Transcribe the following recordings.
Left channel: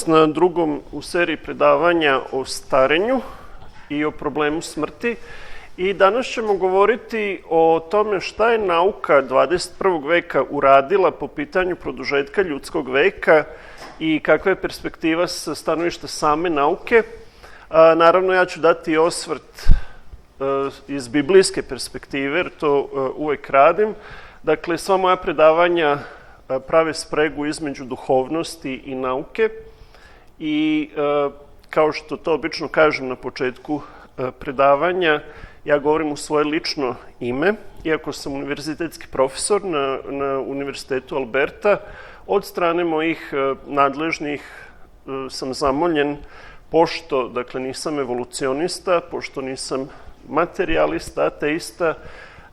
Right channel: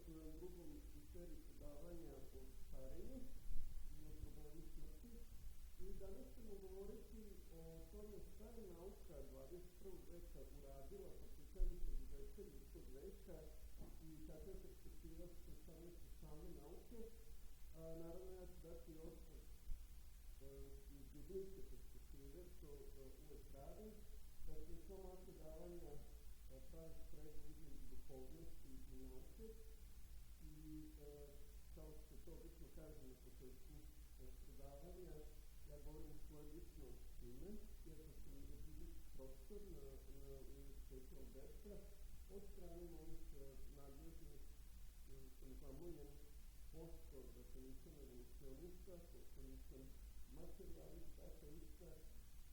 vas na drugom u seriji predavanja o starenju i o problemu smrti. I danas ćemo govoriti o tome šta je nauka 21. veka uradila po pitanju produžetka ljudskog veka i kakva je perspektiva sa stanovišta same nauke. Naravno, ja ću dati osvrt iz biblijske perspektive, jer to uvek radim. Dakle, sva moja predavanja prave spregu između duhovnosti i nauke i kao što to obično kažem na početku predavanja, ja govorim u svoje lično ime, iako sam univerzitetski profesor na Univerzitetu Alberta. Od strane mojih nadležnih sam zamoljen, pošto dakle, nisam evolucionista, pošto nisam materijalista, ateista,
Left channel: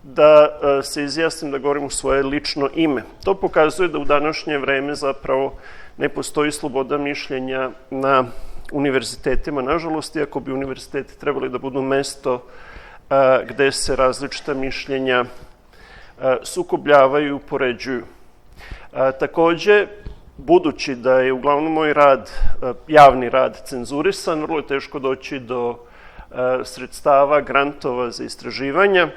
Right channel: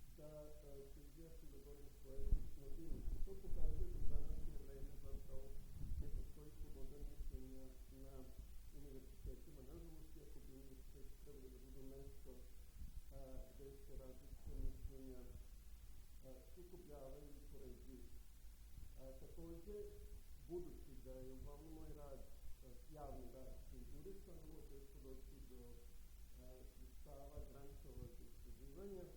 da se izjasnim da govorim u svoje lično ime. To pokazuje da u današnje vreme zapravo ne postoji sloboda mišljenja na univerzitetima, nažalost, iako bi univerziteti trebali da budu mesto gde se različita mišljenja sukobljavaju i upoređuju. Takođe, budući da je uglavnom moj rad, javni rad, cenzurisan, vrlo je teško doći do sredstava, grantova za istraživanja,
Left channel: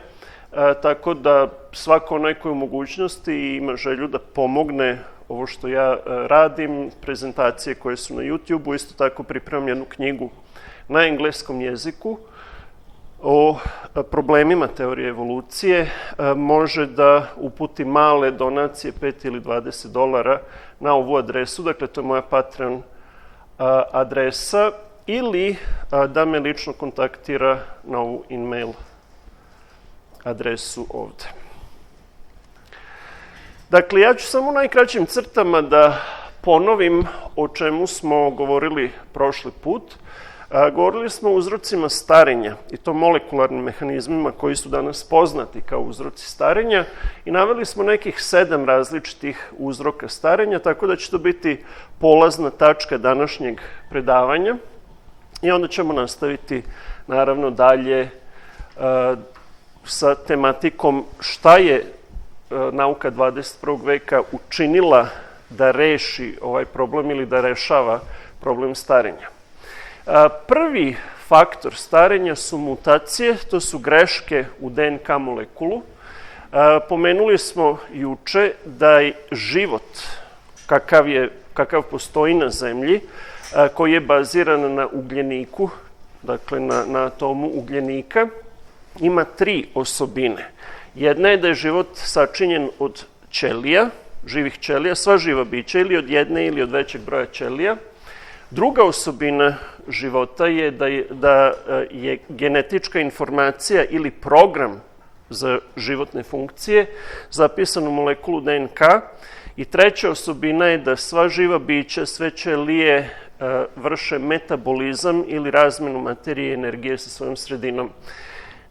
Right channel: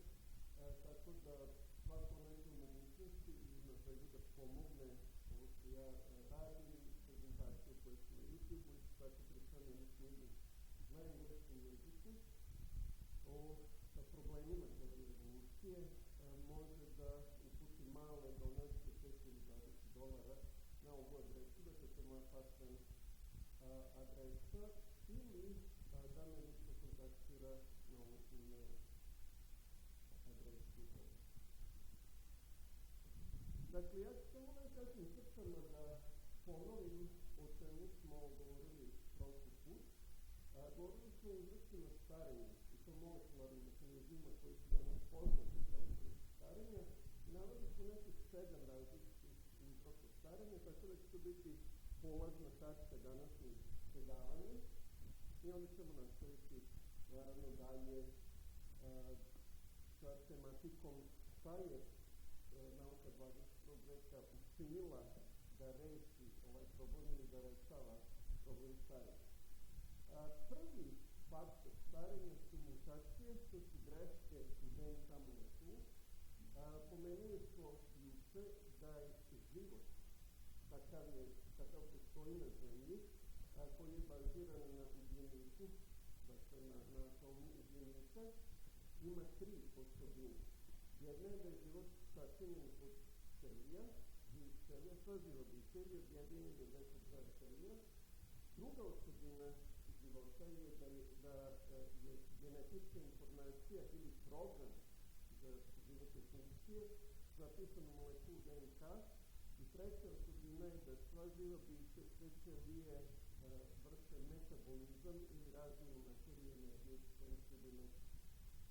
tako da svako onaj koji u mogućnosti i ima želju da pomogne ovo što ja radim, prezentacije koje su na YouTube-u, isto tako pripremam jednu knjigu na engleskom jeziku o problemima teorije evolucije, može da uputi male donacije, 5 ili $20 na ovu adresu, dakle to je moja Patreon adresa, ili da me lično kontaktira na ovu e-mail adresu ovde. Dakle, ja ću samo u najkraćim crtama da ponovim o čemu smo govorili prošli put. Govorili smo o uzrocima starenja i to molekularnim mehanizmima koji su danas poznati kao uzroci starenja i naveli smo nekih 7 različitih uzroka starenja, tako da će to biti polazna tačka današnjeg predavanja i onda ćemo nastaviti naravno dalje sa tematikom šta je nauka 21. veka učinila da reši ovaj problem ili da rešava problem starenja. Prvi faktor starenja su mutacije, to su greške u DNK molekulu. Pomenuli smo juče da je život kakav postoji na Zemlji, koji je baziran na ugljeniku, dakle na atomu ugljenika, ima 3 osobine. Jedna je da je život sačinjen od ćelija, živih ćelija, sva živa bića, ili od jedne ili od većeg broja ćelija. Druga osobina života je da je genetička informacija ili program za životne funkcije zapisan u molekulu DNK. I treća osobina je da sva živa bića, sve ćelije vrše metabolizam ili razmenu materije i energije sa svojom sredinom.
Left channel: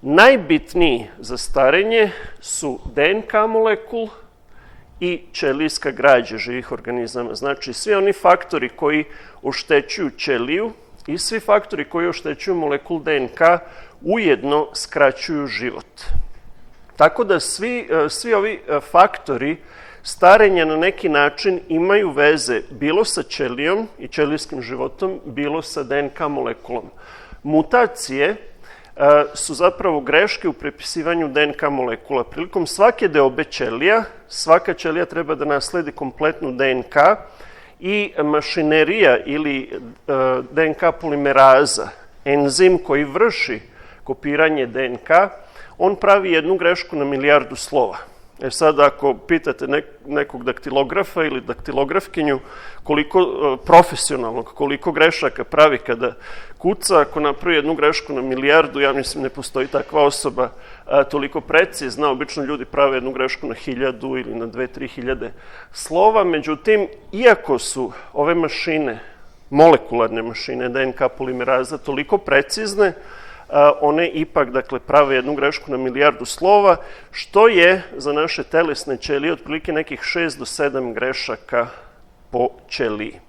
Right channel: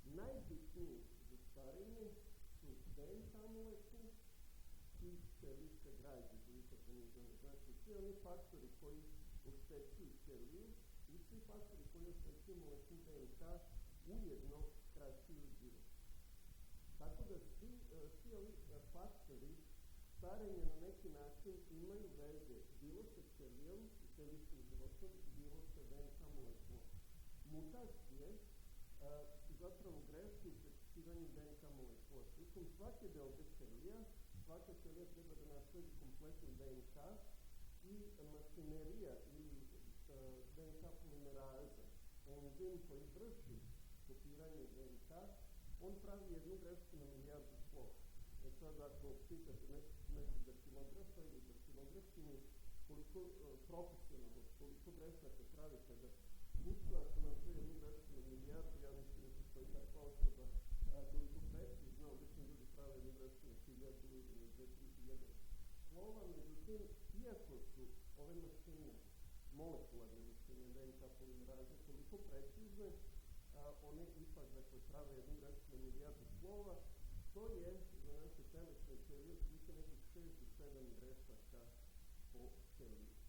Najbitniji za starenje su DNK molekul i ćelijska građa živih organizama. Znači, svi oni faktori koji oštećuju ćeliju i svi faktori koji oštećuju molekul DNK ujedno skraćuju život. Tako da svi ovi faktori starenja na neki način imaju veze bilo sa ćelijom i ćelijskim životom, bilo sa DNK molekulom. Mutacije su zapravo greške u prepisivanju DNK molekula. Prilikom svake deobe ćelija, svaka ćelija treba da nasledi kompletnu DNK i mašinerija ili DNK polimeraza, enzim koji vrši kopiranje DNK, on pravi jednu grešku na 1.000.000 slova. Sad, ako pitate nekog daktilografa ili daktilografkinju koliko grešaka pravi kada kuca, ako napravi jednu grešku na 1.000.000, ja mislim ne postoji takva osoba toliko precizna. Obično ljudi prave jednu grešku na 1.000 ili na 2-3.000 slova. Međutim, iako su ove mašine, molekularne mašine DNK polimeraza toliko precizne, one ipak prave jednu grešku na 1.000.000 slova, što je za naše telesne ćelije otprilike nekih 6 do 7 grešaka po ćeliji.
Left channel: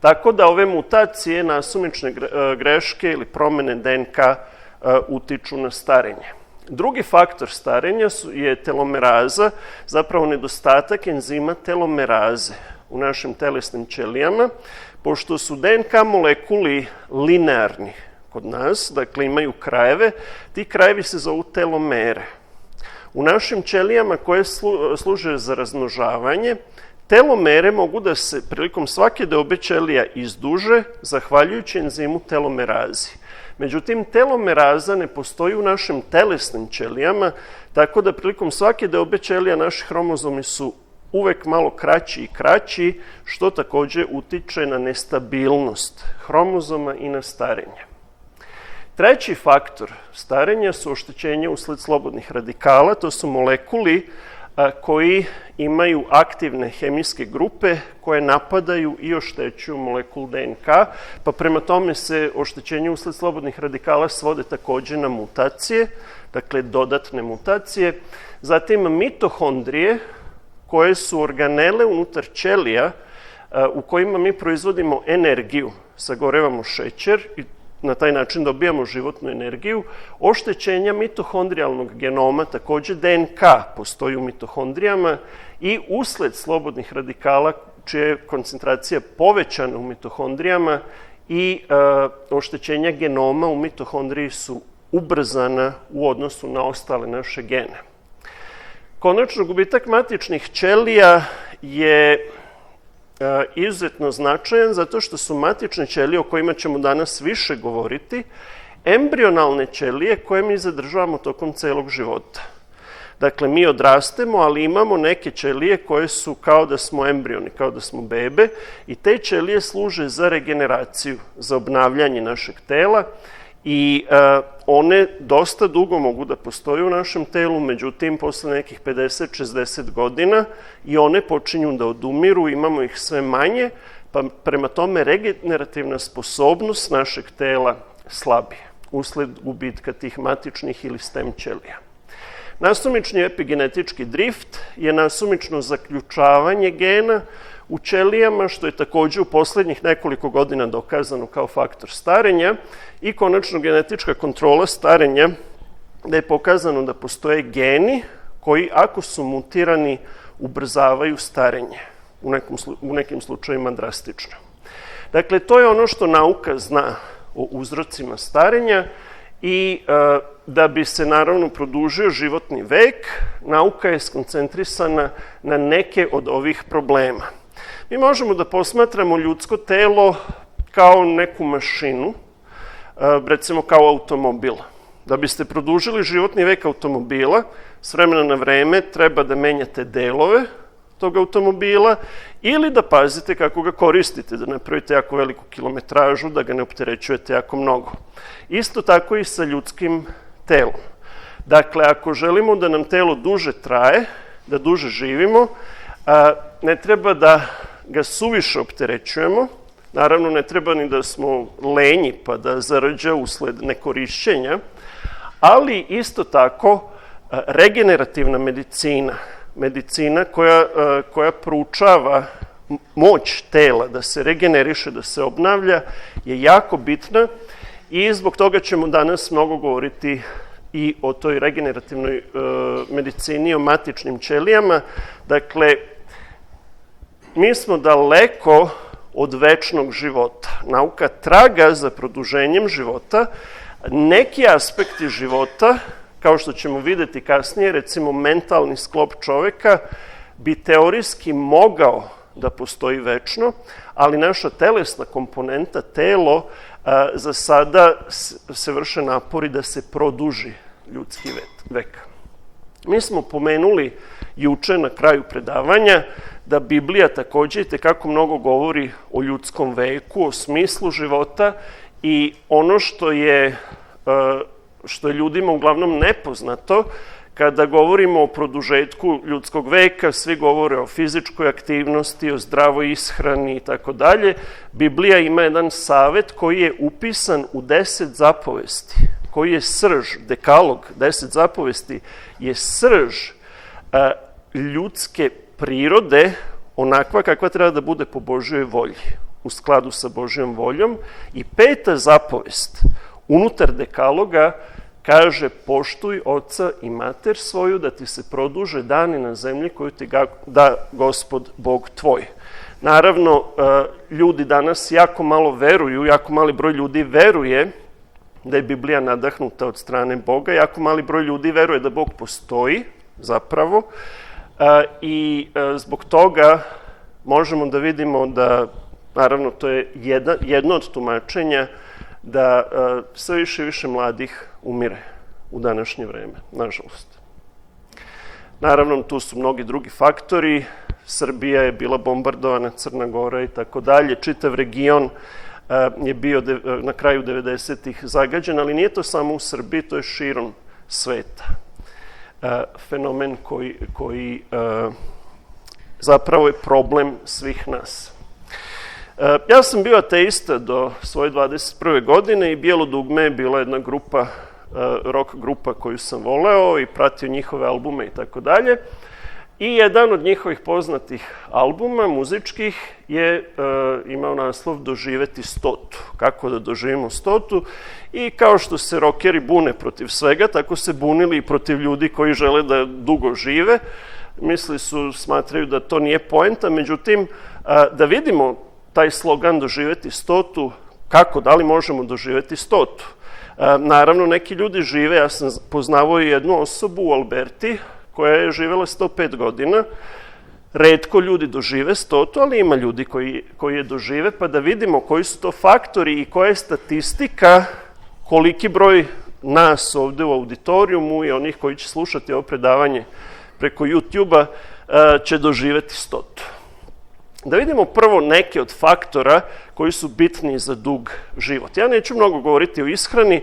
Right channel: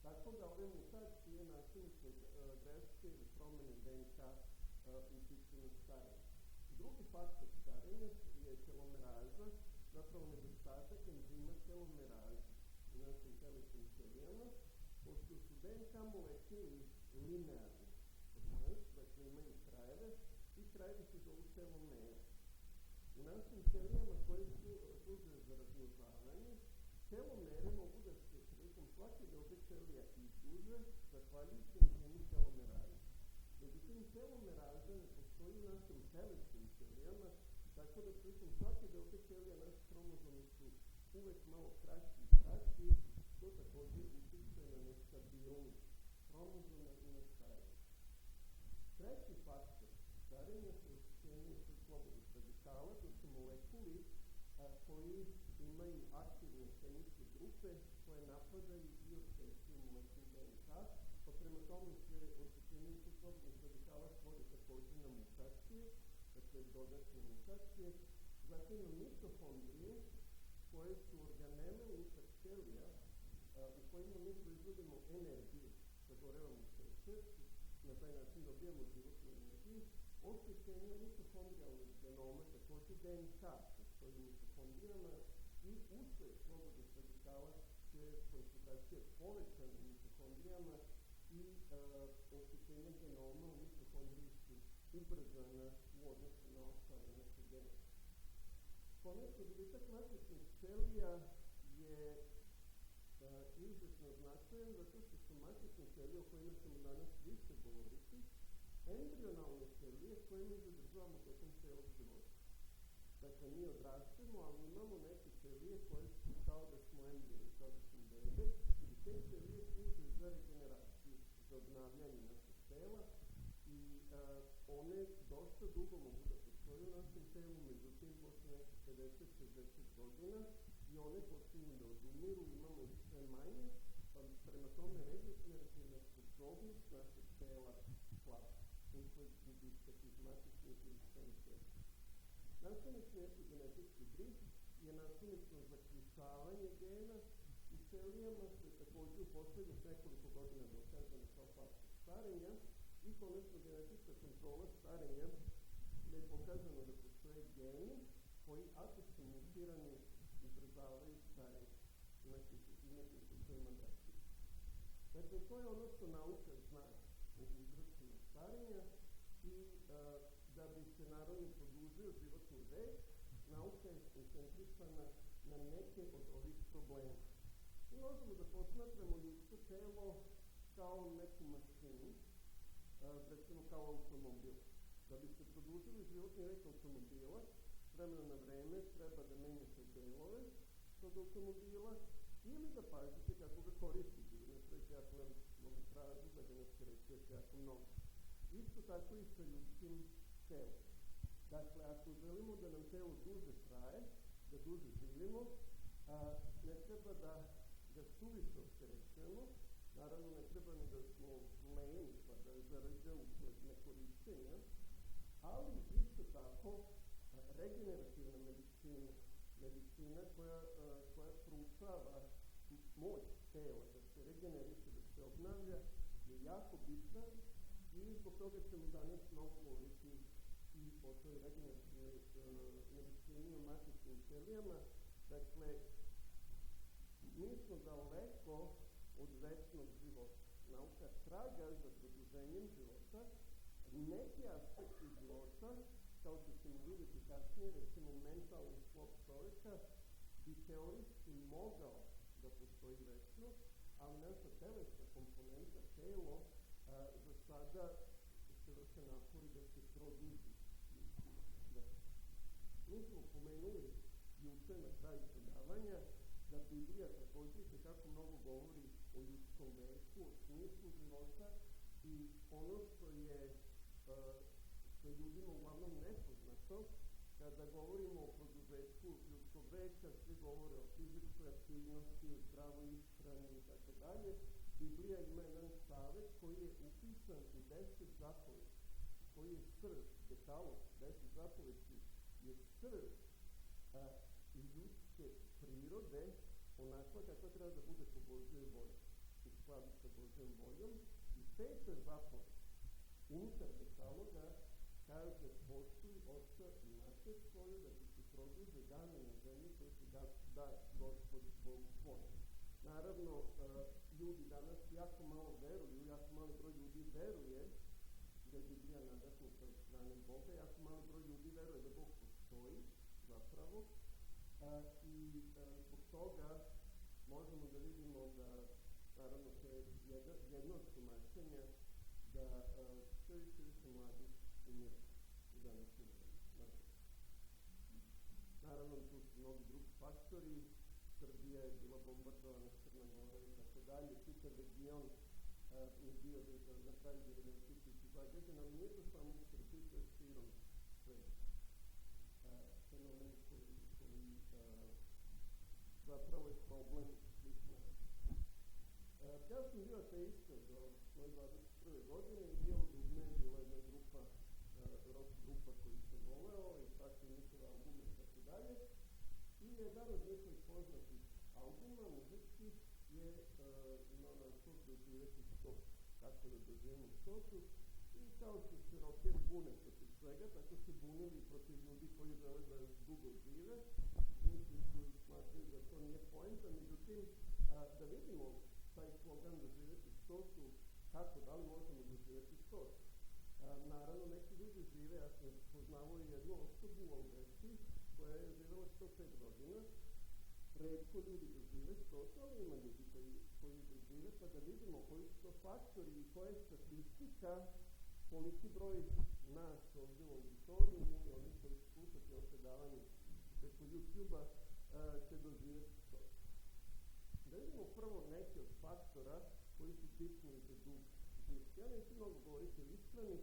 Tako da ove mutacije, nasumične greške ili promene DNK utiču na starenje. Drugi faktor starenja je telomeraza, zapravo nedostatak enzima telomeraze. u našim telesnim ćelijama, pošto su DNK molekuli linearni kod nas, dakle imaju krajeve, ti krajevi se zovu telomere. U našim ćelijama koje služe za razmnožavanje, telomere mogu da se prilikom svake deobe ćelija izduže zahvaljujući enzimu telomerazi. Međutim, telomeraza ne postoji u našim telesnim ćelijama, tako da prilikom svake deobe ćelija naši hromozomi su uvek malo kraći i kraći, što takođe utiče na nestabilnost hromozoma i na starenje. Treći faktor starenja su oštećenja usled slobodnih radikala, to su molekuli koji imaju aktivne hemijske grupe koje napadaju i oštećuju molekul DNK, pa prema tome se oštećenje usled slobodnih radikala svode takođe na mutacije, dakle dodatne mutacije. Zatim mitohondrije, koje su organele unutar ćelija u kojima mi proizvodimo energiju, sagorevamo šećer i na taj način dobijamo životnu energiju. Oštećenja mitohondrijalnog genoma, takođe DNK postoji u mitohondrijama i usled slobodnih radikala čija je koncentracija povećana u mitohondrijama i oštećenja genoma u mitohondriji su ubrzana u odnosu na ostale naše gene. Konačno, gubitak matičnih ćelija je izuzetno značajan zato što su matične ćelije, o kojima ćemo danas više govoriti, embrionalne ćelije koje mi zadržavamo tokom celog života. Dakle, mi odrastemo, ali imamo neke ćelije koje su kao da smo embrioni, kao da smo bebe i te ćelije služe za regeneraciju, za obnavljanje našeg tela i one dosta dugo mogu da postoje u našem telu, međutim, posle nekih 50-60 godina i one počinju da odumiru, imamo ih sve manje, pa prema tome regenerativna sposobnost našeg tela slabije usled gubitka tih matičnih ili stem ćelija. Nasumični epigenetički drift je nasumično zaključavanje gena u ćelijama, što je takođe u poslednjih nekoliko godina dokazano kao faktor starenja i konačno genetička kontrola starenja, da je pokazano da postoje geni koji, ako su mutirani, ubrzavaju starenje, u nekim slučajima drastično. Dakle, to je ono što nauka zna o uzrocima starenja i da bi se naravno produžio životni vek, nauka je skoncentrisana na neke od ovih problema. Mi možemo da posmatramo ljudsko telo kao neku mašinu, recimo kao automobil. Da biste produžili životni vek automobila, s vremena na vreme treba da menjate delove tog automobila ili da pazite kako ga koristite, da napravite jako veliku kilometražu, da ga ne opterećujete jako mnogo. Isto tako i sa ljudskim telom. Dakle, ako želimo da nam telo duže traje, da duže živimo, ne treba da ga suviše opterećujemo, naravno ne treba ni da smo lenji pa da zarđa usled nekorišćenja, ali isto tako regenerativna medicina koja proučava moć tela da se regeneriše, da se obnavlja, je jako bitna i zbog toga ćemo danas mnogo govoriti i o toj regenerativnoj medicini, o matičnim ćelijama. Dakle, mi smo daleko od večnog života. Nauka traga za produženjem života. Neki aspekti života, kao što ćemo videti kasnije, recimo mentalni sklop čoveka, bi teorijski mogao da postoji večno, ali naša telesna komponenta, telo, za sada se vrše napori da se produži ljudski vek. Mi smo pomenuli juče na kraju predavanja da Biblija takođe itekako mnogo govori o ljudskom veku, o smislu života i ono što je ljudima uglavnom nepoznato, kada govorimo o produžetku ljudskog veka, svi govore o fizičkoj aktivnosti, o zdravoj ishrani i tako dalje. Biblija ima jedan savet koji je upisan u 10 zapovesti, koji je srž, dekalog, 10 zapovesti je srž ljudske prirode, onakva kakva treba da bude po Božjoj volji, u skladu sa Božjom voljom. I 5. zapovest unutar dekaloga kaže: poštuj oca i mater svoju, da ti se produže dani na zemlji koju ti da Gospod Bog tvoj. Naravno, ljudi danas jako malo veruju, jako mali broj ljudi veruje da je Biblija nadahnuta od strane Boga, jako mali broj ljudi veruje da Bog postoji zapravo i zbog toga možemo da vidimo da, naravno, to je jedno od tumačenja da sve više i više mladih umire u današnje vreme, nažalost. Naravno, tu su mnogi drugi faktori. Srbija je bila bombardovana, Crna Gora i tako dalje. Čitav region je bio na kraju 90-ih zagađen, ali nije to samo u Srbiji, to je širom sveta. Fenomen koji zapravo je problem svih nas. Ja sam bio ateista do svoje 21. godine i Bijelo dugme je bila jedna grupa, rock grupa koju sam voleo i pratio njihove albume i tako dalje. I jedan od njihovih poznatih albuma, muzičkih, je imao naslov Doživeti 100. Kako da doživimo 100. I kao što se rokeri bune protiv svega, tako se bunili i protiv ljudi koji žele da dugo žive. Smatraju da to nije poenta, međutim, da vidimo taj slogan Doživeti 100. Kako, da li možemo doživeti 100. Naravno, neki ljudi žive, ja sam poznavao jednu osobu u Alberti, koja je živela 105 godina. Retko ljudi dožive 100, ali ima ljudi koji je dožive, pa da vidimo koji su to faktori i koja je statistika, koliki broj nas ovde u auditorijumu i onih koji će slušati ovo predavanje preko YouTube-a će doživeti 100. Da vidimo prvo neke od faktora koji su bitni za dug život. Ja neću mnogo govoriti o ishrani,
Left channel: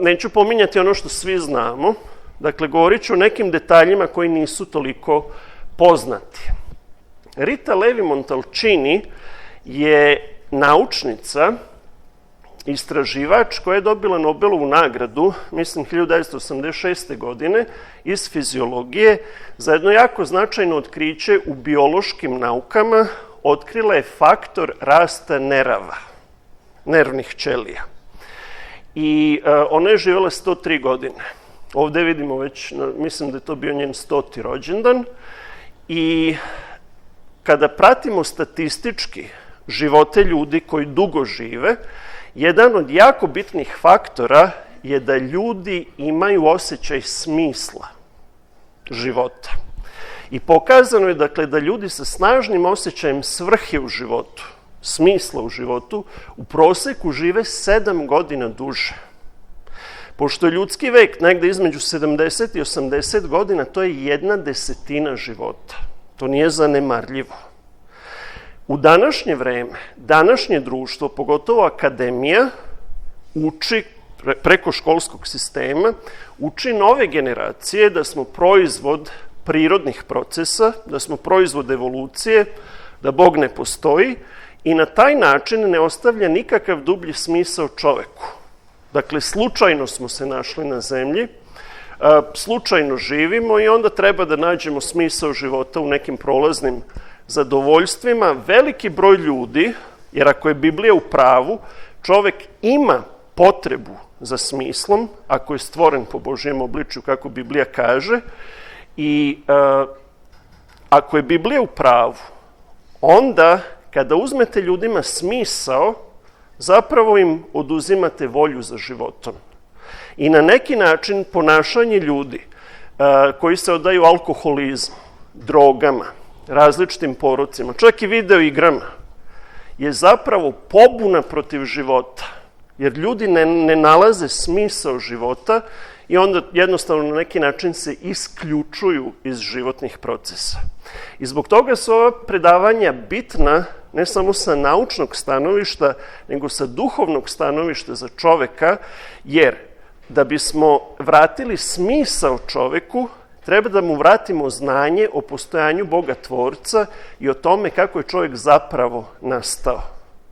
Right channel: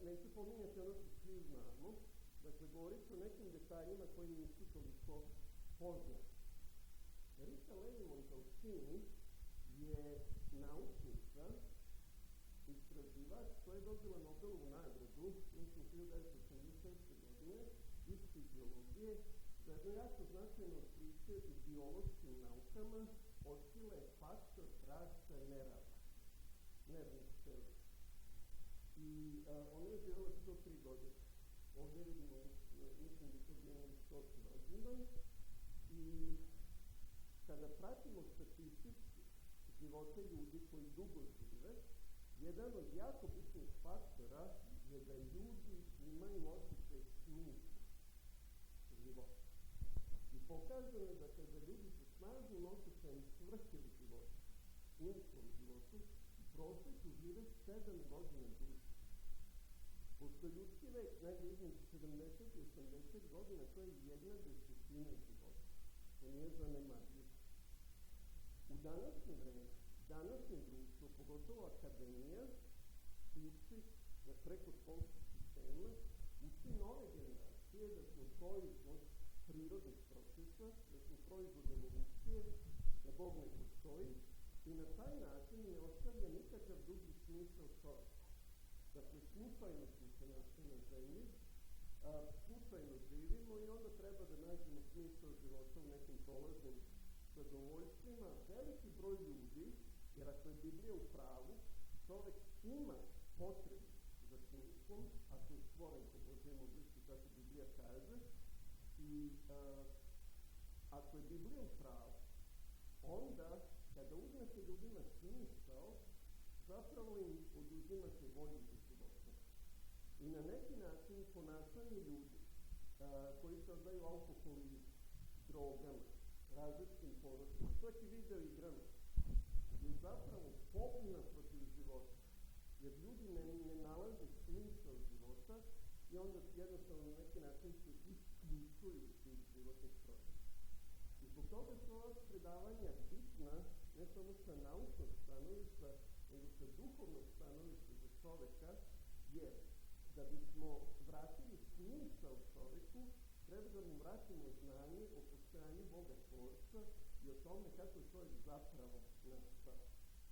neću pominjati ono što svi znamo. Dakle, govorit ću o nekim detaljima koji nisu toliko poznati. Rita Levi-Montalcini je naučnica, istraživač koja je dobila Nobelovu nagradu, mislim 1986. godine, iz fiziologije, za jedno jako značajno otkriće u biološkim naukama. Otkrila je faktor rasta nervnih ćelija. I ona je živjela 103 godine. Ovde vidimo već, mislim da je to bio njen 100. rođendan. I kada pratimo statistički živote ljudi koji dugo žive, jedan od jako bitnih faktora je da ljudi imaju osjećaj smisla života. I pokazano je, dakle, da ljudi sa snažnim osjećajem svrhe u životu, smisla u životu, u proseku žive 7 godina duže. Pošto je ljudski vek negde između 70 i 80 godina, to je 1/10 života. To nije zanemarljivo. U današnje vreme, današnje društvo, pogotovo akademija, uči preko školskog sistema, uči nove generacije da smo proizvod prirodnih procesa, da smo proizvod evolucije, da Bog ne postoji i na taj način ne ostavlja nikakav dublji smisao čoveku. Dakle, slučajno smo se našli na zemlji, slučajno živimo i onda treba da nađemo smisao života u nekim prolaznim zadovoljstvima. Veliki broj ljudi, jer ako je Biblija u pravu, čovek ima potrebu za smislom, ako je stvoren po Božjem obličju, kako Biblija kaže, i ako je Biblija u pravu, onda kada uzmete ljudima smisao, zapravo im oduzimate volju za životom. I na neki način ponašanje ljudi koji se odaju alkoholizmu, drogama, različitim porocima, čak i video igrama, je zapravo pobuna protiv života. Jer ljudi ne nalaze smisao života i onda jednostavno na neki način se isključuju iz životnih procesa. I zbog toga su ova predavanja bitna ne samo sa naučnog stanovišta, nego sa duhovnog stanovišta za čoveka, jer da bismo vratili smisao čoveku, treba da mu vratimo znanje o postojanju Boga Tvorca i o tome kako je čovjek zapravo nastao.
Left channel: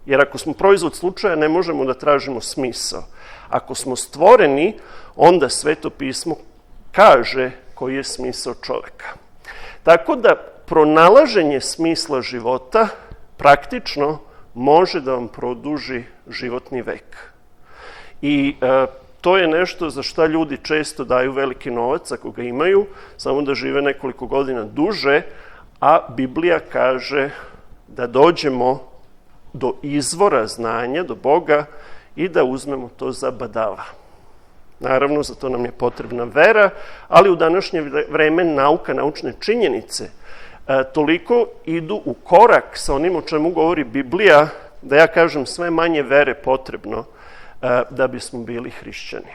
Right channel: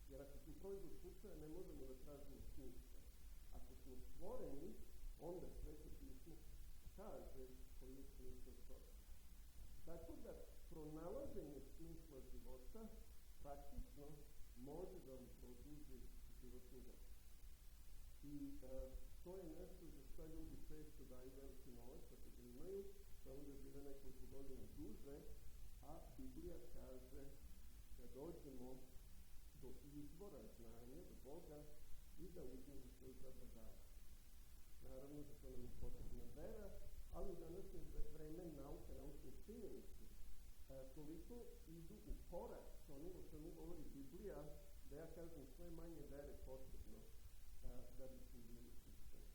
Jer ako smo proizvod slučaja, ne možemo da tražimo smisao. Ako smo stvoreni, onda Sveto pismo kaže koji je smisao čoveka. Tako da pronalaženje smisla života praktično može da vam produži životni vek. I to je nešto za šta ljudi često daju veliki novac, ako ga imaju, samo da žive nekoliko godina duže, a Biblija kaže da dođemo do izvora znanja, do Boga i da uzmemo to za badava. Naravno, za to nam je potrebna vera, ali u današnje vreme nauka, naučne činjenice toliko idu u korak sa onim o čemu govori Biblija, da ja kažem sve manje vere potrebno da bismo bili hrišćani.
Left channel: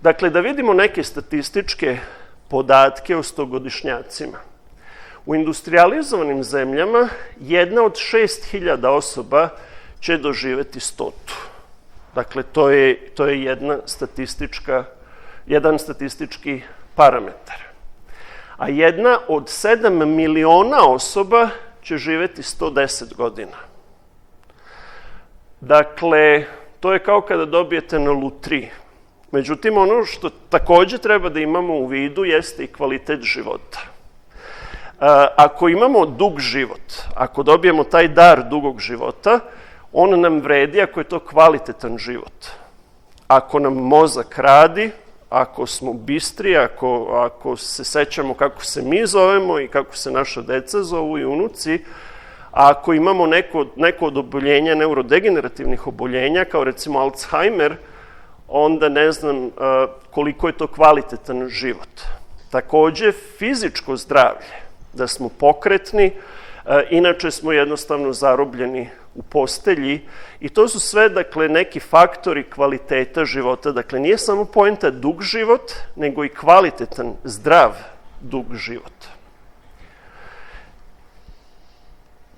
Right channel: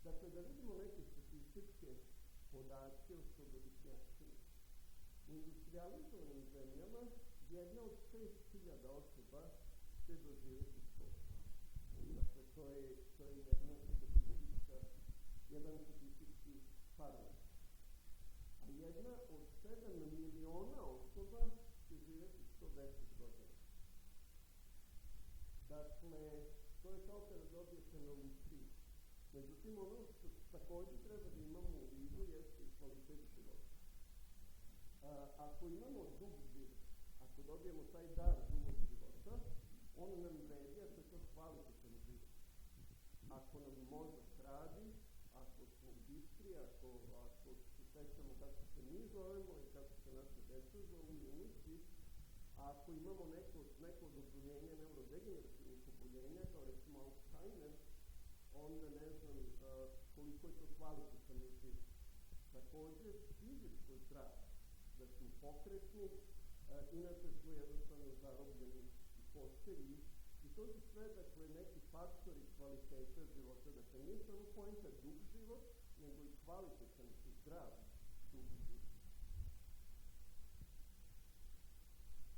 Dakle, da vidimo neke statističke podatke o stogodišnjacima. U industrializovanim zemljama 1 od 6.000 osoba će doživeti 100. Dakle, to je jedan statistički parametar. A 1 od 7 miliona osoba će živeti 110 godina. Dakle, to je kao kada dobijete na lutriji. Međutim, ono što takođe treba da imamo u vidu jeste i kvalitet života. Ako imamo dug život, ako dobijemo taj dar dugog života, on nam vredi ako je to kvalitetan život. Ako nam mozak radi, ako smo bistri, ako se sećamo kako se mi zovemo i kako se naša deca zovu i unuci, a ako imamo neko od oboljenja, neurodegenerativnih oboljenja, kao recimo Alzheimer, onda ne znam koliko je to kvalitetan život. Takođe, fizičko zdravlje, da smo pokretni, inače smo jednostavno zarobljeni u postelji i to su sve, dakle, neki faktori kvaliteta života. Dakle, nije samo poenta dug život, nego i kvalitetan, zdrav dug život.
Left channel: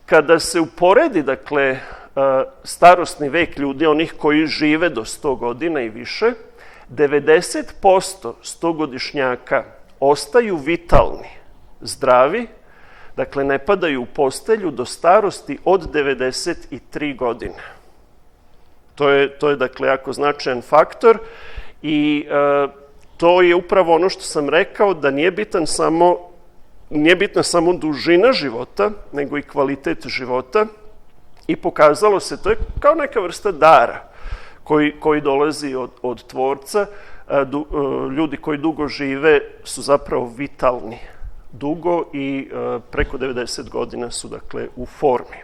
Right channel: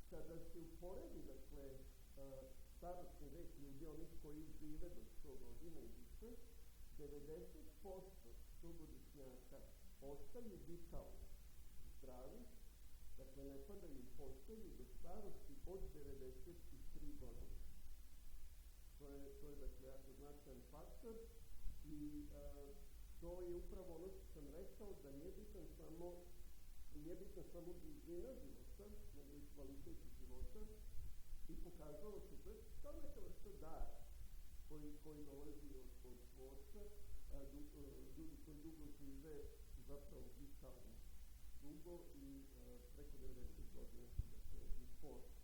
Kada se uporedi, dakle, starosni vek ljudi, onih koji žive do 100 godina i više, 90% stogodišnjaka ostaju vitalni, zdravi, dakle, ne padaju u postelju do starosti od 93 godine. To je dakle, jako značajan faktor i to je upravo ono što sam rekao, da nije bitna samo dužina života, nego i kvalitet života i pokazalo se, to je kao neka vrsta dara koji dolazi od Tvorca. Ljudi koji dugo žive su zapravo vitalni dugo i preko 90 godina su, dakle, u formi.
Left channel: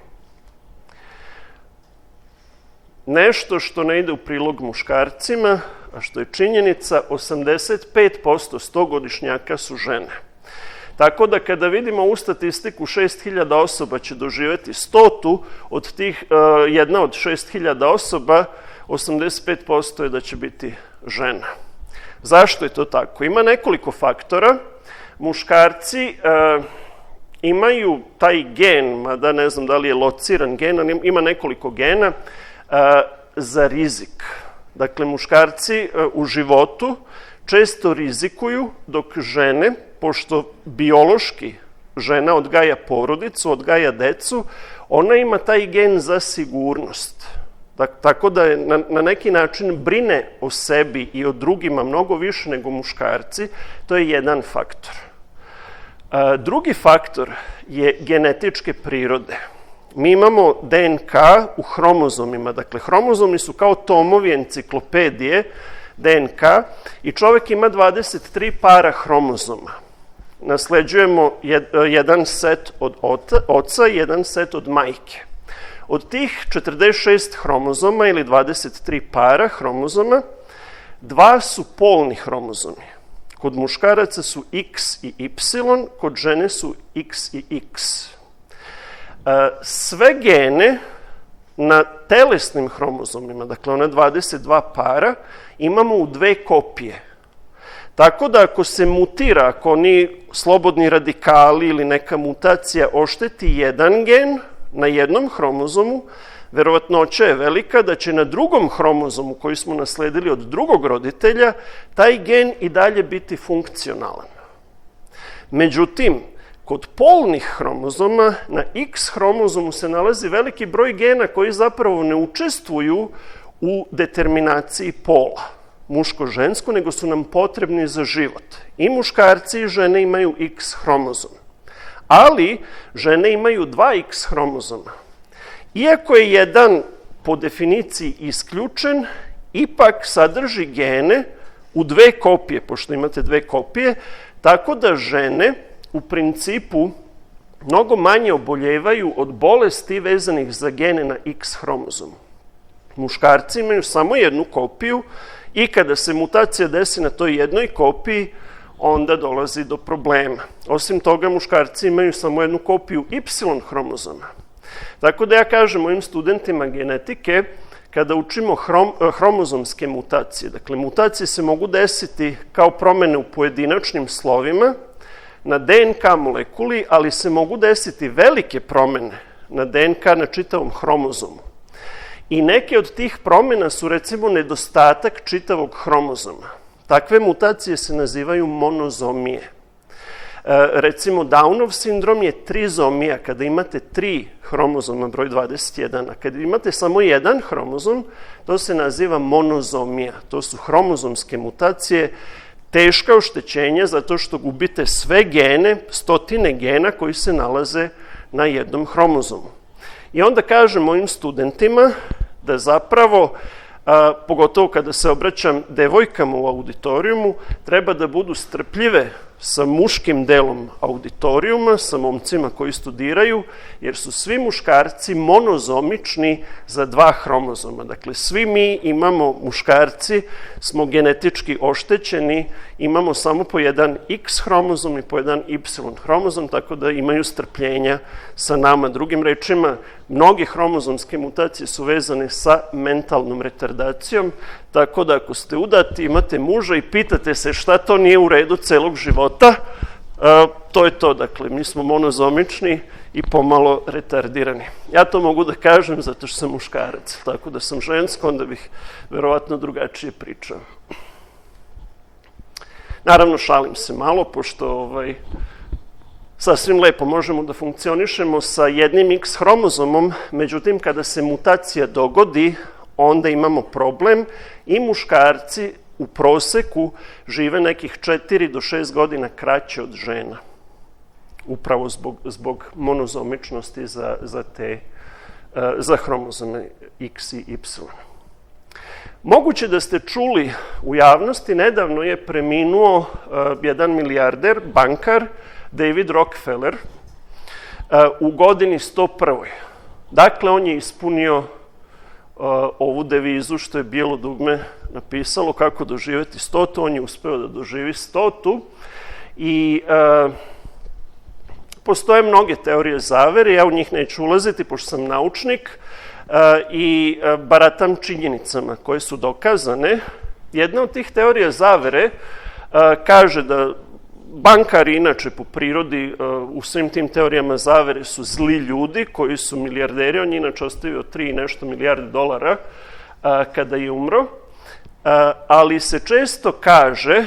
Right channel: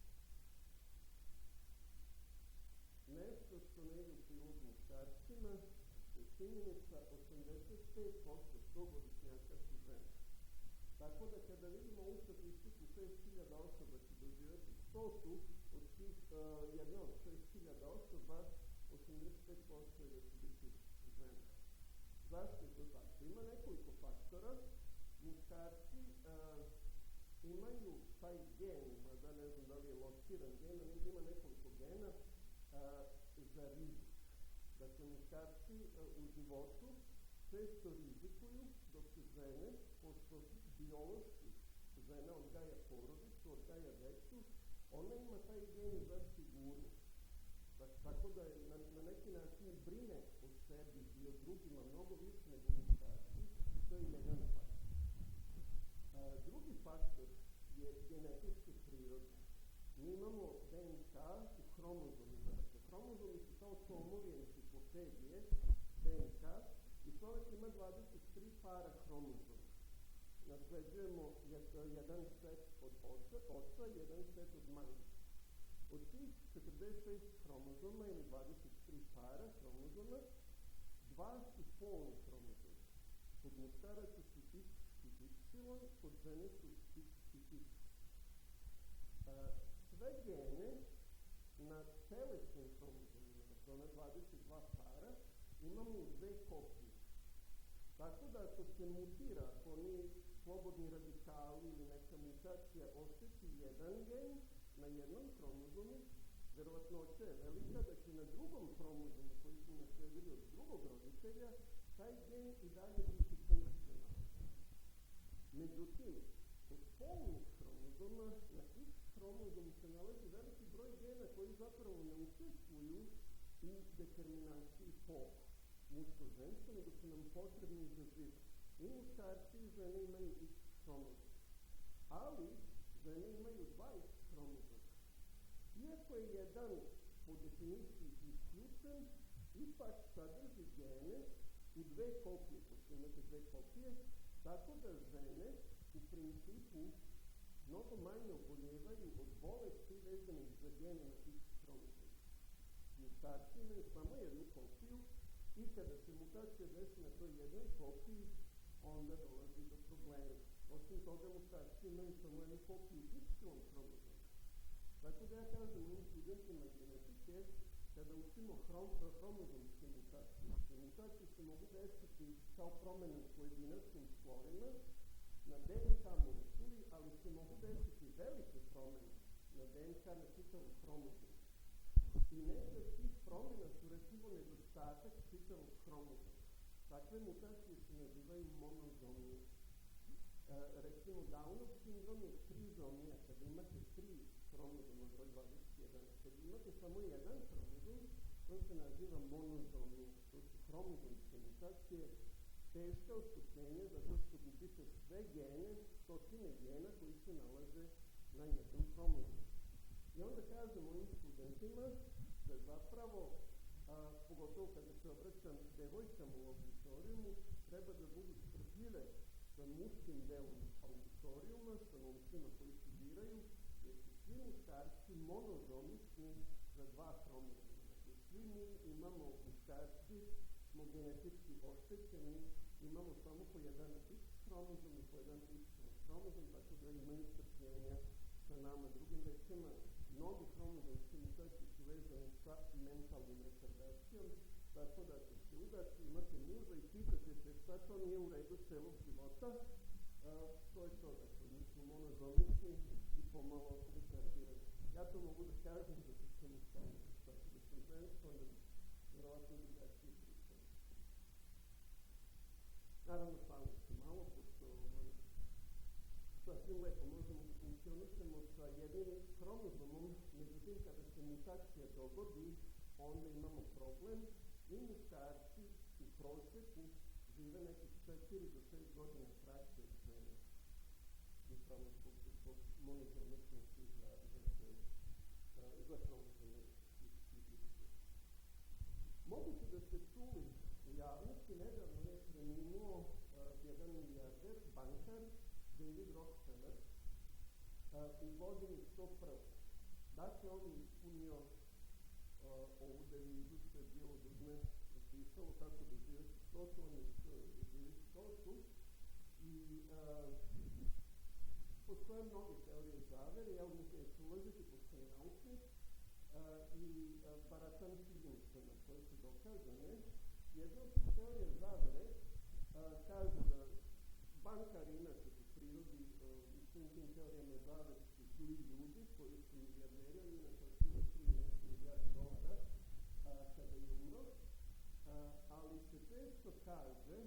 Nešto što ne ide u prilog muškarcima, a što je činjenica, 85% stogodišnjaka su žene. Tako da kada vidimo u statistiku 6.000 osoba će doživeti 100, od tih 1 od 6.000 osoba, 85% je da će biti žena. Zašto je to tako? Ima nekoliko faktora. Muškarci imaju taj gen, mada ne znam da li je lociran gen, ali ima nekoliko gena za rizik. Dakle, muškarci u životu često rizikuju, dok žene, pošto biološki žena odgaja porodicu, odgaja decu, ona ima taj gen za sigurnost. Tako da na neki način brine o sebi i o drugima mnogo više nego muškarci. To je jedan faktor. Drugi faktor je genetičke prirode. Mi imamo DNK u hromozomima. Dakle, hromozomi su kao tomovi enciklopedije DNK i čovek ima 23 para hromozoma. Nasleđujemo jedan set od oca i jedan set od majke. Od tih 46 hromozoma ili 23 para hromozoma, 2 su polni hromozomi. Kod muškaraca su X i Y, kod žene su X i X. Sve gene na telesnim hromozomima, dakle ona 22 para, imamo u 2 kopije. Tako da ako se mutira, ako oni slobodni radikali ili neka mutacija ošteti jedan gen na jednom hromozomu, verovatnoća je velika da će na drugom hromozomu koji smo nasledili od drugog roditelja taj gen i dalje biti funkcionalan. Međutim, kod polnih hromozoma na X hromozomu se nalazi veliki broj gena koji zapravo ne učestvuju u determinaciji pola, muško-žensko, nego su nam potrebni za život. I muškarci i žene imaju X hromozom. Ali žene imaju 2 X hromozoma. Iako je jedan po definiciji isključen, ipak sadrži gene u 2 kopije, pošto imate 2 kopije, tako da žene u principu mnogo manje oboljevaju od bolesti vezanih za gene na X hromozomu. Muškarci imaju samo jednu kopiju i kada se mutacija desi na toj jednoj kopiji, onda dolazi do problema. Osim toga, muškarci imaju samo jednu kopiju Y hromozoma. Tako da ja kažem mojim studentima genetike, kada učimo hromozomske mutacije, dakle, mutacije se mogu desiti kao promene u pojedinačnim slovima, na DNK molekuli, ali se mogu desiti velike promene na DNK na čitavom hromozomu. I neke od tih promena su, recimo, nedostatak čitavog hromozoma. Takve mutacije se nazivaju monozomije. Recimo, Downov sindrom je trizomija, kada imate 3 hromozoma, broj 21, a kada imate samo jedan hromozom, to se naziva monozomija. To su hromozomske mutacije, teška oštećenja zato što gubite sve gene, stotine gena koji se nalaze na jednom hromozomu. I onda kažem mojim studentima da zapravo, pogotovo kada se obraćam devojkama u auditorijumu, treba da budu strpljive sa muškim delom auditorijuma, sa momcima koji studiraju, jer su svi muškarci monozomični za 2 hromozoma. Dakle, svi mi imamo, muškarci, smo genetički oštećeni, imamo samo po jedan X hromozom i po jedan Y hromozom, tako da imaju strpljenja sa nama. Drugim rečima, mnoge hromozomske mutacije su vezane sa mentalnom retardacijom, tako da ako ste udati, imate muža i pitate se šta to nije u redu celog života, to je to. Dakle, mi smo monozomični i pomalo retardirani. Ja to mogu da kažem zato što sam muškarac, tako da sam žensko, onda bih verovatno drugačije pričao. Naravno, šalim se malo, pošto sasvim lepo možemo da funkcionišemo sa jednim X hromozomom, međutim, kada se mutacija dogodi, onda imamo problem i muškarci u proseku žive nekih 4 do 6 godina kraće od žena. Upravo zbog monozomičnosti za hromozome X i Y. Moguće da ste čuli u javnosti, nedavno je preminuo jedan milijarder, bankar, David Rockefeller, u godini 101. Dakle, on je ispunio ovu devizu što je Bijelo dugme napisalo, kako doživeti 100. On je uspeo da doživi 100. I postoje mnoge teorije zavere, ja u njih neću ulaziti, pošto sam naučnik i baratam činjenicama koje su dokazane. Jedna od tih teorija zavere kaže da bankari, inače po prirodi, u svim tim teorijama zavere su zli ljudi koji su milijarderi. On je inače ostavio 3 i nešto milijarde dolara kada je umro, ali se često kaže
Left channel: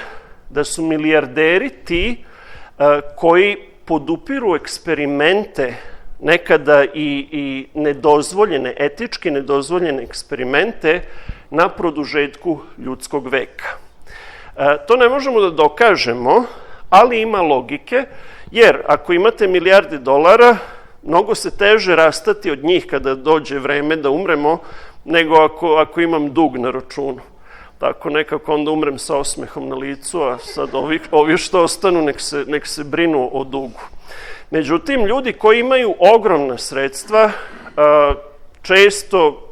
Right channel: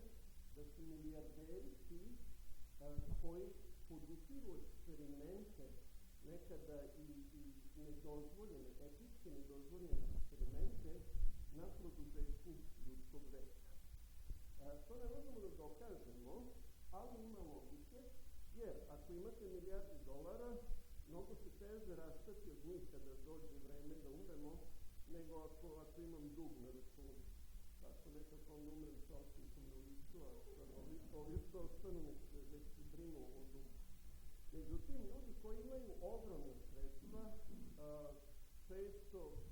da su milijarderi ti koji podupiru eksperimente, nekada i nedozvoljene, etički nedozvoljene eksperimente na produžetku ljudskog veka. To ne možemo da dokažemo, ali ima logike, jer ako imate milijarde dolara, mnogo se teže rastati od njih kada dođe vreme da umremo, nego ako imam dug na računu. Tako nekako onda umrem sa osmehom na licu, a sad ovi što ostanu nek se brinu o dugu. Međutim, ljudi koji imaju ogromna sredstva često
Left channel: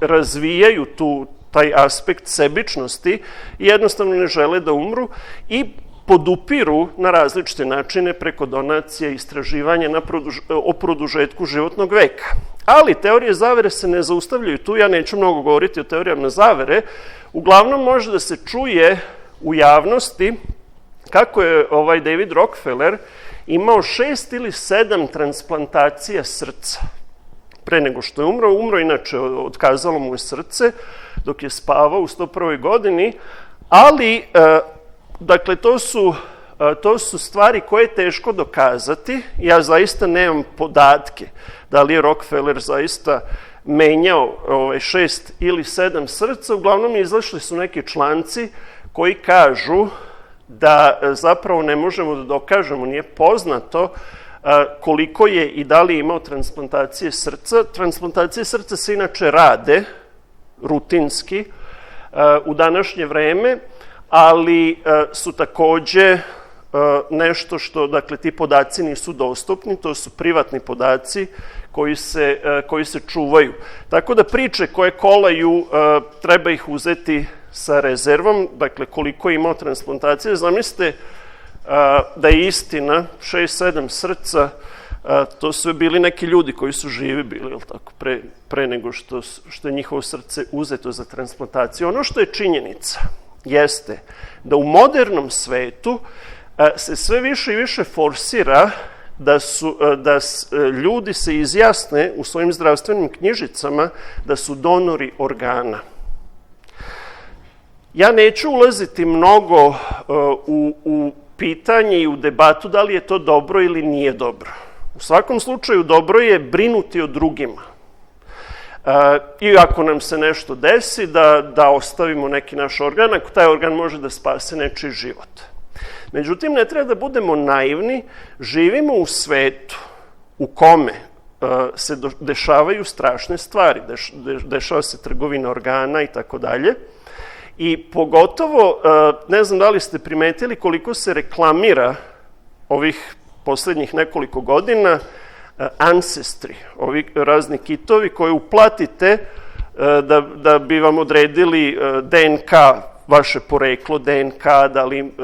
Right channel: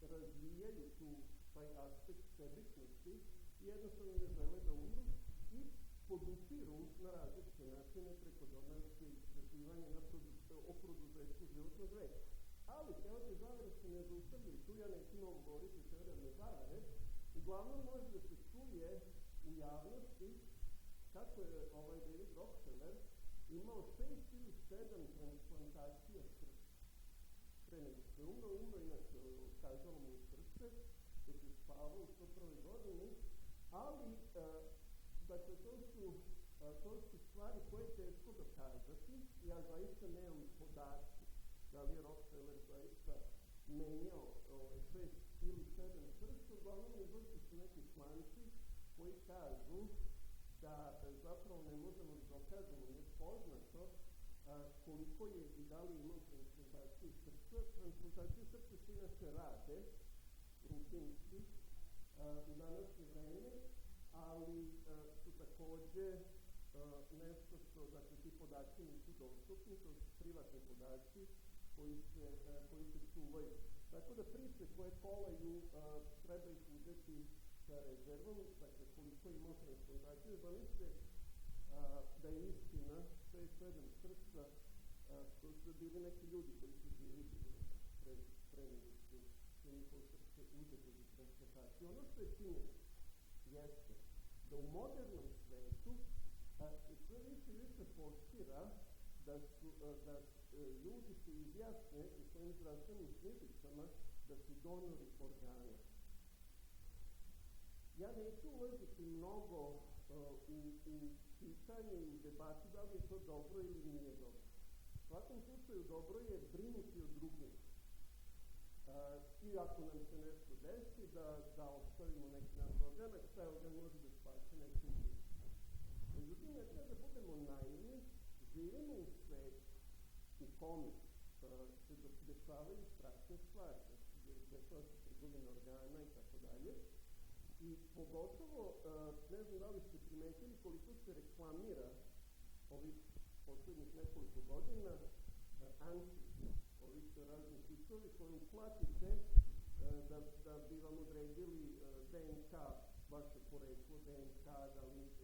razvijaju taj aspekt sebičnosti i jednostavno ne žele da umru i podupiru na različite načine preko donacije, istraživanja o produžetku životnog veka. Ali teorije zavere se ne zaustavljaju tu, ja neću mnogo govoriti o teorijama zavere, uglavnom može da se čuje u javnosti kako je David Rockefeller imao 6 ili 7 transplantacija srca pre nego što je umro. Umro inače, otkazalo mu je srce dok je spavao u 101. godini, ali dakle, to su stvari koje je teško dokazati. Ja zaista nemam podatke da li je Rockefeller zaista menjao 6 ili 7 srca. Uglavnom, izašli su neki članci koji kažu da zapravo ne možemo da dokažemo, nije poznato koliko je i da li je imao transplantacije srca. Transplantacije srca se inače rade rutinski u današnje vreme, ali su takođe nešto što, dakle, ti podaci nisu dostupni, to su privatni podaci koji se čuvaju. Tako da priče koje kolaju, treba ih uzeti sa rezervom, dakle, koliko je imao transplantacije. Zamislite da je istina, 6-7 srca, to su bili neki ljudi koji su živi bili, jel tako, pre nego što je njihovo srce uzeto za transplantaciju. Ono što je činjenica jeste da u modernom svetu se sve više i više forsira da ljudi se izjasne u svojim zdravstvenim knjižicama da su donori organa. Ja neću ulaziti mnogo u pitanje i u debatu da li je to dobro ili nije dobro. U svakom slučaju dobro je brinuti o drugima. I ako nam se nešto desi, da ostavimo neki naš organ, ako taj organ može da spase nečiji život. Međutim, ne treba da budemo naivni, živimo u svetu u kome se dešavaju strašne stvari, dešava se trgovina organa i tako dalje. I pogotovo, ne znam da li ste primetili koliko se reklamira ovih poslednjih nekoliko godina Ancestry, ovi razni kitovi koje uplatite da bi vam odredili DNK, vaše poreklo, DNK,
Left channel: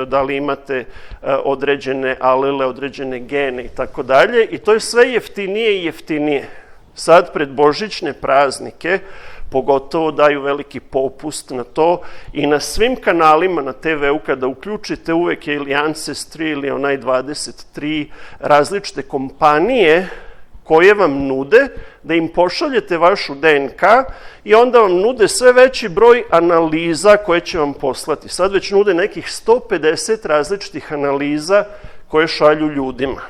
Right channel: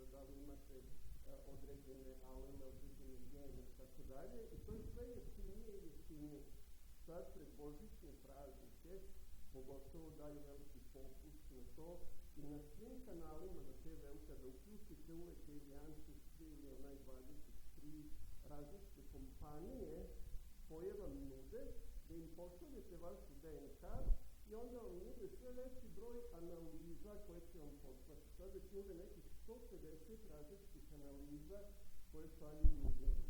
da li imate određene alele, određene gene i tako dalje. I to je sve jeftinije i jeftinije. Sad, pred božićne praznike, pogotovo daju veliki popust na to i na svim kanalima na TV-u kada uključite uvek je ili Ancestry ili onaj 23 različite kompanije koje vam nude da im pošaljete vašu DNK i onda vam nude sve veći broj analiza koje će vam poslati. Sad već nude nekih 150 različitih analiza koje šalju ljudima.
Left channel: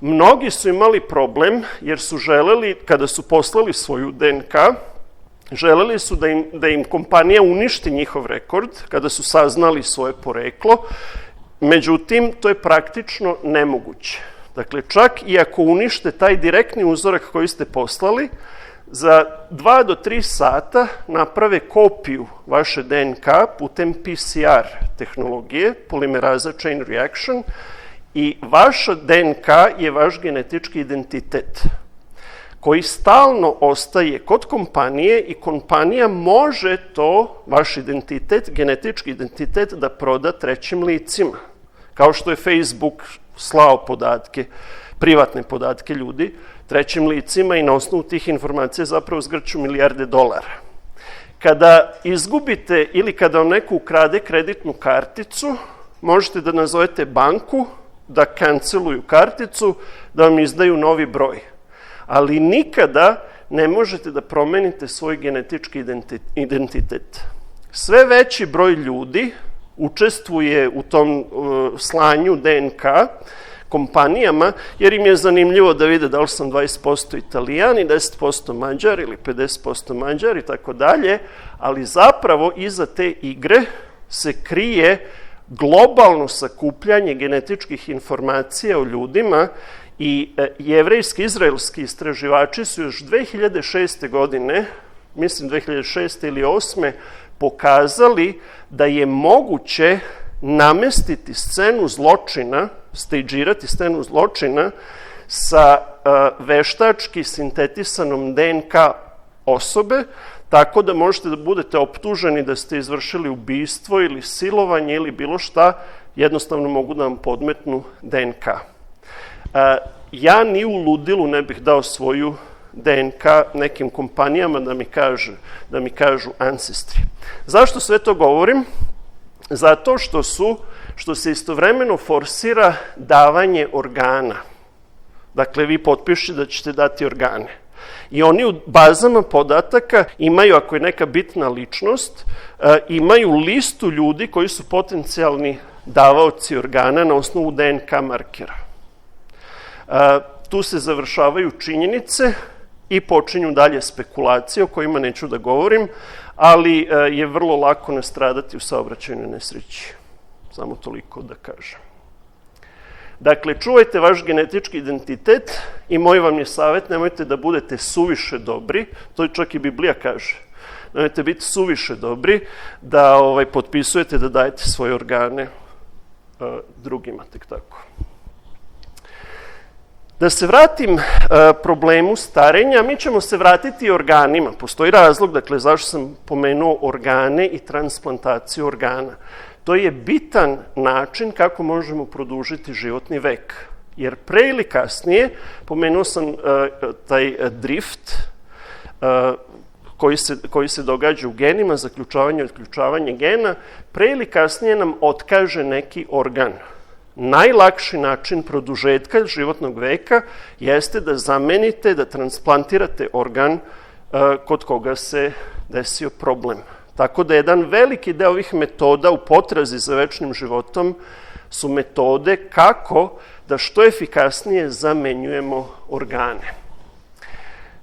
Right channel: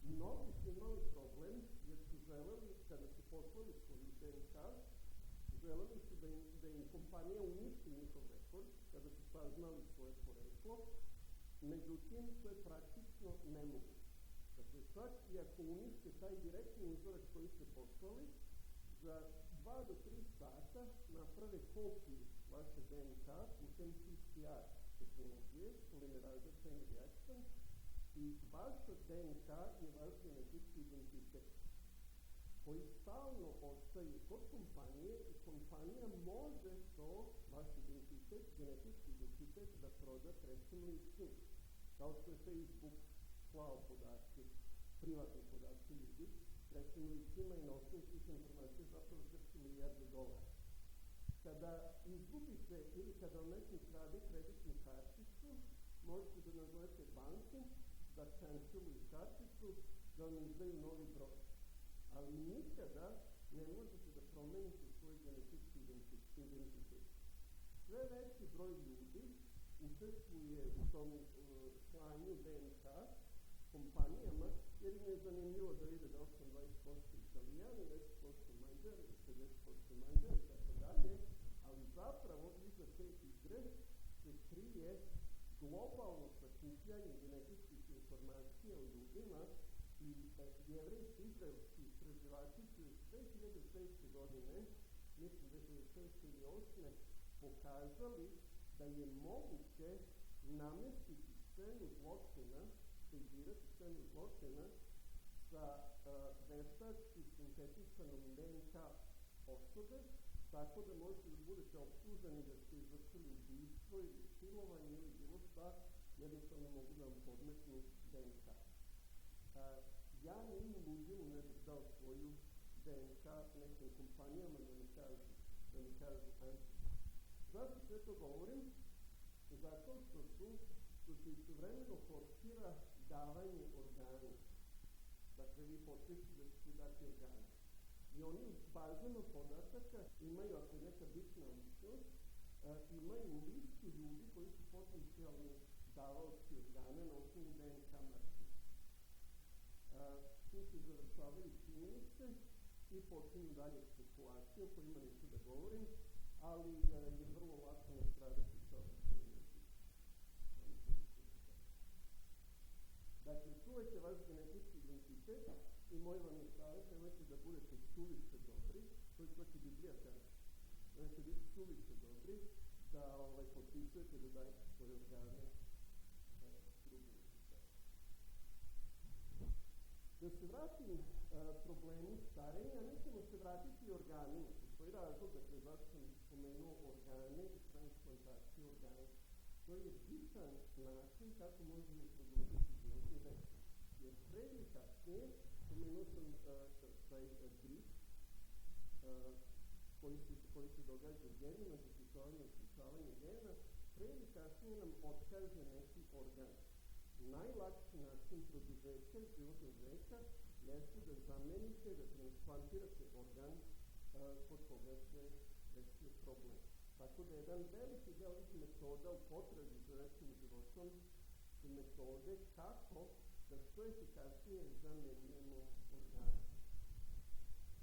Mnogi su imali problem jer su želeli, kada su poslali svoju DNK, želeli su da im kompanija uništi njihov rekord kada su saznali svoje poreklo, međutim, to je praktično nemoguće. Dakle, čak i ako unište taj direktni uzorak koji ste poslali, za 2 do 3 sata naprave kopiju vaše DNK putem PCR tehnologije, polimeraza chain reaction, i vaša DNK je vaš genetički identitet koji stalno ostaje kod kompanije i kompanija može to, vaš identitet, genetički identitet, da proda trećim licima. Kao što je Facebook slao podatke, privatne podatke ljudi, trećim licima i na osnovu tih informacija zapravo zgrću milijarde dolara. Kada izgubite ili kada vam neko ukrade kreditnu karticu, možete da nazovete banku, da kanceluju karticu, da vam izdaju novi broj. Ali nikada ne možete da promenite svoj genetički identitet. Sve veći broj ljudi učestvuje u tom slanju DNK kompanijama, jer im je zanimljivo da vide da li sam 20% Italijan i 10% Mađar ili 50% Mađar i tako dalje, ali zapravo iza te igre se krije globalno sakupljanje genetičkih informacija o ljudima i jevrejski, izraelski istraživači su još 2006. godine, mislim 2006. ili 2008. pokazali da je moguće namestiti scenu zločina, stagirati scenu zločina sa veštački sintetisanom DNK osobe, tako da možete da budete optuženi da ste izvršili ubistvo ili silovanje ili bilo šta, jednostavno mogu da vam podmetnu DNK. Ja ni u ludilu ne bih dao svoju DNK nekim kompanijama da mi kažu Ancestry. Zašto sve to govorim? Zato što se istovremeno forsira davanje organa. Dakle, vi potpišete da ćete dati organe. I oni u bazama podataka imaju, ako je neka bitna ličnost, imaju listu ljudi koji su potencijalni davaoci organa na osnovu DNK markera. Tu se završavaju činjenice i počinju dalje spekulacije o kojima neću da govorim, ali je vrlo lako nastradati u saobraćajnoj nesreći. Samo toliko da kažem. Dakle, čuvajte vaš genetički identitet i moj vam je savjet, nemojte da budete suviše dobri, to čak i Biblija kaže. Nemojte biti suviše dobri da potpisujete da dajete svoje organe drugima, tek tako. Da se vratim problemu starenja, mi ćemo se vratiti organima. Postoji razlog, dakle, zašto sam pomenuo organe i transplantaciju organa. To je bitan način kako možemo produžiti životni vek. Jer pre ili kasnije, pomenuo sam taj drift koji se događa u genima, zaključavanje i otključavanje gena, pre ili kasnije nam otkaže neki organ. Najlakši način produžetka životnog veka jeste da zamenite, da transplantirate organ kod koga se desio problem. Tako da jedan veliki deo ovih metoda u potrazi za večnim životom su metode kako da što efikasnije zamenjujemo organe.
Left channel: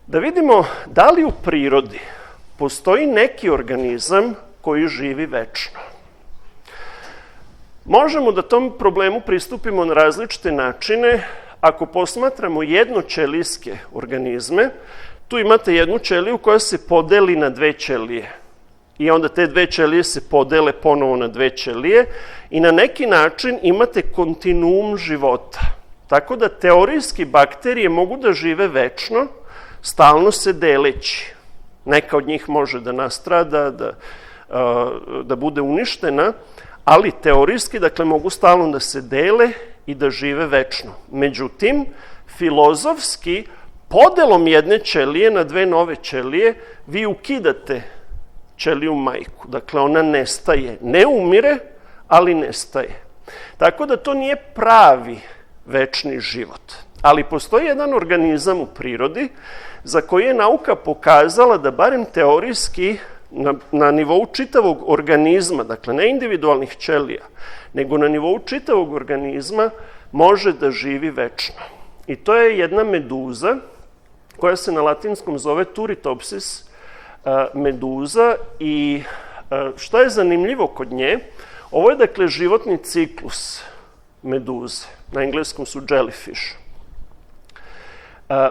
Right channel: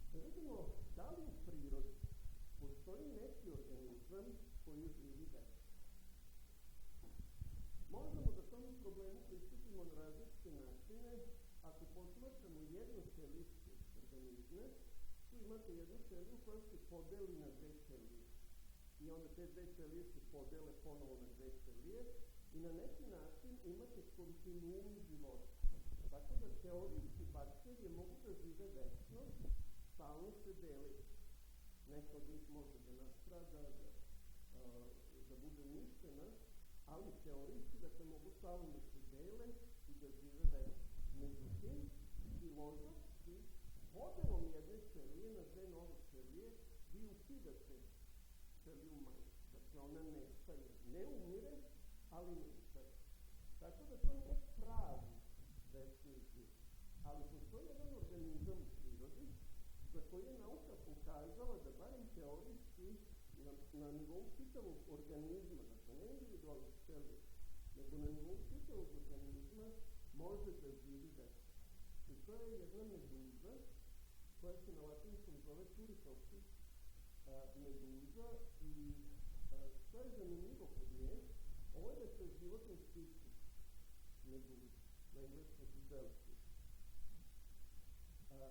Da vidimo da li u prirodi postoji neki organizam koji živi večno. Možemo da tom problemu pristupimo na različite načine. Ako posmatramo jednoćelijske organizme, tu imate jednu ćeliju koja se podeli na dve ćelije. I onda te dve ćelije se podele ponovo na dve ćelije i na neki način imate kontinuum života. Tako da teorijski bakterije mogu da žive večno, stalno se deleći. Neka od njih može da nastrada, da bude uništena, ali teorijski, dakle, mogu stalno da se dele i da žive večno. Međutim, filozofski, podelom jedne ćelije na dve nove ćelije, vi ukidate ćeliju majku. Dakle, ona nestaje. Ne umire, ali nestaje. Tako da to nije pravi večni život. Ali postoji jedan organizam u prirodi za koji je nauka pokazala da barem teorijski na nivou čitavog organizma, dakle ne individualnih ćelija, nego na nivou čitavog organizma može da živi večno. I to je jedna meduza koja se na latinskom zove Turritopsis meduza i što je zanimljivo kod nje, ovo je dakle životni ciklus meduze, na engleskom su jellyfish.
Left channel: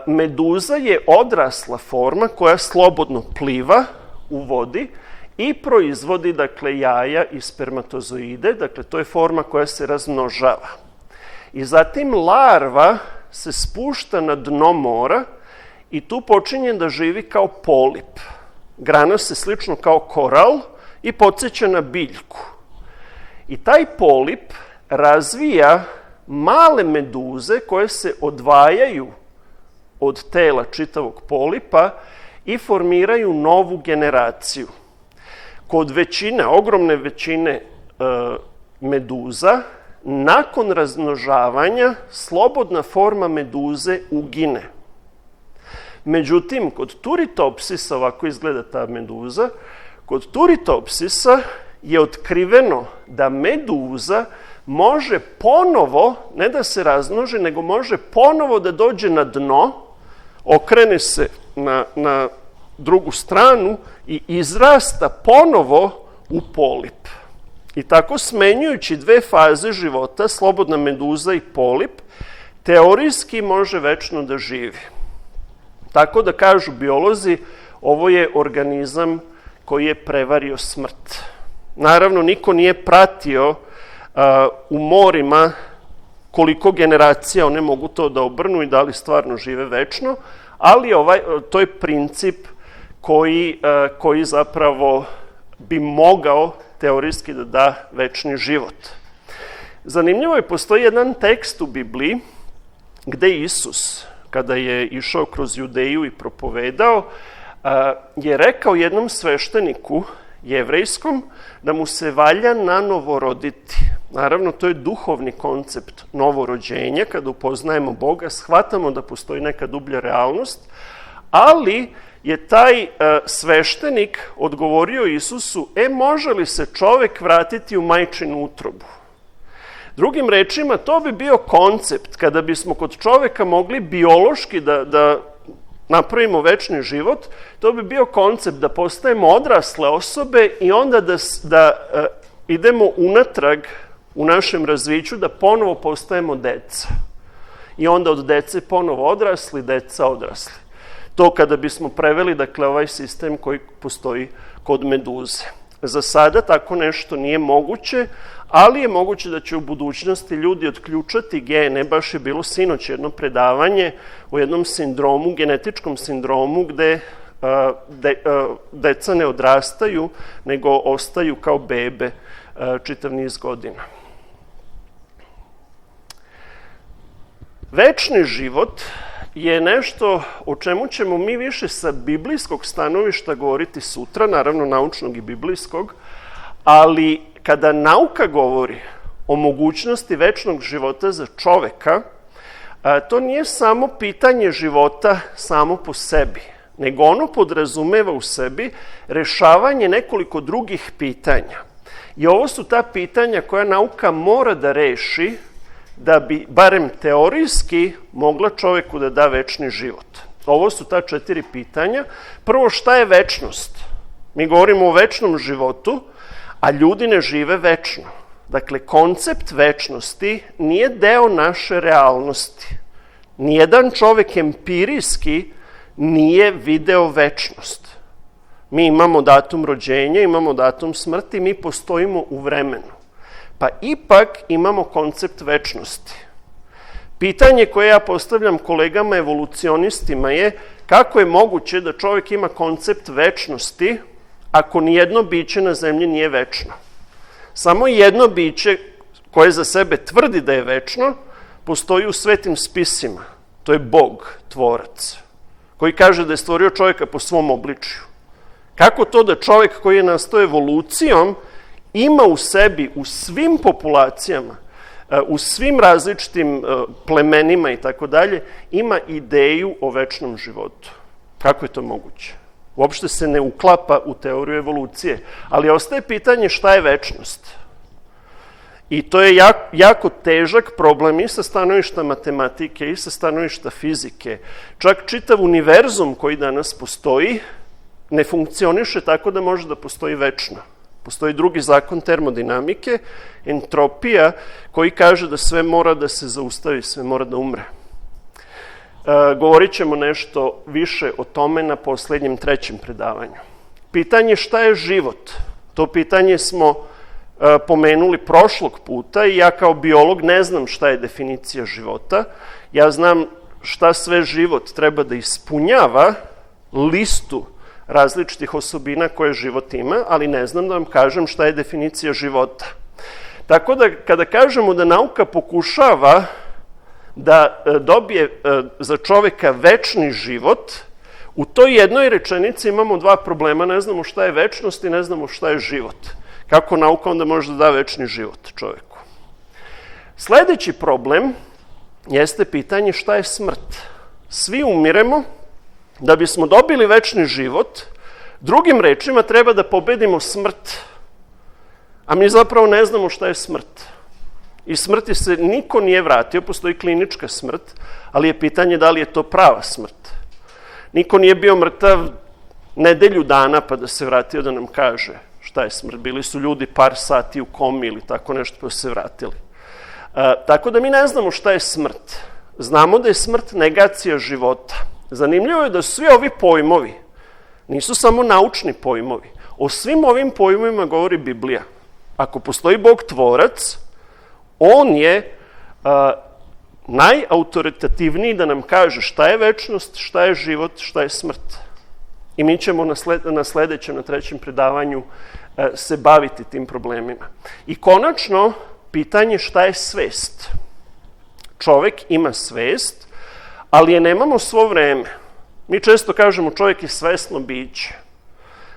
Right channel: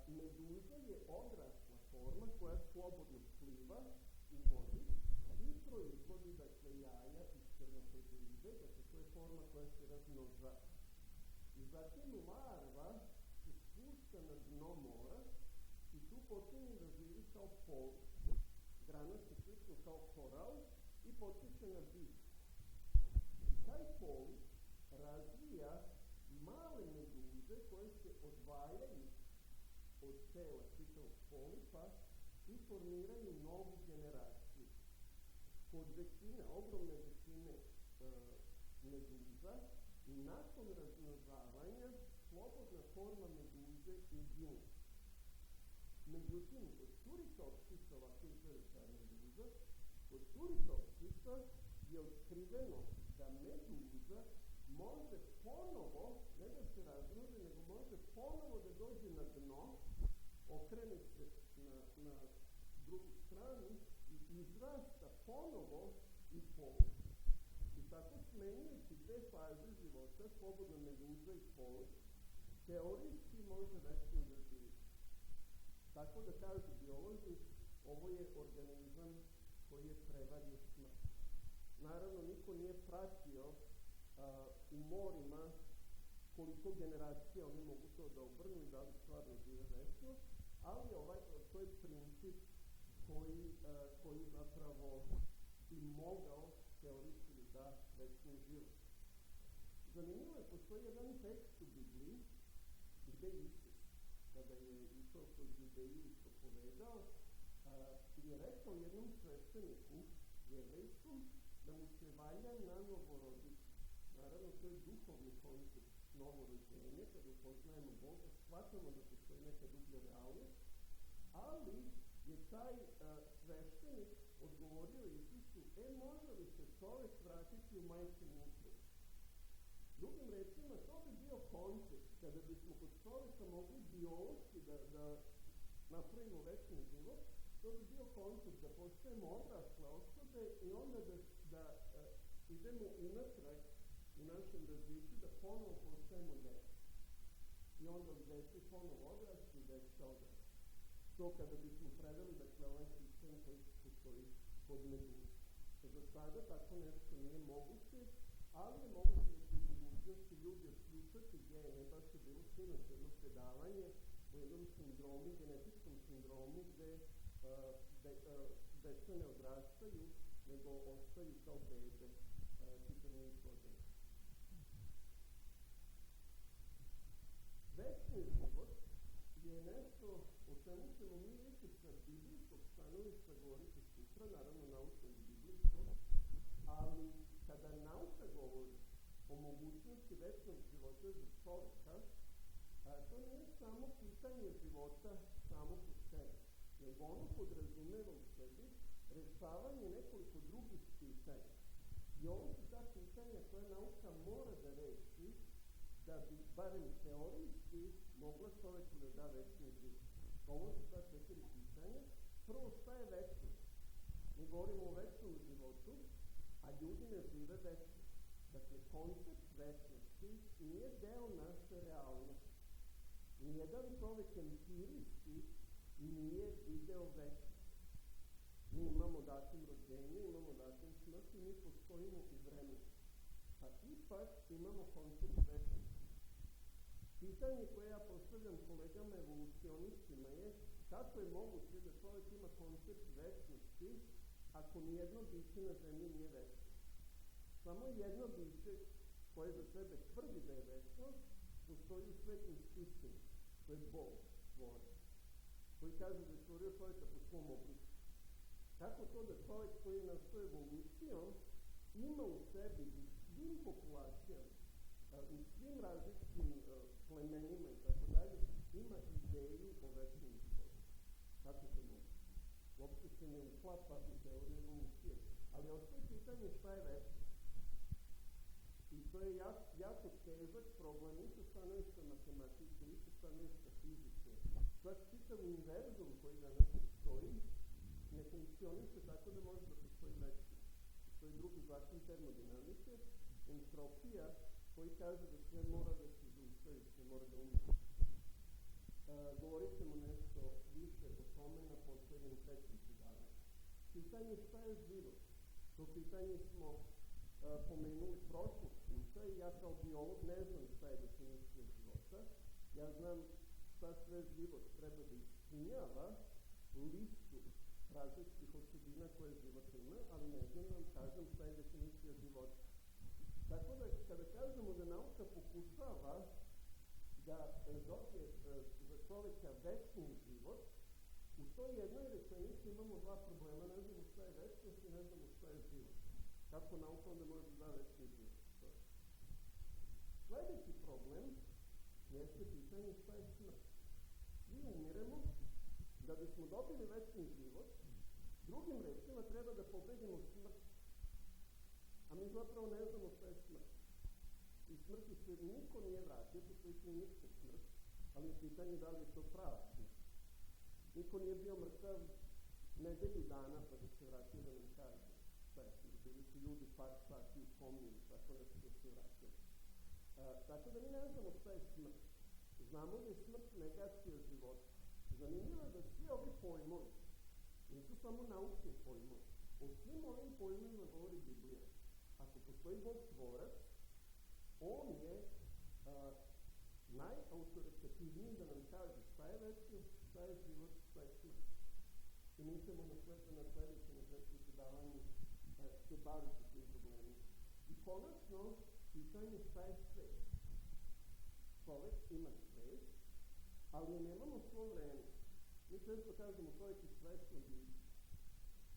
Meduza je odrasla forma koja slobodno pliva u vodi i proizvodi, dakle, jaja i spermatozoide, dakle, to je forma koja se razmnožava. I zatim larva se spušta na dno mora i tu počinje da živi kao polip. Grana se slično kao koral i podsjeća na biljku. I taj polip razvija male meduze koje se odvajaju od tela čitavog polipa i formiraju novu generaciju. Kod većine, ogromne većine meduza, nakon razmnožavanja, slobodna forma meduze ugine. Međutim, kod Turritopsisa, ovako izgleda ta meduza, kod Turritopsisa je otkriveno da meduza može ponovo, ne da se razmnoži, nego može ponovo da dođe na dno, okrene se na drugu stranu i izrasta ponovo u polip. I tako smenjujući dve faze života, slobodna meduza i polip, teorijski može večno da živi. Tako da kažu biolozi, ovo je organizam koji je prevario smrt. Naravno, niko nije pratio u morima koliko generacija one mogu to da obrnu i da li stvarno žive večno, ali to je princip koji zapravo bi mogao teorijski da da večni život. Zanimljivo je, postoji jedan tekst u Bibliji gde Isus, kada je išao kroz Judeju i propovedao, je rekao jednom svešteniku jevrejskom da mu se valja nanovo roditi. Naravno, to je duhovni koncept novorođenja. Kada upoznajemo Boga, shvatamo da postoji neka dublja realnost, ali je taj sveštenik odgovorio Isusu, može li se čovek vratiti u majčinu utrobu? Drugim rečima, to bi bio koncept kada bismo kod čoveka mogli biološki da napravimo večni život, to bi bio koncept da postajemo odrasle osobe i onda da idemo unatrag u našem razviću, da ponovo postajemo deca. I onda od dece ponovo odrasli, deca odrasli. To kada bismo preveli, dakle, ovaj sistem koji postoji kod meduze. Za sada tako nešto nije moguće, ali je moguće da će u budućnosti ljudi otključati gene. Baš je bilo sinoć jedno predavanje o jednom sindromu, genetičkom sindromu, gde deca ne odrastaju, nego ostaju kao bebe čitav niz godina. Večni život je nešto o čemu ćemo mi više sa biblijskog stanovišta govoriti sutra, naravno naučnog i biblijskog, ali kada nauka govori o mogućnosti večnog života za čoveka, to nije samo pitanje života samo po sebi, nego ono podrazumeva u sebi rešavanje nekoliko drugih pitanja. I ovo su ta pitanja koja nauka mora da reši da bi, barem teorijski, mogla čoveku da da večni život. Ovo su ta 4 pitanja. Prvo, šta je večnost? Mi govorimo o večnom životu, a ljudi ne žive večno. Dakle, koncept večnosti nije deo naše realnosti. Nijedan čovek empirijski nije video večnost. Mi imamo datum rođenja, imamo datum smrti, mi postojimo u vremenu. Pa ipak imamo koncept večnosti. Pitanje koje ja postavljam kolegama evolucionistima je kako je moguće da čovjek ima koncept večnosti ako nijedno biće na zemlji nije večno. Samo jedno biće koje za sebe tvrdi da je večno postoji u svetim spisima. To je Bog, tvorac, koji kaže da je stvorio čovjeka po svom obličju. Kako to da čovjek koji je nastao evolucijom ima u sebi, u svim populacijama, u svim različitim plemenima i tako dalje, ima ideju o večnom životu? Kako je to moguće? Uopšte se ne uklapa u teoriju evolucije, ali ostaje pitanje šta je večnost. I to je jako težak problem i sa stanovišta matematike i sa stanovišta fizike. Čak čitav univerzum koji danas postoji ne funkcioniše tako da može da postoji večno. Postoji drugi zakon termodinamike, entropija, koji kaže da sve mora da se zaustavi, sve mora da umre. Govorit ćemo nešto više o tome na poslednjem 3. predavanju. Pitanje šta je život? To pitanje smo pomenuli prošlog puta i ja kao biolog ne znam šta je definicija života. Ja znam šta sve život treba da ispunjava, listu različitih osobina koje život ima, ali ne znam da vam kažem šta je definicija života. Tako da kada kažemo da nauka pokušava da dobije za čoveka večni život, u toj jednoj rečenici imamo 2 problema. Ne znamo šta je večnost i ne znamo šta je život. Kako nauka onda može da da večni život čoveku? Sledeći problem jeste pitanje šta je smrt. Svi umiremo. Da bismo dobili večni život, drugim rečima treba da pobedimo smrt. A mi zapravo ne znamo šta je smrt. I smrti se niko nije vratio, postoji klinička smrt, ali je pitanje da li je to prava smrt. Niko nije bio mrtav nedelju dana pa da se vratio da nam kaže šta je smrt. Bili su ljudi par sati u komi ili tako nešto pa su se vratili. Tako da mi ne znamo šta je smrt. Znamo da je smrt negacija života. Zanimljivo je da svi ovi pojmovi nisu samo naučni pojmovi. O svim ovim pojmovima govori Biblija. Ako postoji Bog tvorac, on je najautoritativniji da nam kaže šta je večnost, šta je život, šta je smrt. I mi ćemo na sledećem, na 3. predavanju se baviti tim problemima. I konačno, pitanje šta je svest. Čovek ima svest, ali je nemamo svo vreme. Mi često kažemo čovjek je svesno biće,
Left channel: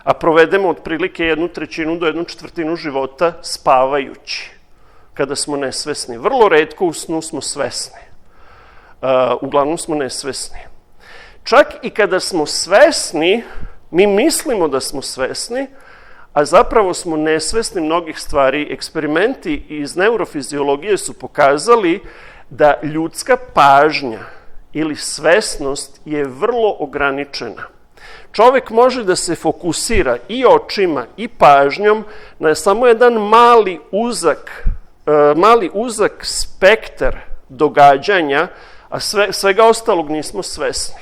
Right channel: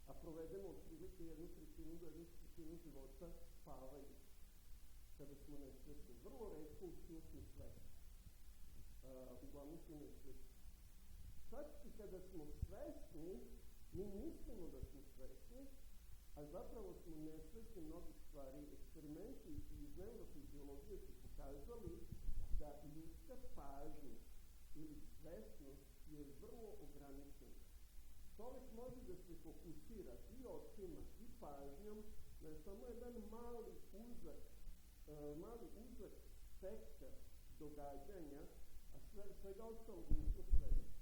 a provedemo otprilike 1/3 do 1/4 života spavajući, kada smo nesvesni. Vrlo retko u snu smo svesni. Uglavnom smo nesvesni. Čak i kada smo svesni, mi mislimo da smo svesni, a zapravo smo nesvesni mnogih stvari. Eksperimenti iz neurofiziologije su pokazali da ljudska pažnja ili svesnost je uzak ograničena. Čovek može da se fokusira i očima i pažnjom na samo jedan mali uzak spektar događanja, a svega ostalog nismo svesni.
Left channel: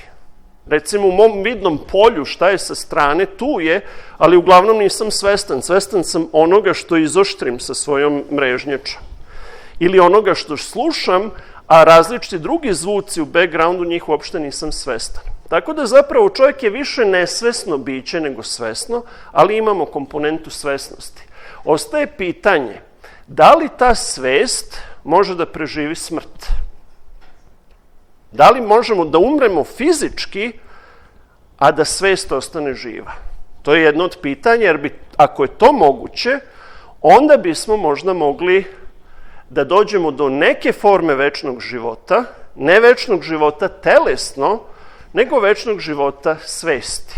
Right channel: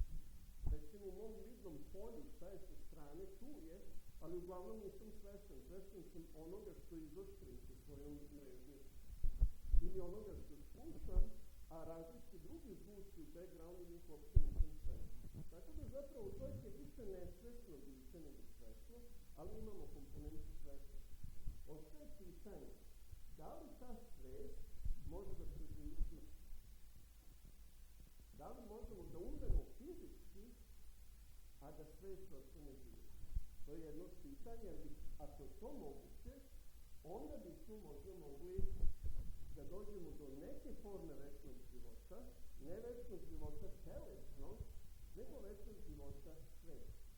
Recimo u mom vidnom polju šta je sa strane, tu je, ali uglavnom nisam svestan. Svestan sam onoga što izoštrim sa svojom mrežnjačom. Ili onoga što slušam, a različiti drugi zvuci u backgroundu njih uopšte nisam svestan. Tako da zapravo čovjek je više nesvesno biće nego svesno, ali imamo komponentu svesnosti. Ostaje pitanje, da li ta svest može da preživi smrt? Da li možemo da umremo fizički, a da svest ostane živa? To je jedno od pitanja, jer ako je to moguće, onda bismo možda mogli da dođemo do neke forme večnog života, ne večnog života telesno, nego večnog života svesti.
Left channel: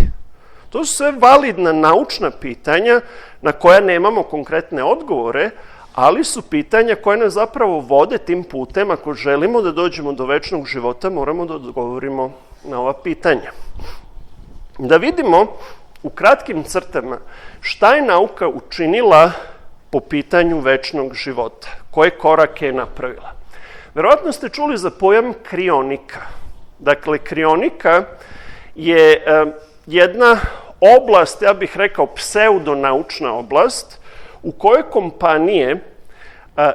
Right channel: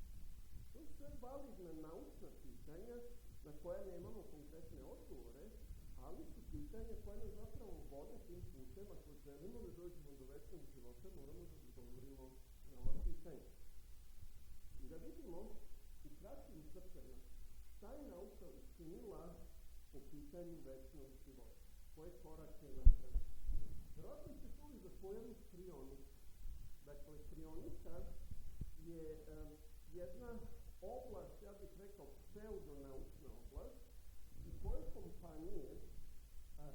To su sve validna naučna pitanja na koja nemamo konkretne odgovore, ali su pitanja koje nas zapravo vode tim putem. Ako želimo da dođemo do večnog života, moramo da odgovorimo na ova pitanja. Da vidimo u kratkim crtama šta je nauka učinila po pitanju večnog života, koje korake je napravila. Verovatno ste čuli za pojam krionika. Dakle, krionika je jedna oblast, ja bih rekao pseudonaučna oblast, u kojoj kompanije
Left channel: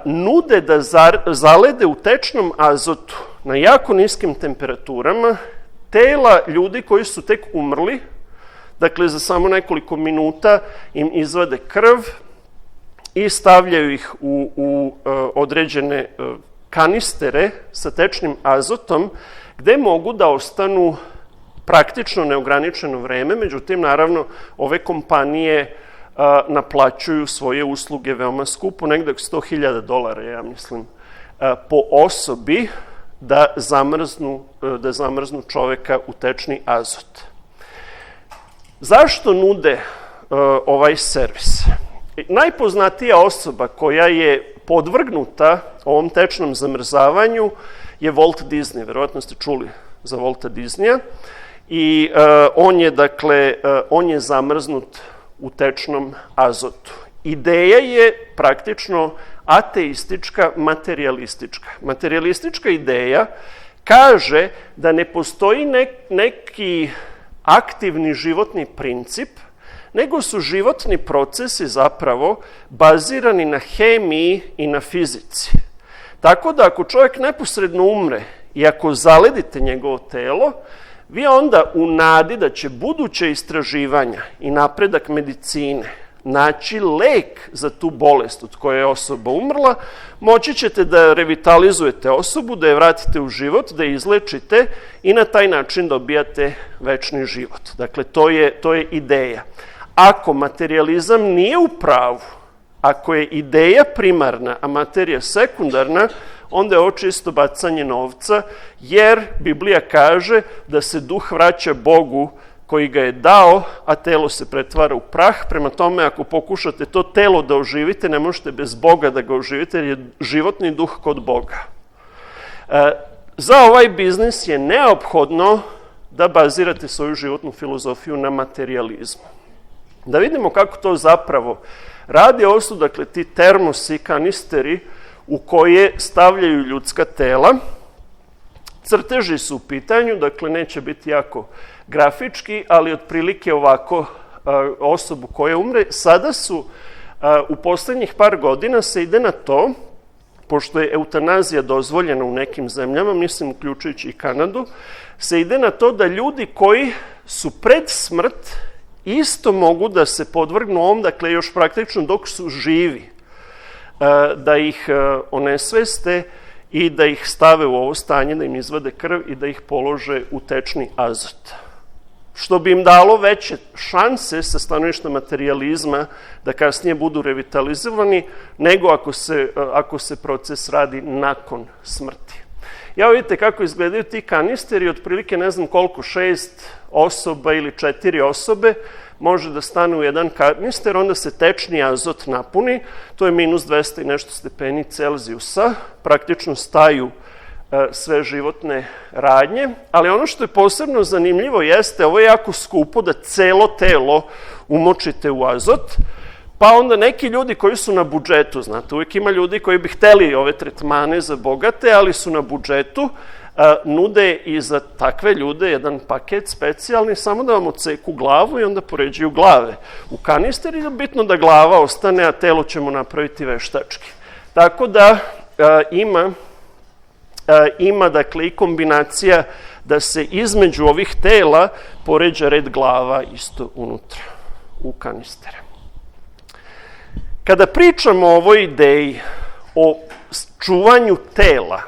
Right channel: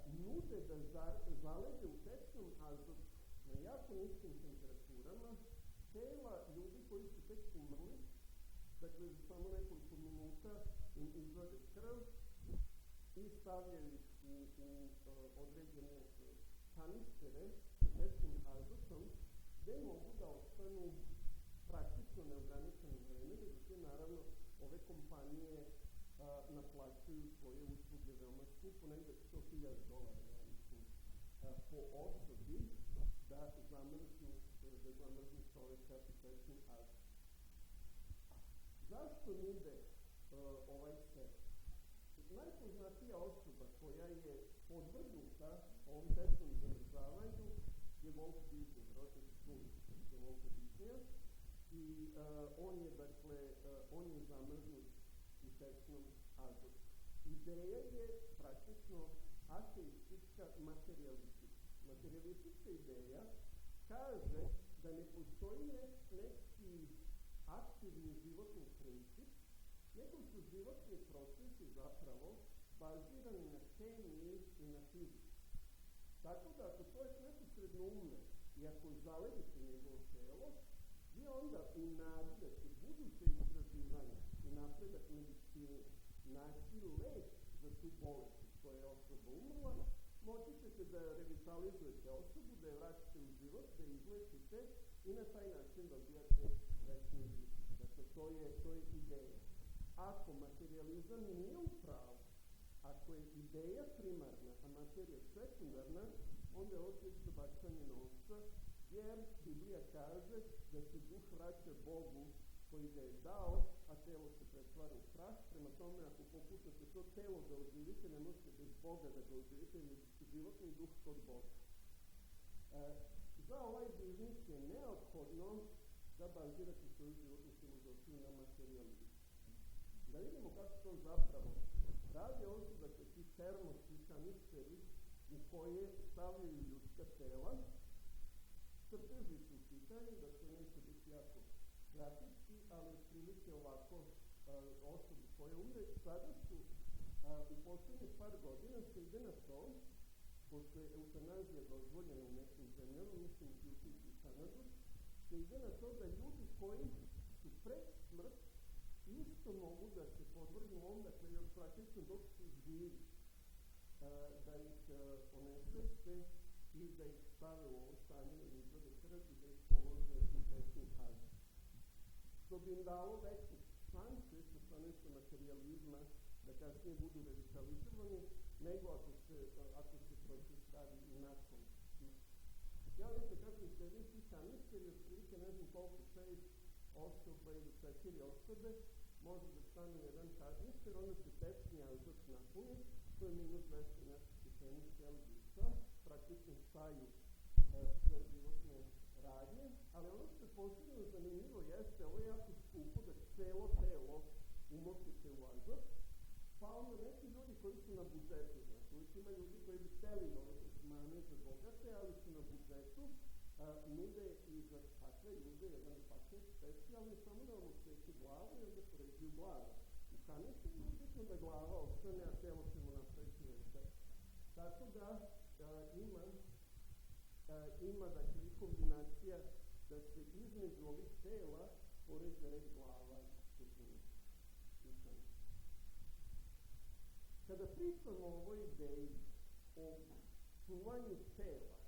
nude da zalede u tečnom azotu na jako niskim temperaturama tela ljudi koji su tek umrli. Dakle, za samo nekoliko minuta im izvade krv i stavljaju ih u određene kanistere sa tečnim azotom, gde mogu da ostanu praktično neograničeno vreme. Međutim, naravno, ove kompanije naplaćuju svoje usluge veoma skupo, negde $100,000, ja mislim, po osobi da zamrznu čoveka u tečni azot. Zašto nude ovaj servis? Najpoznatija osoba koja je podvrgnuta ovom tečnom zamrzavanju je Walt Disney. Verovatno ste čuli za Walta Disneya. I on je zamrznut u tečnom azotu. Ideja je praktično ateistička, materijalistička. Materijalistička ideja kaže da ne postoji neki aktivni životni princip, nego su životni procesi zapravo bazirani na hemiji i na fizici. Tako da ako čovjek neposredno umre i ako zaledite njegovo telo, vi onda u nadi da će buduće istraživanja i napredak medicine naći lek za tu bolest od koje je osoba umrla, moći ćete da revitalizujete osobu, da je vratite u život, da je izlečite i na taj način dobijate večni život. Dakle, to je ideja. Ako materijalizam nije u pravu, ako je ideja primarna, a materija sekundarna, onda je ovo čisto bacanje novca, jer Biblija kaže da se duh vraća Bogu koji ga je dao, a telo se pretvara u prah. Prema tome, ako pokušate to telo da oživite, ne možete bez Boga da ga oživite, jer je životni duh kod Boga. Za ovaj biznis je neophodno da bazirate svoju životnu filozofiju na materijalizmu. Da vidimo kako to zapravo radi. Ovo su, dakle, ti termosi, kanisteri u koje stavljaju ljudska tela. Crteži su u pitanju, dakle, neće biti jako grafički, ali otprilike ovako osobu koja umre. Sada su, u poslednjih par godina se ide na to, pošto je eutanazija dozvoljena u nekim zemljama, mislim uključujući i Kanadu, se ide na to da ljudi koji su pred smrt isto mogu da se podvrgnu ovom, dakle, još praktično dok su živi, da ih onesveste i da ih stave u ovo stanje, da im izvade krv i da ih polože u tečni azot. Što bi im dalo veće šanse sa stanovišta materijalizma da kasnije budu revitalizovani, nego ako se proces radi nakon smrti. Ja vidite kako izgledaju ti kanisteri, otprilike ne znam koliko, 6 osoba ili 4 osobe može da stane u jedan kanister, onda se tečni azot napuni, to je minus 200 i nešto stepeni Celzijusa, praktično staju sve životne radnje, ali ono što je posebno zanimljivo jeste, ovo je jako skupo da celo telo umočite u azot, pa onda neki ljudi koji su na budžetu, znate, uvijek ima ljudi koji bi hteli ove tretmane za bogate, ali su na budžetu, nude i za takve ljude jedan paket specijalni, samo da vam odseku glavu i onda poređuju glave u kanister i je bitno da glava ostane, a telo ćemo napraviti veštački. Tako da ima dakle i kombinacija da se između ovih tela poređa red glava isto unutra u kanistere. Kada pričamo o ovoj ideji o čuvanju tela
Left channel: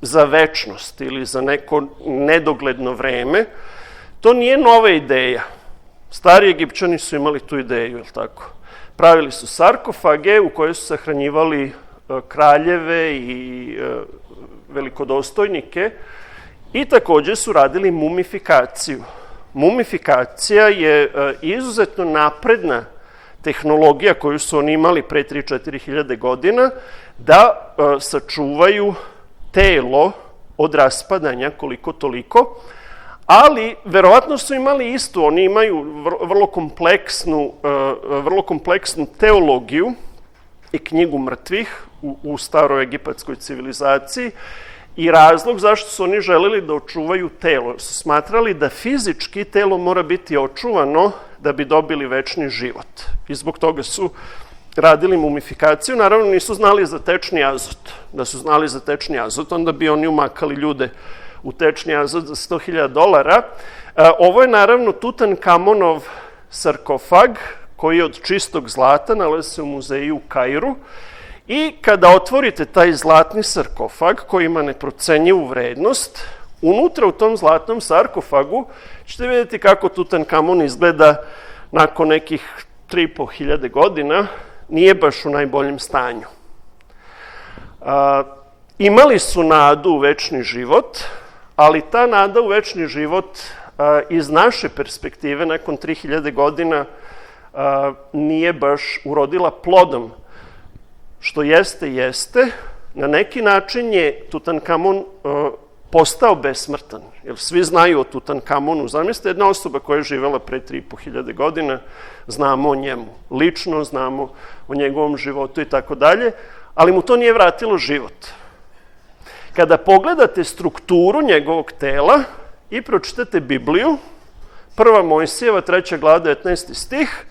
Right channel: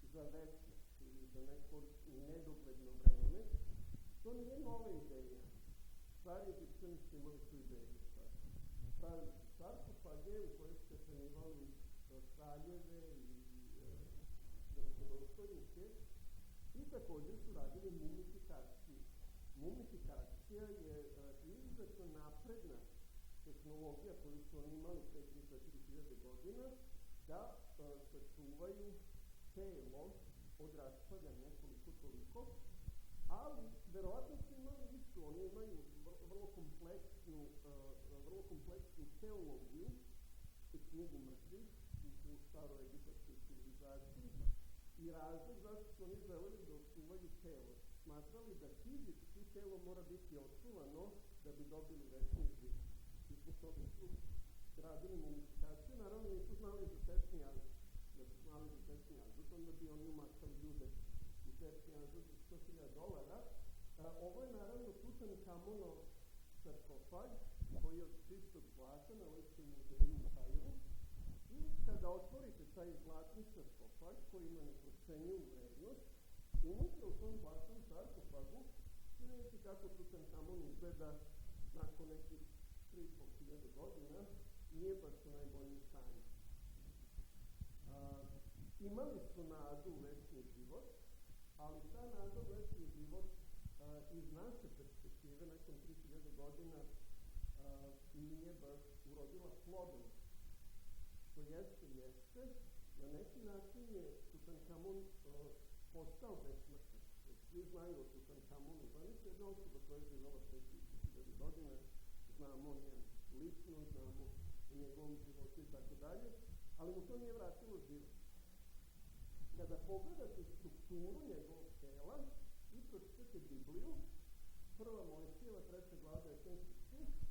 za večnost ili za neko nedogledno vreme, to nije nova ideja. Stari Egipćani su imali tu ideju, je li tako? Pravili su sarkofage u koje su sahranjivali kraljeve i velikodostojnike i takođe su radili mumifikaciju. Mumifikacija je izuzetno napredna tehnologija koju su oni imali pre 3-4 hiljade godina da sačuvaju telo od raspadanja koliko toliko, ali verovatno su imali istu, oni imaju vrlo kompleksnu teologiju i knjigu mrtvih u staroj egipatskoj civilizaciji i razlog zašto su oni želeli da očuvaju telo. Su smatrali da fizički telo mora biti očuvano da bi dobili večni život. I zbog toga su radili mumifikaciju. Naravno, nisu znali za tečni azot. Da su znali za tečni azot, onda bi oni umakali ljude u tečni azot za $100.000. Ovo je naravno Tutankamonov sarkofag, koji je od čistog zlata, nalazi se u muzeju u Kairu. I kada otvorite taj zlatni sarkofag, koji ima neprocenjivu vrednost, unutra u tom zlatnom sarkofagu ćete vidjeti kako Tutankamon izgleda nakon nekih 3.500 godina, nije baš u najboljem stanju. Imali su nadu u večni život, ali ta nada u večni život iz naše perspektive nakon 3000 godina nije baš urodila plodom. Što jeste, na neki način je Tutankamon postao besmrtan. Jer svi znaju o Tutankamonu. Zamislite, jedna osoba koja je živela pre 3.500 godina, znamo o njemu lično, znamo o njegovom životu i tako dalje, ali mu to nije vratilo život. Kada pogledate strukturu njegovog tela i pročitate Bibliju, 1. Mojsijeva, 3. glava, 19. stih,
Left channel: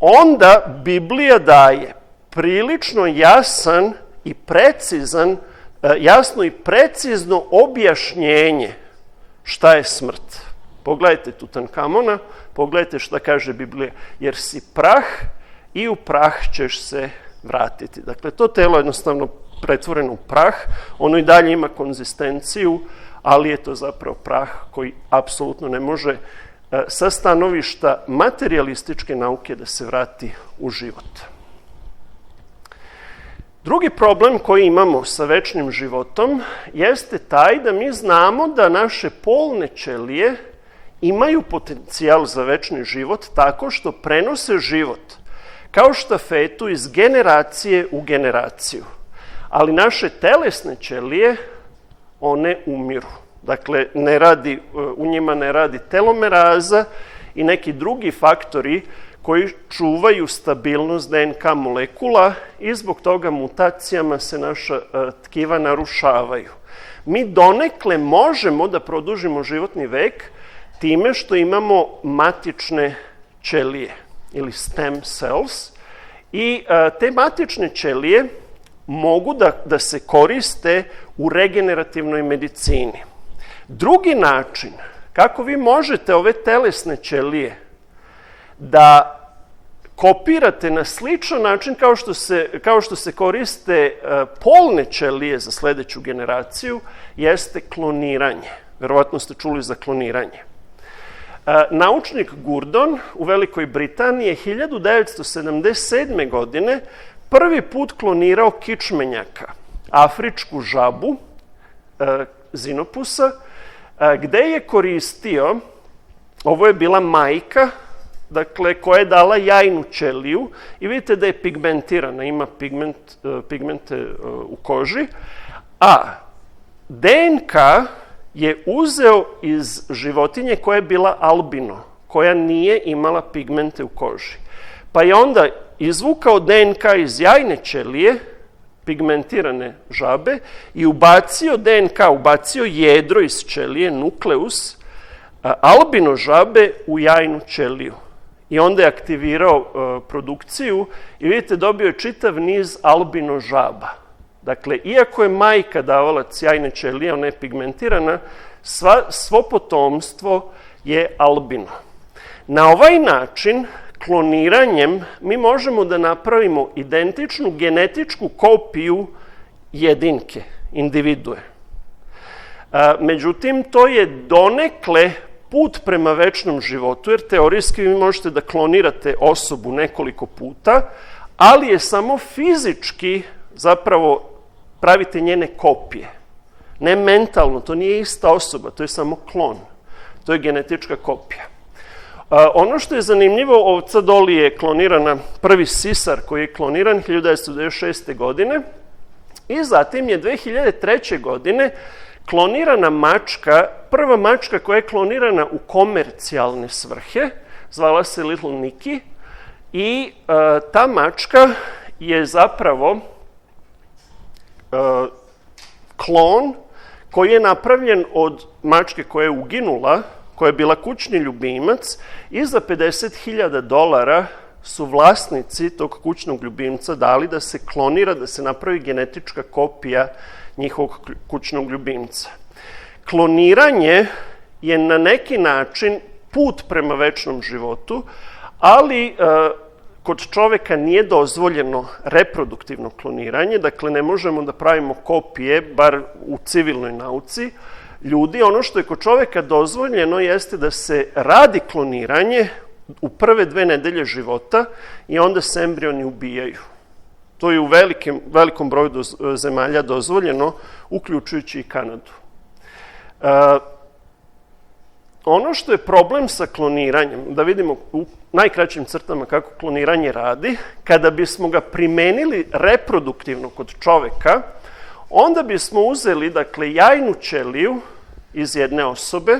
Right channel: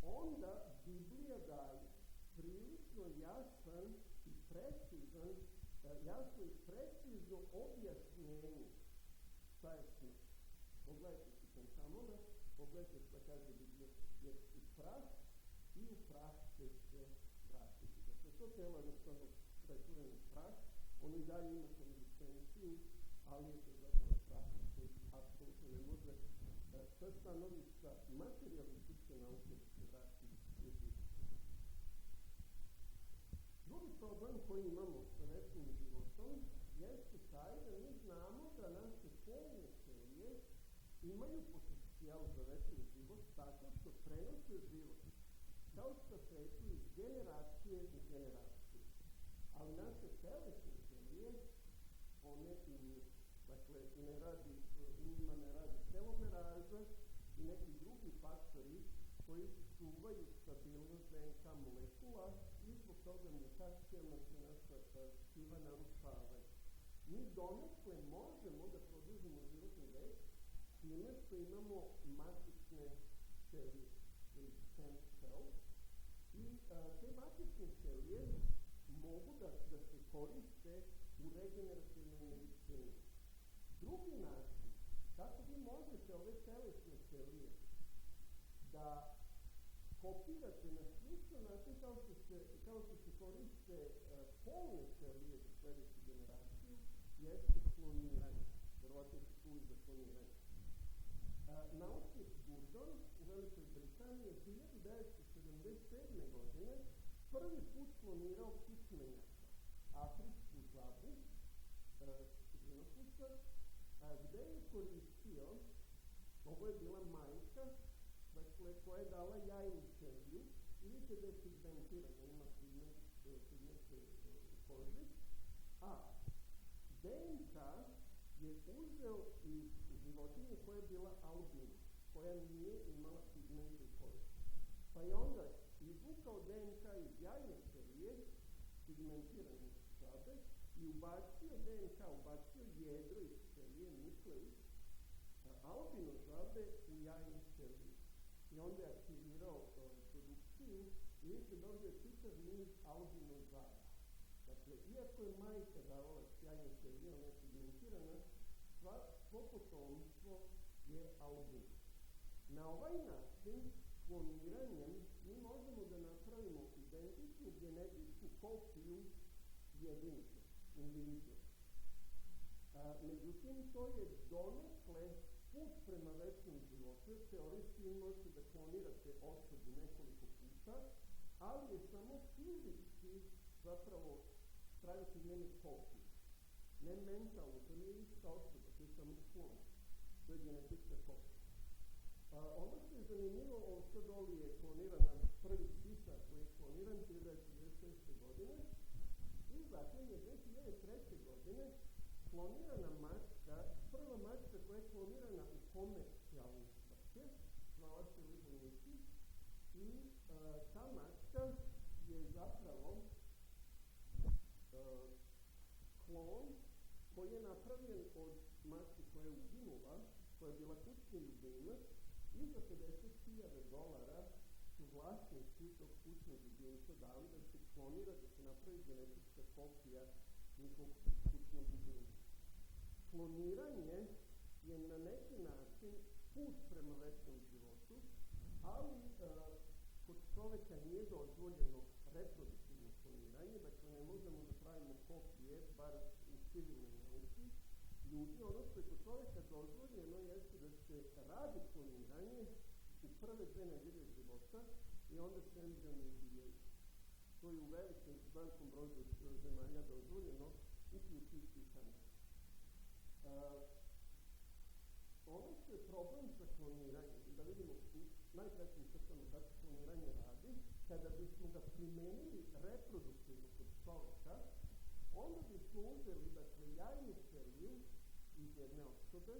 onda Biblija daje prilično jasno i precizno objašnjenje šta je smrt. Pogledajte Tutankamona, pogledajte šta kaže Biblija. Jer si prah i u prah ćeš se vratiti. Dakle, to telo je jednostavno pretvoreno u prah. Ono i dalje ima konzistenciju, ali je to zapravo prah koji apsolutno ne može sa stanovišta materijalističke nauke da se vrati u život. Drugi problem koji imamo sa večnim životom jeste taj da mi znamo da naše polne ćelije imaju potencijal za večni život tako što prenose život kao štafetu iz generacije u generaciju. Ali naše telesne ćelije, one umiru. Dakle, u njima ne radi telomeraza i neki drugi faktori koji čuvaju stabilnost DNK molekula i zbog toga mutacijama se naša tkiva narušavaju. Mi donekle možemo da produžimo životni vek time što imamo matične ćelije ili stem cells i te matične ćelije mogu da se koriste u regenerativnoj medicini. Drugi način kako vi možete ove telesne ćelije da kopirate na sličan način kao što se koriste polne ćelije za sledeću generaciju, jeste kloniranje. Verovatno ste čuli za kloniranje. Naučnik Gurdon u Velikoj Britaniji je 1977. godine prvi put klonirao kičmenjaka, afričku žabu, Zinopusa, gde je koristio, ovo je bila majka, dakle, koja je dala jajnu ćeliju i vidite da je pigmentirana, ima pigmente u koži, a DNK je uzeo iz životinje koja je bila albino, koja nije imala pigmente u koži. Pa je onda izvukao DNK iz jajne ćelije pigmentirane žabe i ubacio DNK, ubacio jedro iz ćelije, nukleus, albino žabe u jajnu ćeliju. I onda je aktivirao produkciju i vidite, dobio je čitav niz albino žaba. Dakle, iako je majka davalac jajne ćelije, ona je pigmentirana, svo potomstvo je albino. Na ovaj način, kloniranjem, mi možemo da napravimo identičnu genetičku kopiju jedinke, individue. Međutim, to je donekle put prema večnom životu, jer teorijski vi možete da klonirate osobu nekoliko puta, ali je samo fizički zapravo pravite njene kopije. Ne mentalno, to nije ista osoba, to je samo klon. To je genetička kopija. Ono što je zanimljivo, ovca Doli je klonirana, prvi sisar koji je kloniran 1996. godine i zatim je 2003. godine klonirana mačka, prva mačka koja je klonirana u komercijalne svrhe, zvala se Little Nicky i ta mačka je zapravo klon koji je napravljen od mačke koja je uginula, koja je bila kućni ljubimac i za $50.000 su vlasnici tog kućnog ljubimca dali da se klonira, da se napravi genetička kopija njihovog kućnog ljubimca. Kloniranje je na neki način put prema večnom životu, ali kod čoveka nije dozvoljeno reproduktivno kloniranje, dakle ne možemo da pravimo kopije, bar u civilnoj nauci, ljudi. Ono što je kod čoveka dozvoljeno jeste da se radi kloniranje u prve 2 nedelje života i onda se embrioni ubijaju. To je u velikom broju zemalja dozvoljeno, uključujući i Kanadu. Ono što je problem sa kloniranjem, da vidimo u najkraćim crtama kako kloniranje radi, kada bismo ga primenili reproduktivno kod čoveka, onda bismo uzeli, dakle, jajnu ćeliju iz jedne osobe,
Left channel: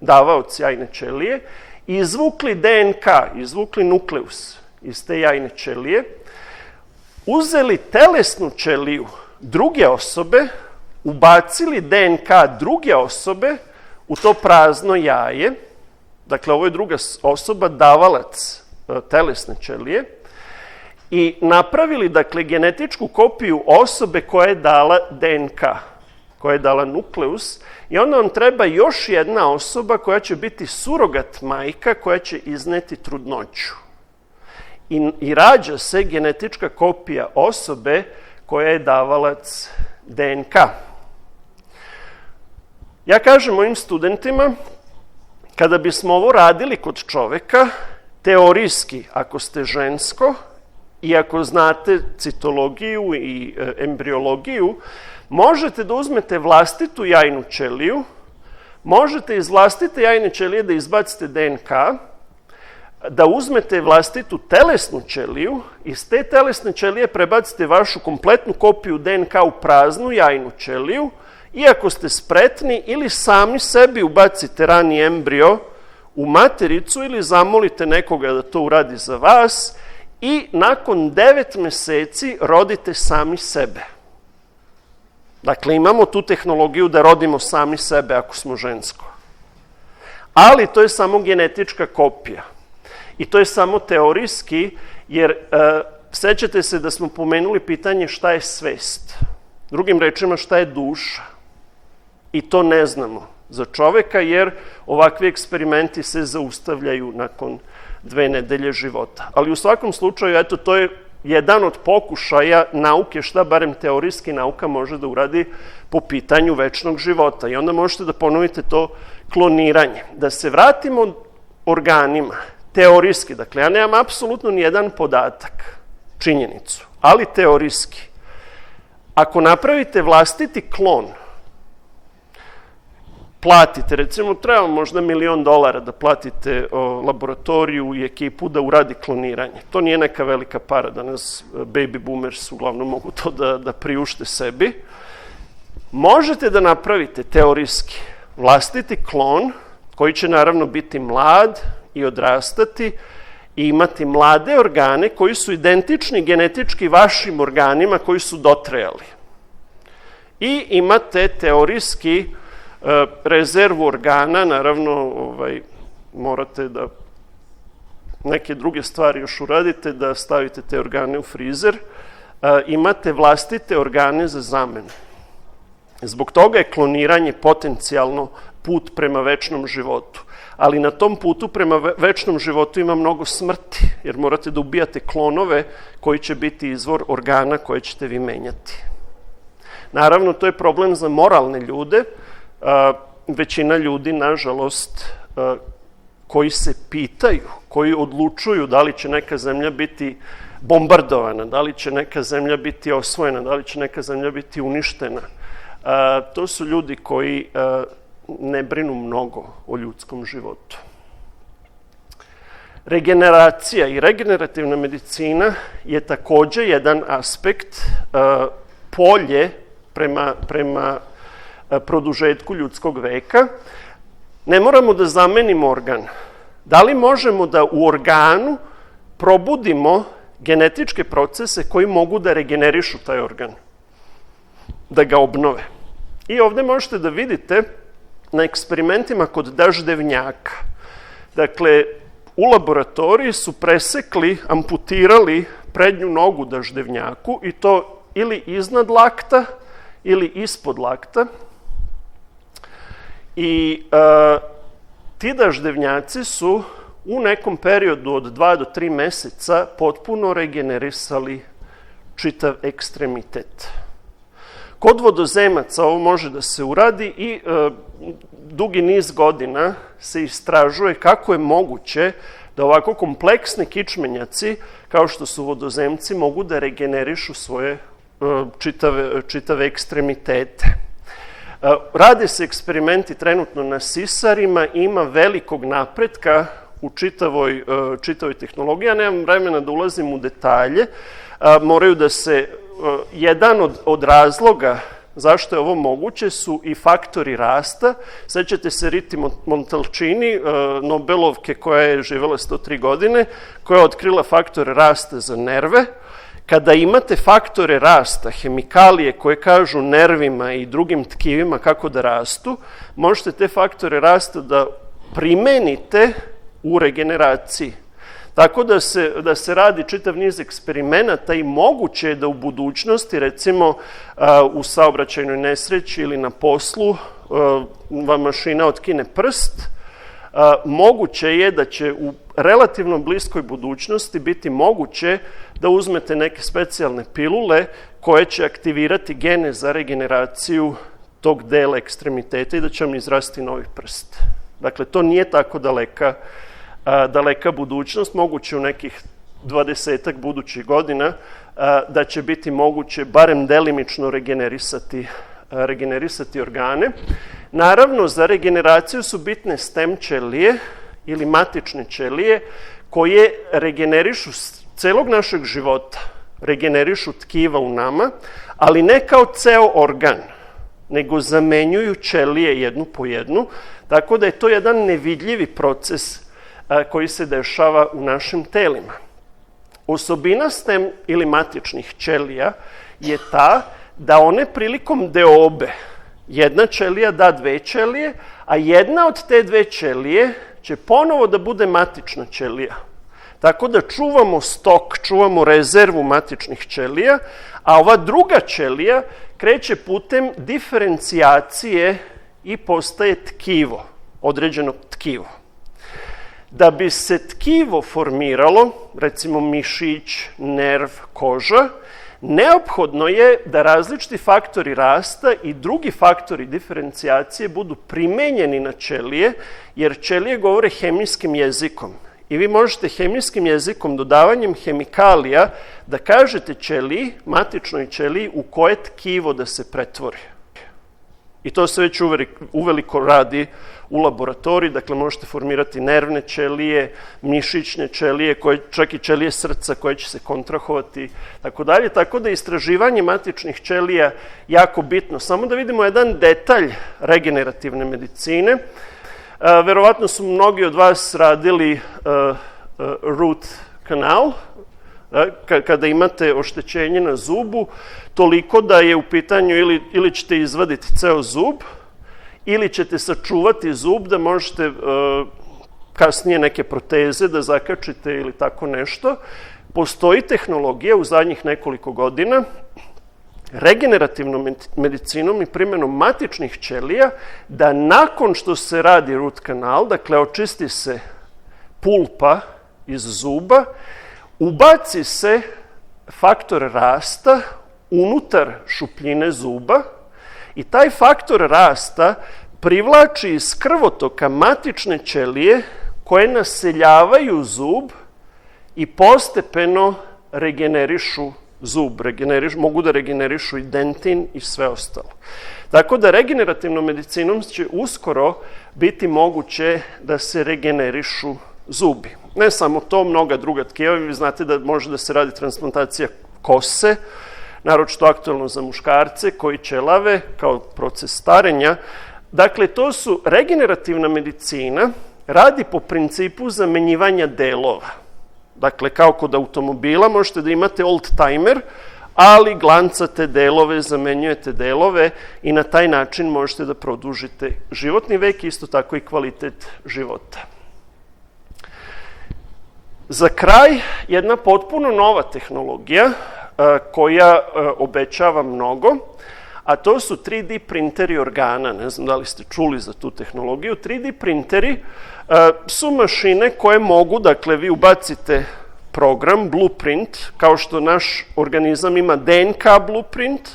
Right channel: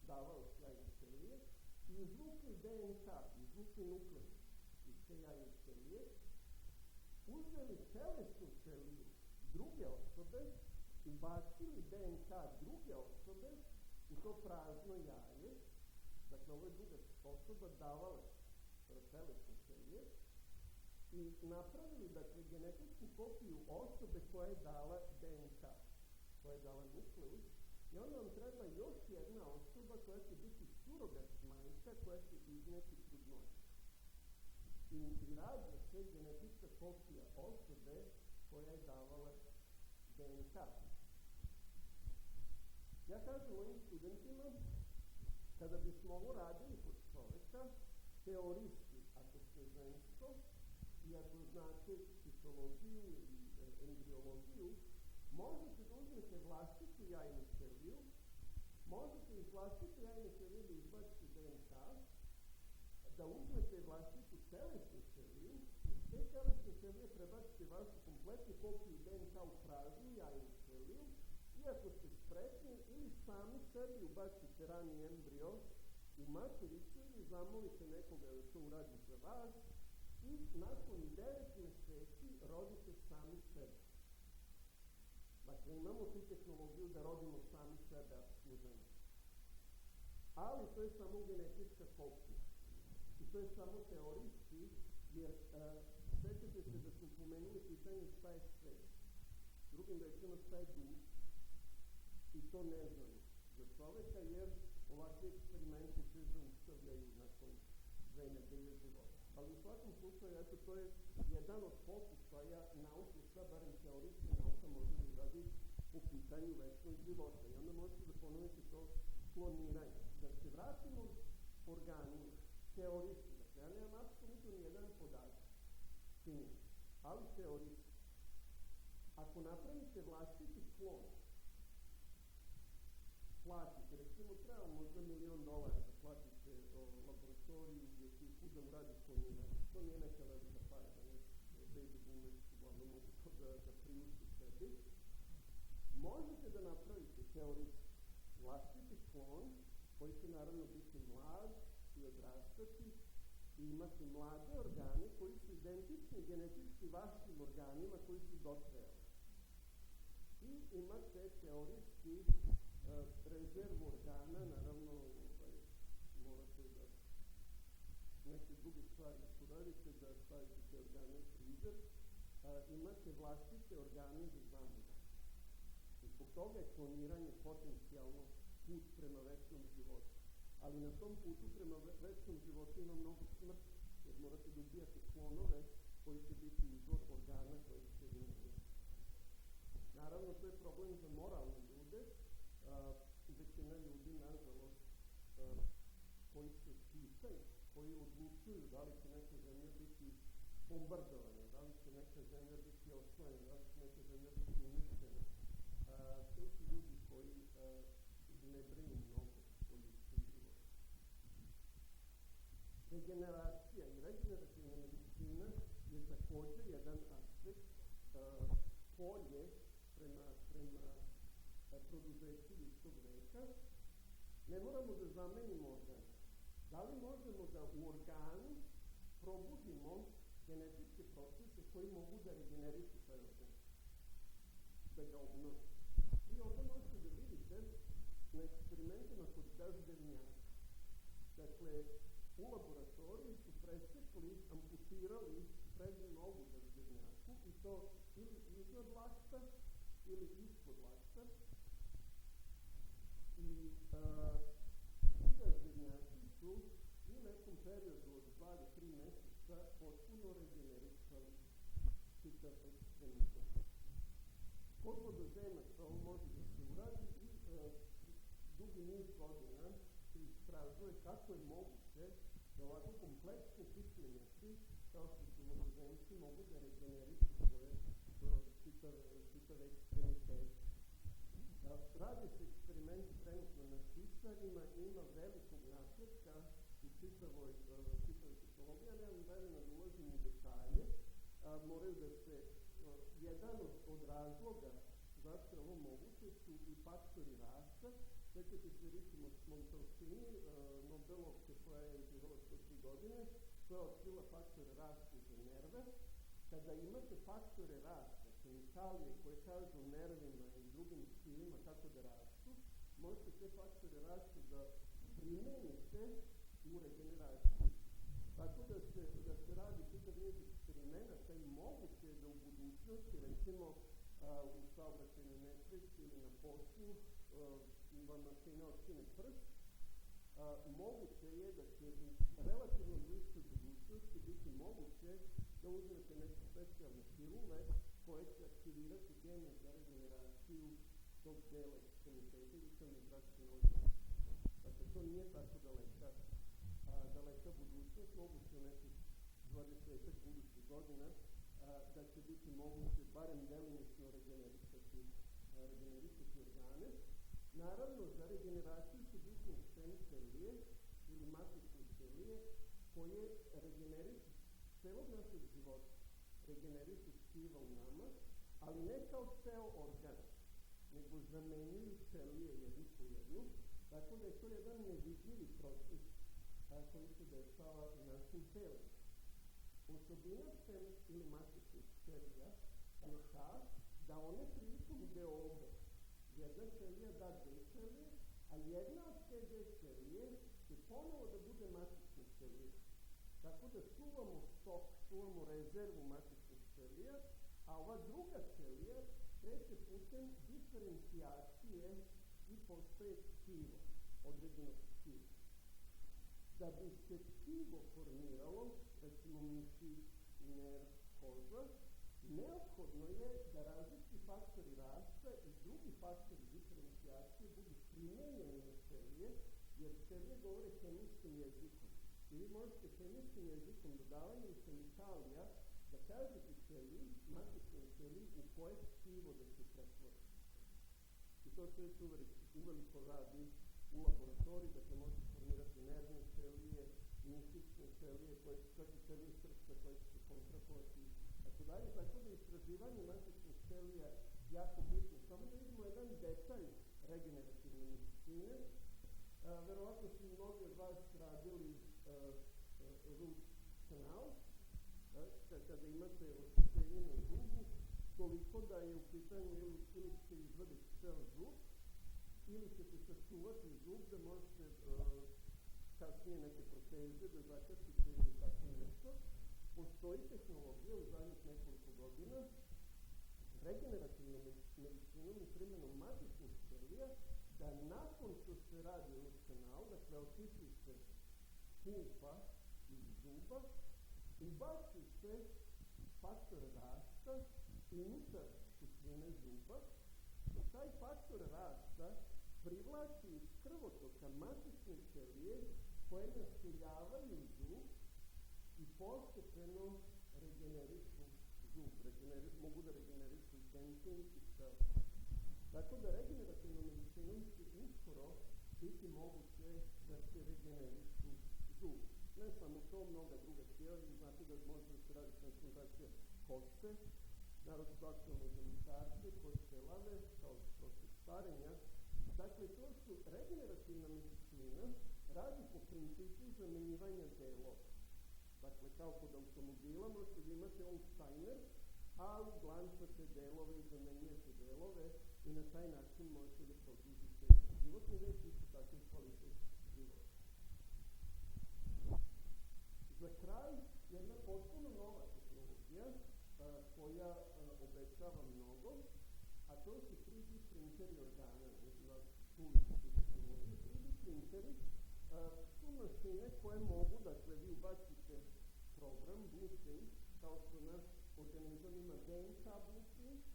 davaoc jajne ćelije, i izvukli DNK, izvukli nukleus iz te jajne ćelije, uzeli telesnu ćeliju druge osobe, ubacili DNK druge osobe u to prazno jaje, dakle, ovo je druga osoba, davalac telesne ćelije, i napravili, dakle, genetičku kopiju osobe koja je dala DNK, koja je dala nukleus, i onda vam treba još jedna osoba koja će biti surogat majka koja će izneti trudnoću. I rađa se genetička kopija osobe koja je davalac DNK. Ja kažem mojim studentima, kada bismo ovo radili kod čoveka, teorijski, ako ste žensko i ako znate citologiju i embriologiju, možete da uzmete vlastitu jajnu ćeliju, možete iz vlastite jajne ćelije da izbacite DNK, da uzmete vlastitu telesnu ćeliju, iz te telesne ćelije prebacite vašu kompletnu kopiju DNK u praznu jajnu ćeliju i ako ste spretni ili sami sebi ubacite rani embrio u matericu ili zamolite nekoga da to uradi za vas i nakon 9 meseci rodite sami sebe. Dakle, imamo tu tehnologiju da rodimo sami sebe ako smo žensko. Ali to je samo genetička kopija. I to je samo teorijski, jer sećate se da smo pomenuli pitanje šta je svest. Drugim rečima, šta je duša. I to ne znamo za čoveka, jer ovakvi eksperimenti se zaustavljaju nakon 2 nedelje života. Ali u svakom slučaju, eto, to je jedan od pokušaja nauke, šta barem teorijski nauka može da uradi po pitanju večnog života. I onda možete da ponovite to kloniranje. Da se vratimo organima, teorijski, dakle, ja nemam apsolutno nijedan podatak, činjenicu, ali teorijski. Ako napravite vlastiti klon, platite, recimo, treba možda $1.000.000 da platite laboratoriju i ekipu da uradi kloniranje. To nije neka velika para, danas baby boomers uglavnom mogu to da priušte sebi. Možete da napravite teorijski vlastiti klon, koji će naravno biti mlad i odrastati i imati mlade organe koji su identični genetički vašim organima koji su dotrajali. I imate teorijski rezervu organa, naravno morate da neke druge stvari još uradite, da stavite te organe u frizer, imate vlastite organe za zamenu. Zbog toga je kloniranje potencijalno put prema večnom životu. Ali na tom putu prema večnom životu ima mnogo smrti, jer morate da ubijate klonove koji će biti izvor organa koje ćete vi menjati. Naravno, to je problem za moralne ljude. Većina ljudi, nažalost, koji se pitaju, koji odlučuju da li će neka zemlja biti bombardovana, da li će neka zemlja biti osvojena, da li će neka zemlja biti uništena. To su ljudi koji ne brinu mnogo o ljudskom životu. Regeneracija i regenerativna medicina je takođe jedan aspekt, polje prema produžetku ljudskog veka. Ne moramo da zamenimo organ. Da li možemo da u organu probudimo genetičke procese koji mogu da regenerišu taj organ, da ga obnove? I ovde možete da vidite na eksperimentima kod daždevnjaka. Dakle, u laboratoriji su presekli, amputirali prednju nogu daždevnjaku i to ili iznad lakta ili ispod lakta. I ti daždevnjaci su u nekom periodu od 2 do 3 meseca potpuno regenerisali čitav ekstremitet. Kod vodozemaca ovo može da se uradi i dugi niz godina se istražuje kako je moguće da ovako kompleksni kičmenjaci, kao što su vodozemci, mogu da regenerišu svoje čitave ekstremitete. Rade se eksperimenti trenutno na sisarima, ima velikog napretka u čitavoj tehnologiji. Ja nemam vremena da ulazim u detalje. Moraju da se, jedan od razloga zašto je ovo moguće su i faktori rasta. Sećate se Riti Montalcini, Nobelovke koja je živela 103 godine, koja je otkrila faktore rasta za nerve. Kada imate faktore rasta, hemikalije koje kažu nervima i drugim tkivima kako da rastu, možete te faktore rasta da primenite u regeneraciji. Tako da se radi čitav niz eksperimenata i moguće je da u budućnosti, recimo u saobraćajnoj nesreći ili na poslu, vam mašina otkine prst, moguće je da će u relativno bliskoj budućnosti biti moguće da uzmete neke specijalne pilule koje će aktivirati gene za regeneraciju tog dela ekstremiteta i da će vam izrasti novi prst. Dakle, to nije tako daleka budućnost, moguće u nekih 20-ak budućih godina da će biti moguće barem delimično regenerisati organe. Naravno, za regeneraciju su bitne stem ćelije ili matične ćelije koje regenerišu celog našeg života, regenerišu tkiva u nama, ali ne kao ceo organ, nego zamenjuju ćelije jednu po jednu, tako da je to jedan nevidljivi proces koji se dešava u našim telima. Osobina stem ili matičnih ćelija je ta da one prilikom deobe, jedna ćelija da 2 ćelije, a jedna od te 2 ćelije će ponovo da bude matična ćelija. Tako da čuvamo stok, čuvamo rezervu matičnih ćelija, a ova druga ćelija kreće putem diferencijacije i postaje tkivo, određeno tkivo. Da bi se tkivo formiralo, recimo mišić, nerv, koža, neophodno je da različiti faktori rasta i drugi faktori diferencijacije budu primenjeni na ćelije, jer ćelije govore hemijskim jezikom. I vi možete hemijskim jezikom, dodavanjem hemikalija, da kažete ćeliji, matičnoj ćeliji, u koje tkivo da se pretvori. I to se već uveliko radi u laboratoriji, dakle možete formirati nervne ćelije, mišićne ćelije, čak i ćelije srca koje će se kontrahovati, tako dalje. Tako da je istraživanje matičnih ćelija jako bitno. Samo da vidimo jedan detalj regenerativne medicine. Verovatno su mnogi od vas radili root canal, kada imate oštećenje na zubu, toliko da je u pitanju ili ćete izvaditi ceo zub, ili ćete sačuvati zub da možete kasnije neke proteze da zakačite ili tako nešto. Postoji tehnologija u zadnjih nekoliko godina regenerativnom medicinom i primjenom matičnih ćelija da nakon što se radi root kanal, dakle očisti se pulpa iz zuba, ubaci se faktor rasta unutar šupljine zuba i taj faktor rasta privlači iz krvotoka matične ćelije koje naseljavaju zub i postepeno regenerišu zub, mogu da regenerišu i dentin i sve ostalo. Tako da regenerativnom medicinom će uskoro biti moguće da se regenerišu zubi. Ne samo to, mnoga druga tkiva. Vi znate da može da se radi transplantacija kose, naročito aktuelno za muškarce koji ćelave kao proces starenja. Dakle, to su regenerativna medicina radi po principu zamenjivanja delova. Dakle, kao kod automobila možete da imate old-timer, ali glancate delove, zamenjujete delove i na taj način možete da produžite životni vek, isto tako i kvalitet života. Za kraj, jedna potpuno nova tehnologija koja obećava mnogo, a to su 3D printeri organa. Ne znam da li ste čuli za tu tehnologiju. 3D printeri su mašine koje mogu, dakle, vi ubacite program, blueprint, kao što naš organizam ima DNK blueprint,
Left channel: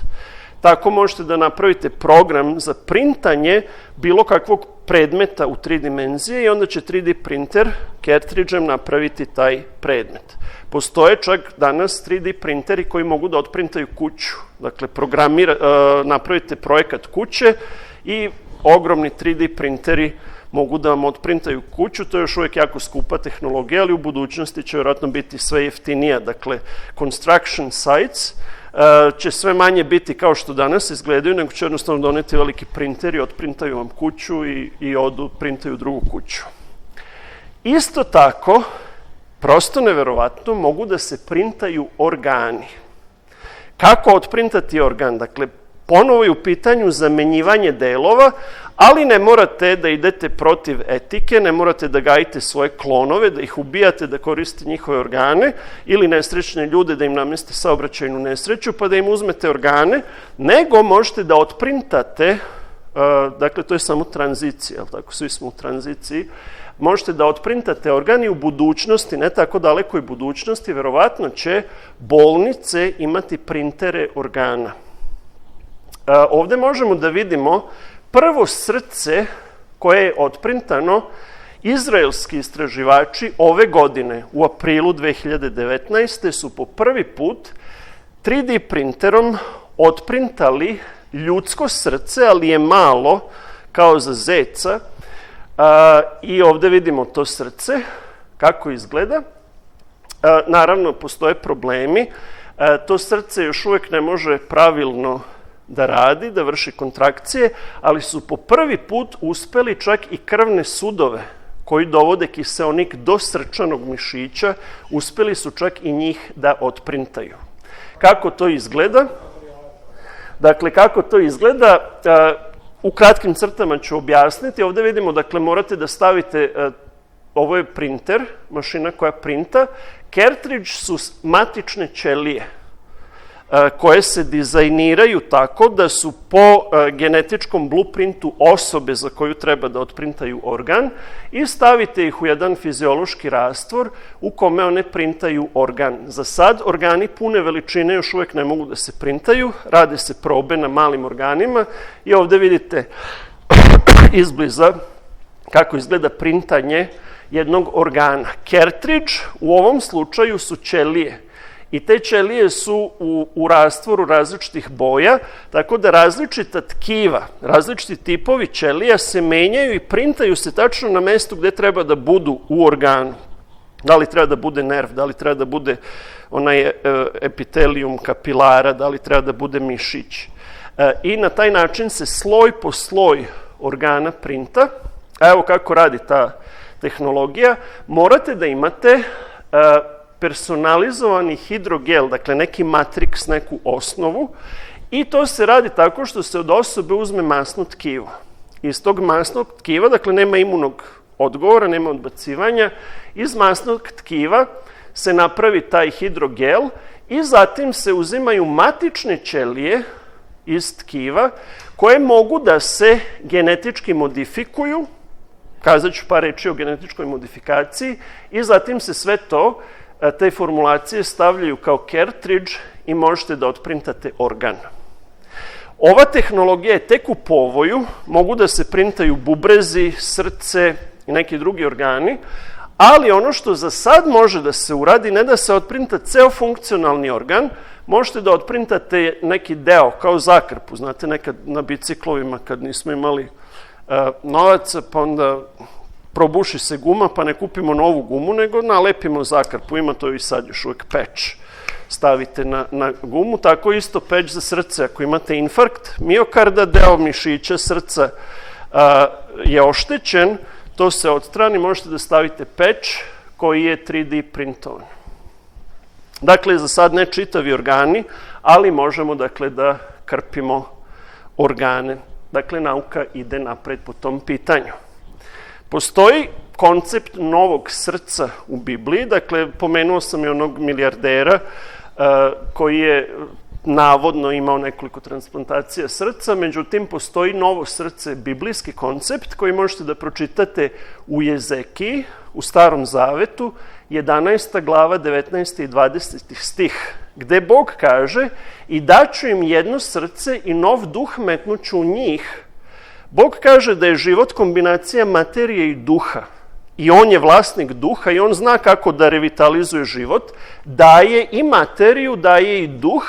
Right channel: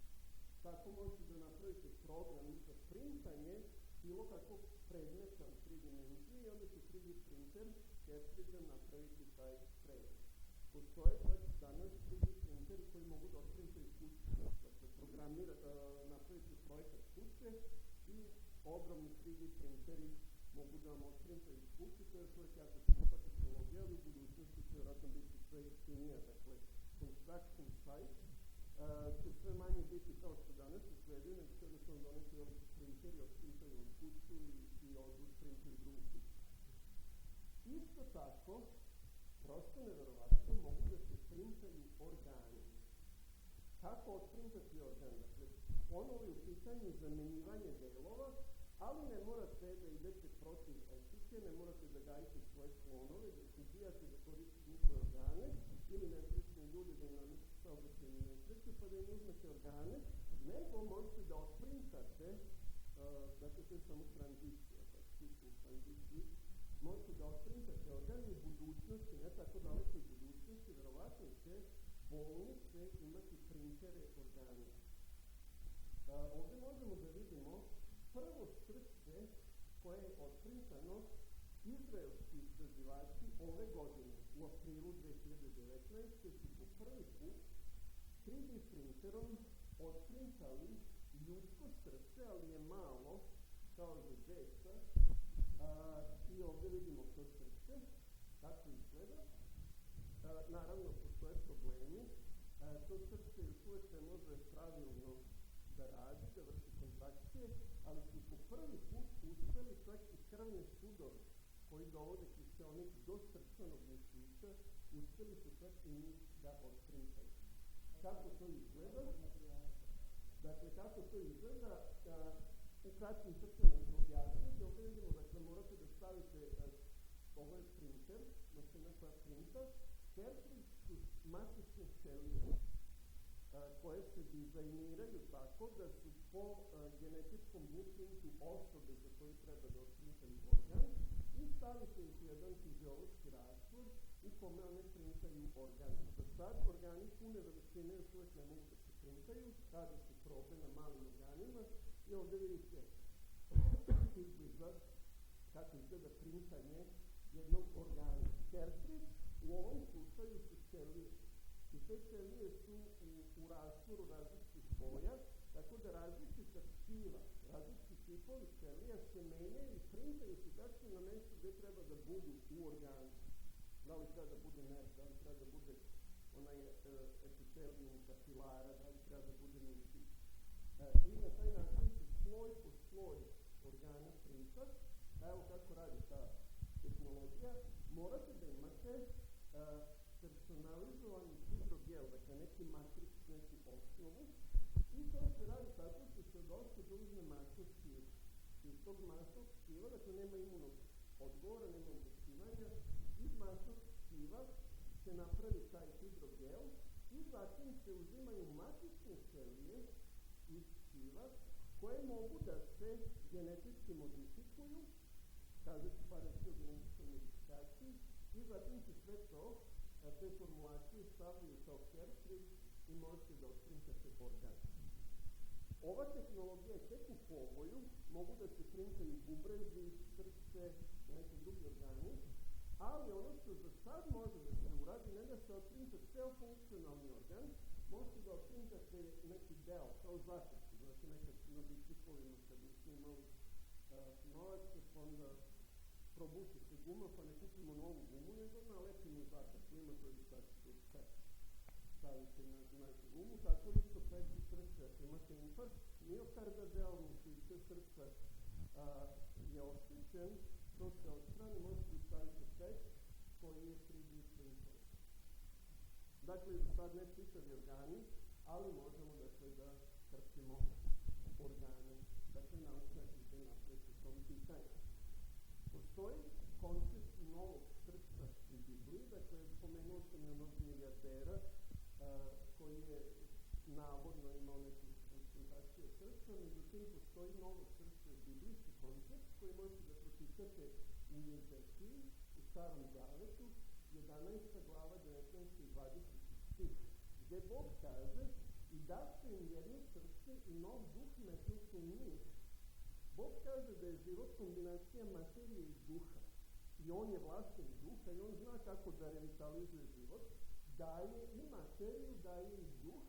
tako možete da napravite program za printanje bilo kakvog predmeta u 3 dimenzije i onda će 3D printer cartridge-em napraviti taj predmet. Postoje čak danas 3D printeri koji mogu da otprintaju kuću. Dakle, napravite projekat kuće i ogromni 3D printeri mogu da vam otprintaju kuću. To je još uvijek jako skupa tehnologija, ali u budućnosti će vjerojatno biti sve jeftinija. Dakle, construction sites će sve manje biti kao što danas izgledaju, nego će jednostavno doneti veliki printeri, otprintaju vam kuću i odu, printaju drugu kuću. Isto tako, prosto neverovatno, mogu da se printaju organi. Kako otprintati organ? Dakle, ponovo je u pitanju zamenjivanje delova, ali ne morate da idete protiv etike, ne morate da gajite svoje klonove, da ih ubijate, da koristite njihove organe ili nesrećne ljude, da im namestite saobraćajnu nesreću, pa da im uzmete organe, nego možete da otprintate, dakle, to je samo tranzicija, tako, svi smo u tranziciji, možete da otprintate organ i u budućnosti, ne tako dalekoj budućnosti, verovatno će bolnice imati printere organa. Ovde možemo da vidimo prvo srce koje je otprintano. Izraelski istraživači ove godine, u aprilu 2019. su po prvi put 3D printerom otprintali ljudsko srce, ali je malo, kao za zeca. I ovde vidimo to srce, kako izgleda. Naravno, postoje problemi. To srce još uvijek ne može pravilno da radi, da vrši kontrakcije, ali su po prvi put uspeli čak i krvne sudove koji dovode kiseonik do srčanog mišića, uspeli su čak i njih da otprintaju. Kako to izgleda? Dakle, kako to izgleda? U kratkim crtama ću objasniti. Ovde vidimo, dakle, morate da stavite, ovo je printer, mašina koja printa. Cartridge su matične ćelije koje se dizajniraju tako da su po genetičkom blueprintu osobe za koju treba da otprintaju organ i stavite ih u jedan fiziološki rastvor u kome one printaju organ. Za sad organi pune veličine još uvijek ne mogu da se printaju, rade se probe na malim organima i ovde vidite izbliza kako izgleda printanje jednog organa. Cartridge u ovom slučaju su ćelije. I te ćelije su u rastvoru različitih boja, tako da različita tkiva, različiti tipovi ćelija se menjaju i printaju se tačno na mestu gde treba da budu u organu. Da li treba da bude nerv, da li treba da bude onaj epitelijum kapilara, da li treba da bude mišić. I na taj način se sloj po sloj organa printa. A evo kako radi ta tehnologija, morate da imate personalizovani hidrogel, dakle neki matriks, neku osnovu, i to se radi tako što se od osobe uzme masno tkivo. Iz tog masnog tkiva, dakle nema imunog odgovora, nema odbacivanja, iz masnog tkiva se napravi taj hidrogel i zatim se uzimaju matične ćelije iz tkiva koje mogu da se genetički modifikuju, kazat ću par reči o genetičkoj modifikaciji, i zatim se sve to, te formulacije stavljaju kao cartridge i možete da otprintate organ. Ova tehnologija je tek u povoju, mogu da se printaju bubrezi, srce i neki drugi organi, ali ono što za sad može da se uradi, ne da se otprinta ceo funkcionalni organ, možete da otprintate neki deo, kao zakrpu, znate, nekad na biciklovima kad nismo imali novaca, pa onda probuši se guma, pa ne kupimo novu gumu, nego nalepimo zakrpu, ima to i sad još uvek peć. Stavite na gumu, tako isto peć za srce. Ako imate infarkt miokarda, deo mišića srca je oštećen, to se odstrani, možete da stavite peć koji je 3D printovan. Dakle, za sad ne čitavi organi, ali možemo dakle da krpimo organe. Dakle, nauka ide napred po tom pitanju. Postoji koncept novog srca u Bibliji, dakle, pomenuo sam i onog milijardera koji je navodno imao nekoliko transplantacija srca, međutim, postoji novo srce, biblijski koncept koji možete da pročitate u Jezekiji, u Starom Zavetu, 11. glava, 19. i 20. stih, gde Bog kaže: i daću im jedno srce i nov duh metnuću u njih. Bog kaže da je život kombinacija materije i duha. I on je vlasnik duha i on zna kako da revitalizuje život. Daje i materiju, daje i duh.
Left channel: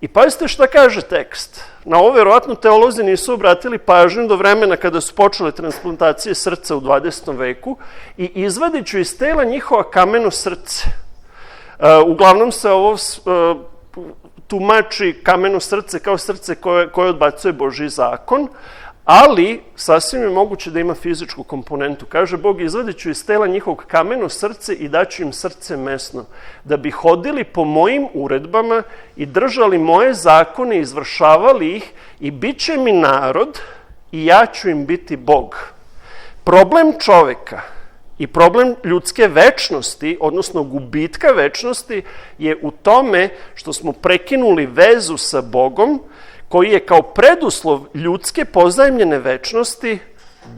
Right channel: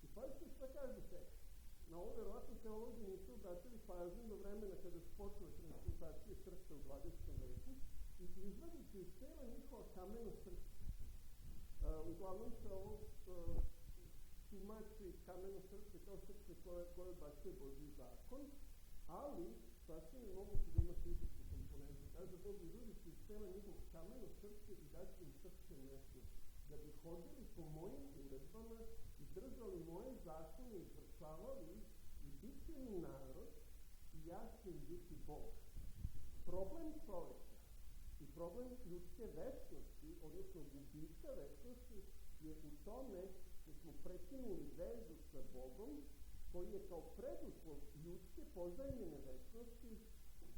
I pazite šta kaže tekst. Na ovo verovatno teolozi nisu obratili pažnju do vremena kada su počele transplantacije srca u 20. veku. I izvadit ću iz tela njihova kameno srce. Uglavnom se ovo tumači kameno srce kao srce koje odbacuje Božji zakon, ali sasvim je moguće da ima fizičku komponentu. Kaže Bog: izvadit ću iz tela njihovog kameno srce i daću im srce mesno, da bi hodili po mojim uredbama i držali moje zakone, izvršavali ih, i bit će mi narod i ja ću im biti Bog. Problem čoveka i problem ljudske večnosti, odnosno gubitka večnosti, je u tome što smo prekinuli vezu sa Bogom, koji je kao preduslov ljudske pozajmljene večnosti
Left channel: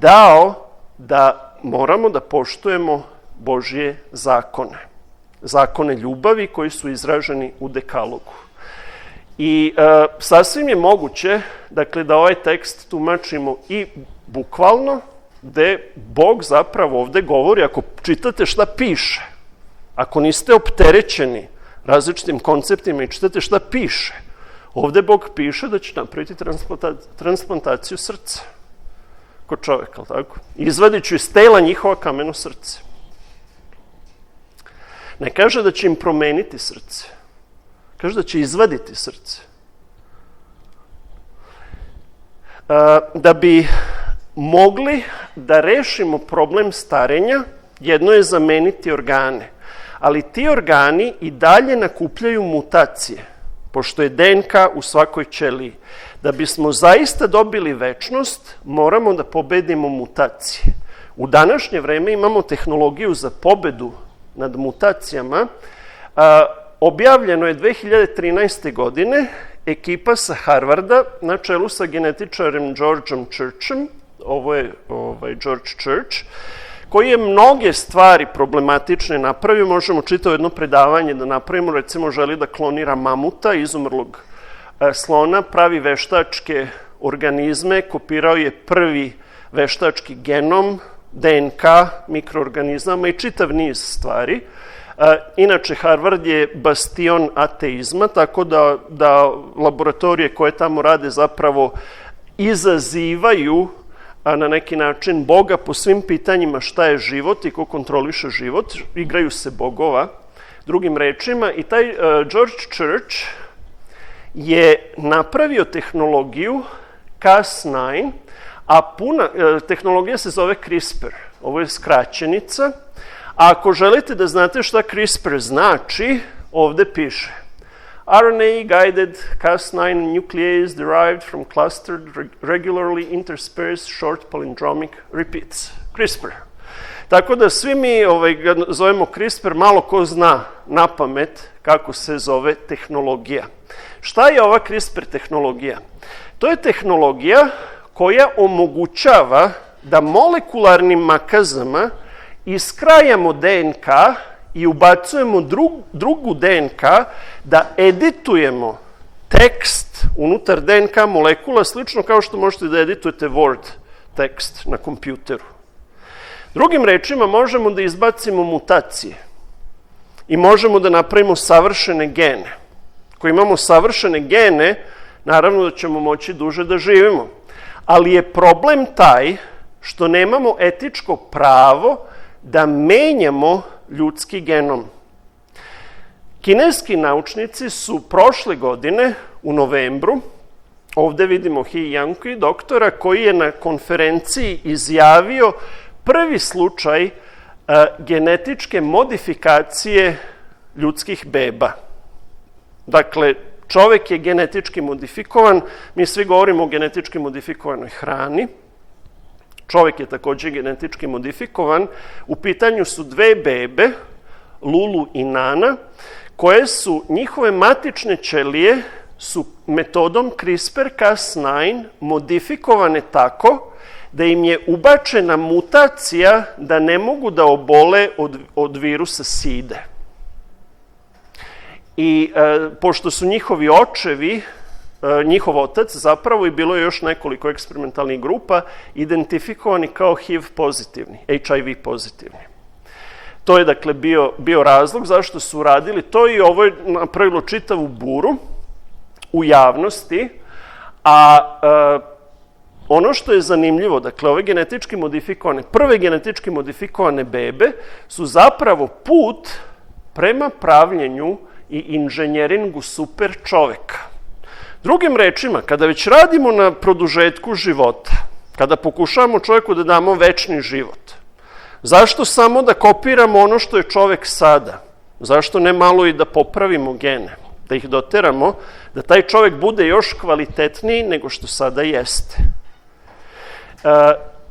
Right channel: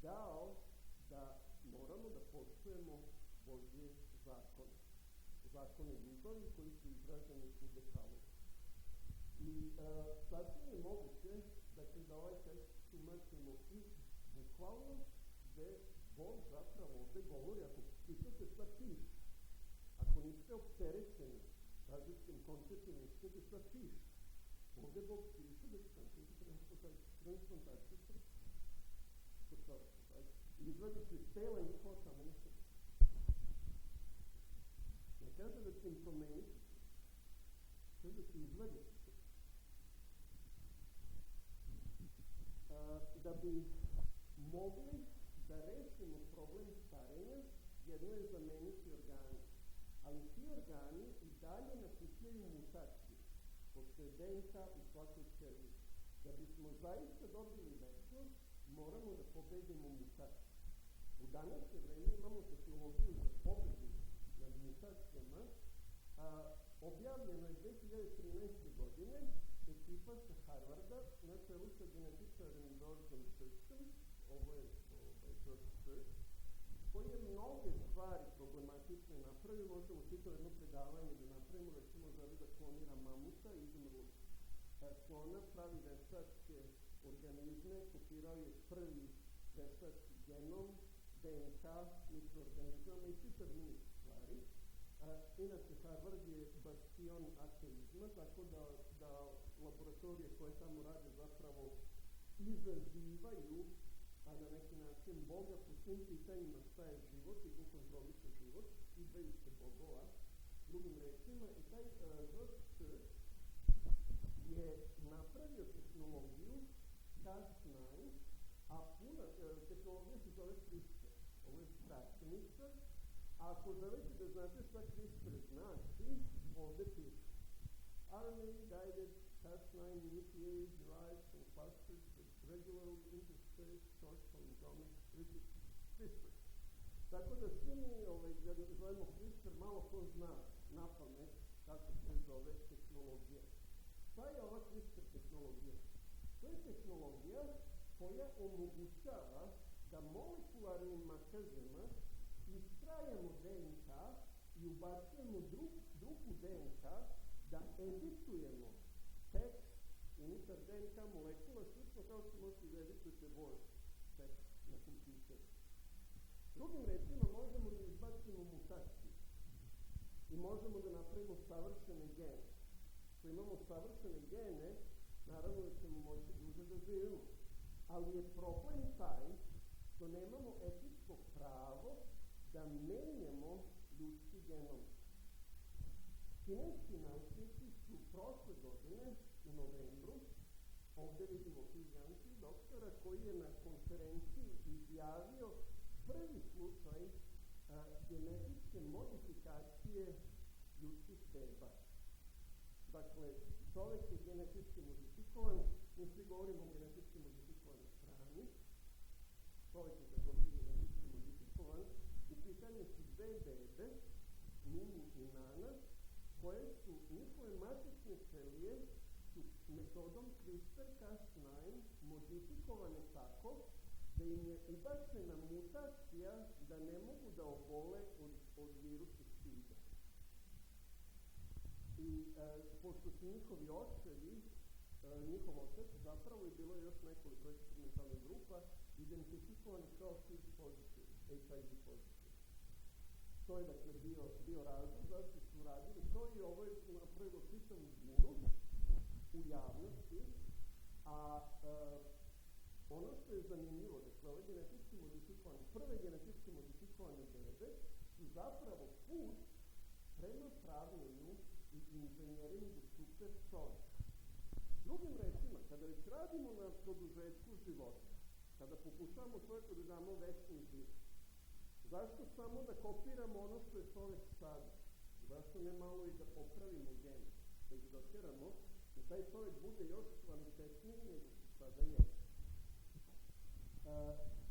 dao da moramo da poštujemo Božje zakone. Zakone ljubavi koji su izraženi u dekalogu. I sasvim je moguće, dakle, da ovaj tekst tumačimo i bukvalno, gde Bog zapravo ovde govori, ako čitate šta piše, ako niste opterećeni različitim konceptima i čitate šta piše, ovde Bog piše da će napraviti transplantaciju srca kod čoveka, tako? Izvadit ću iz tela njihova kameno srce. Ne kaže da će im promeniti srce. Kaže da će izvaditi srce. Da bi mogli da rešimo problem starenja, jedno je zameniti organe, ali ti organi i dalje nakupljaju mutacije, pošto je DNK u svakoj ćeliji. Da bismo zaista dobili večnost, moramo da pobedimo mutacije. U današnje vreme imamo tehnologiju za pobedu nad mutacijama. Objavljeno je 2013. godine, ekipa sa Harvarda na čelu sa genetičarem Georgeom Churchem, ovo je George Church, koji je mnoge stvari problematične napravio. Možemo čitavo jedno predavanje da napravimo, recimo želi da klonira mamuta, izumrlog slona, pravi veštačke organizme, kopirao je prvi veštački genom, DNK, mikroorganizama i čitav niz stvari. Inače, Harvard je bastion ateizma, tako da laboratorije koje tamo rade zapravo izazivaju na neki način Boga po svim pitanjima šta je život i ko kontroliše život, igraju se bogova, drugim rečima. I taj George Church je napravio tehnologiju Cas9, a tehnologija se zove CRISPR. ovo je skraćenica. A ako želite da znate šta CRISPR znači, ovde piše RNA-guided Cas9 nuclease derived from clustered regularly interspersed short palindromic repeats. CRISPR. Tako da svi mi ga zovemo CRISPR, malo ko zna na pamet kako se zove tehnologija. Šta je ova CRISPR tehnologija? To je tehnologija koja omogućava da molekularnim makazama iskrajamo DNK i ubacujemo drugu DNK, da editujemo tekst unutar DNK molekula, slično kao što možete da editujete Word tekst na kompjuteru. Drugim rečima, možemo da izbacimo mutacije i možemo da napravimo savršene gene. Ako imamo savršene gene, naravno da ćemo moći duže da živimo. Ali je problem taj što nemamo etičko pravo da menjamo ljudski genom. Kineski naučnici su prošle godine u novembru, ovde vidimo He Yanqi, doktora, koji je na konferenciji izjavio prvi slučaj genetičke modifikacije ljudskih beba. Dakle, čovek je genetički modifikovan, mi svi govorimo o genetički modifikovanoj hrani. Čovek je takođe genetički modifikovan. U pitanju su dve bebe, Lulu i Nana, koje su, njihove matične ćelije su metodom CRISPR-Cas9 modifikovane tako da im je ubačena mutacija da ne mogu da obole od virusa side. I pošto su njihovi očevi, njihov otac zapravo, i bilo je još nekoliko eksperimentalnih grupa, identifikovani kao HIV pozitivni, HIV pozitivni. To je dakle bio razlog zašto su uradili to, i ovo je napravilo čitavu buru u javnosti, a ono što je zanimljivo, dakle, ove genetički modifikovane, prve genetički modifikovane bebe su zapravo put prema pravljenju i inženjeringu super čoveka. Drugim rečima, kada već radimo na produžetku života, kada pokušavamo čoveku da damo večni život, zašto samo da kopiramo ono što je čovek sada? Zašto ne malo i da popravimo gene, da ih doteramo, da taj čovek bude još kvalitetniji nego što sada jeste?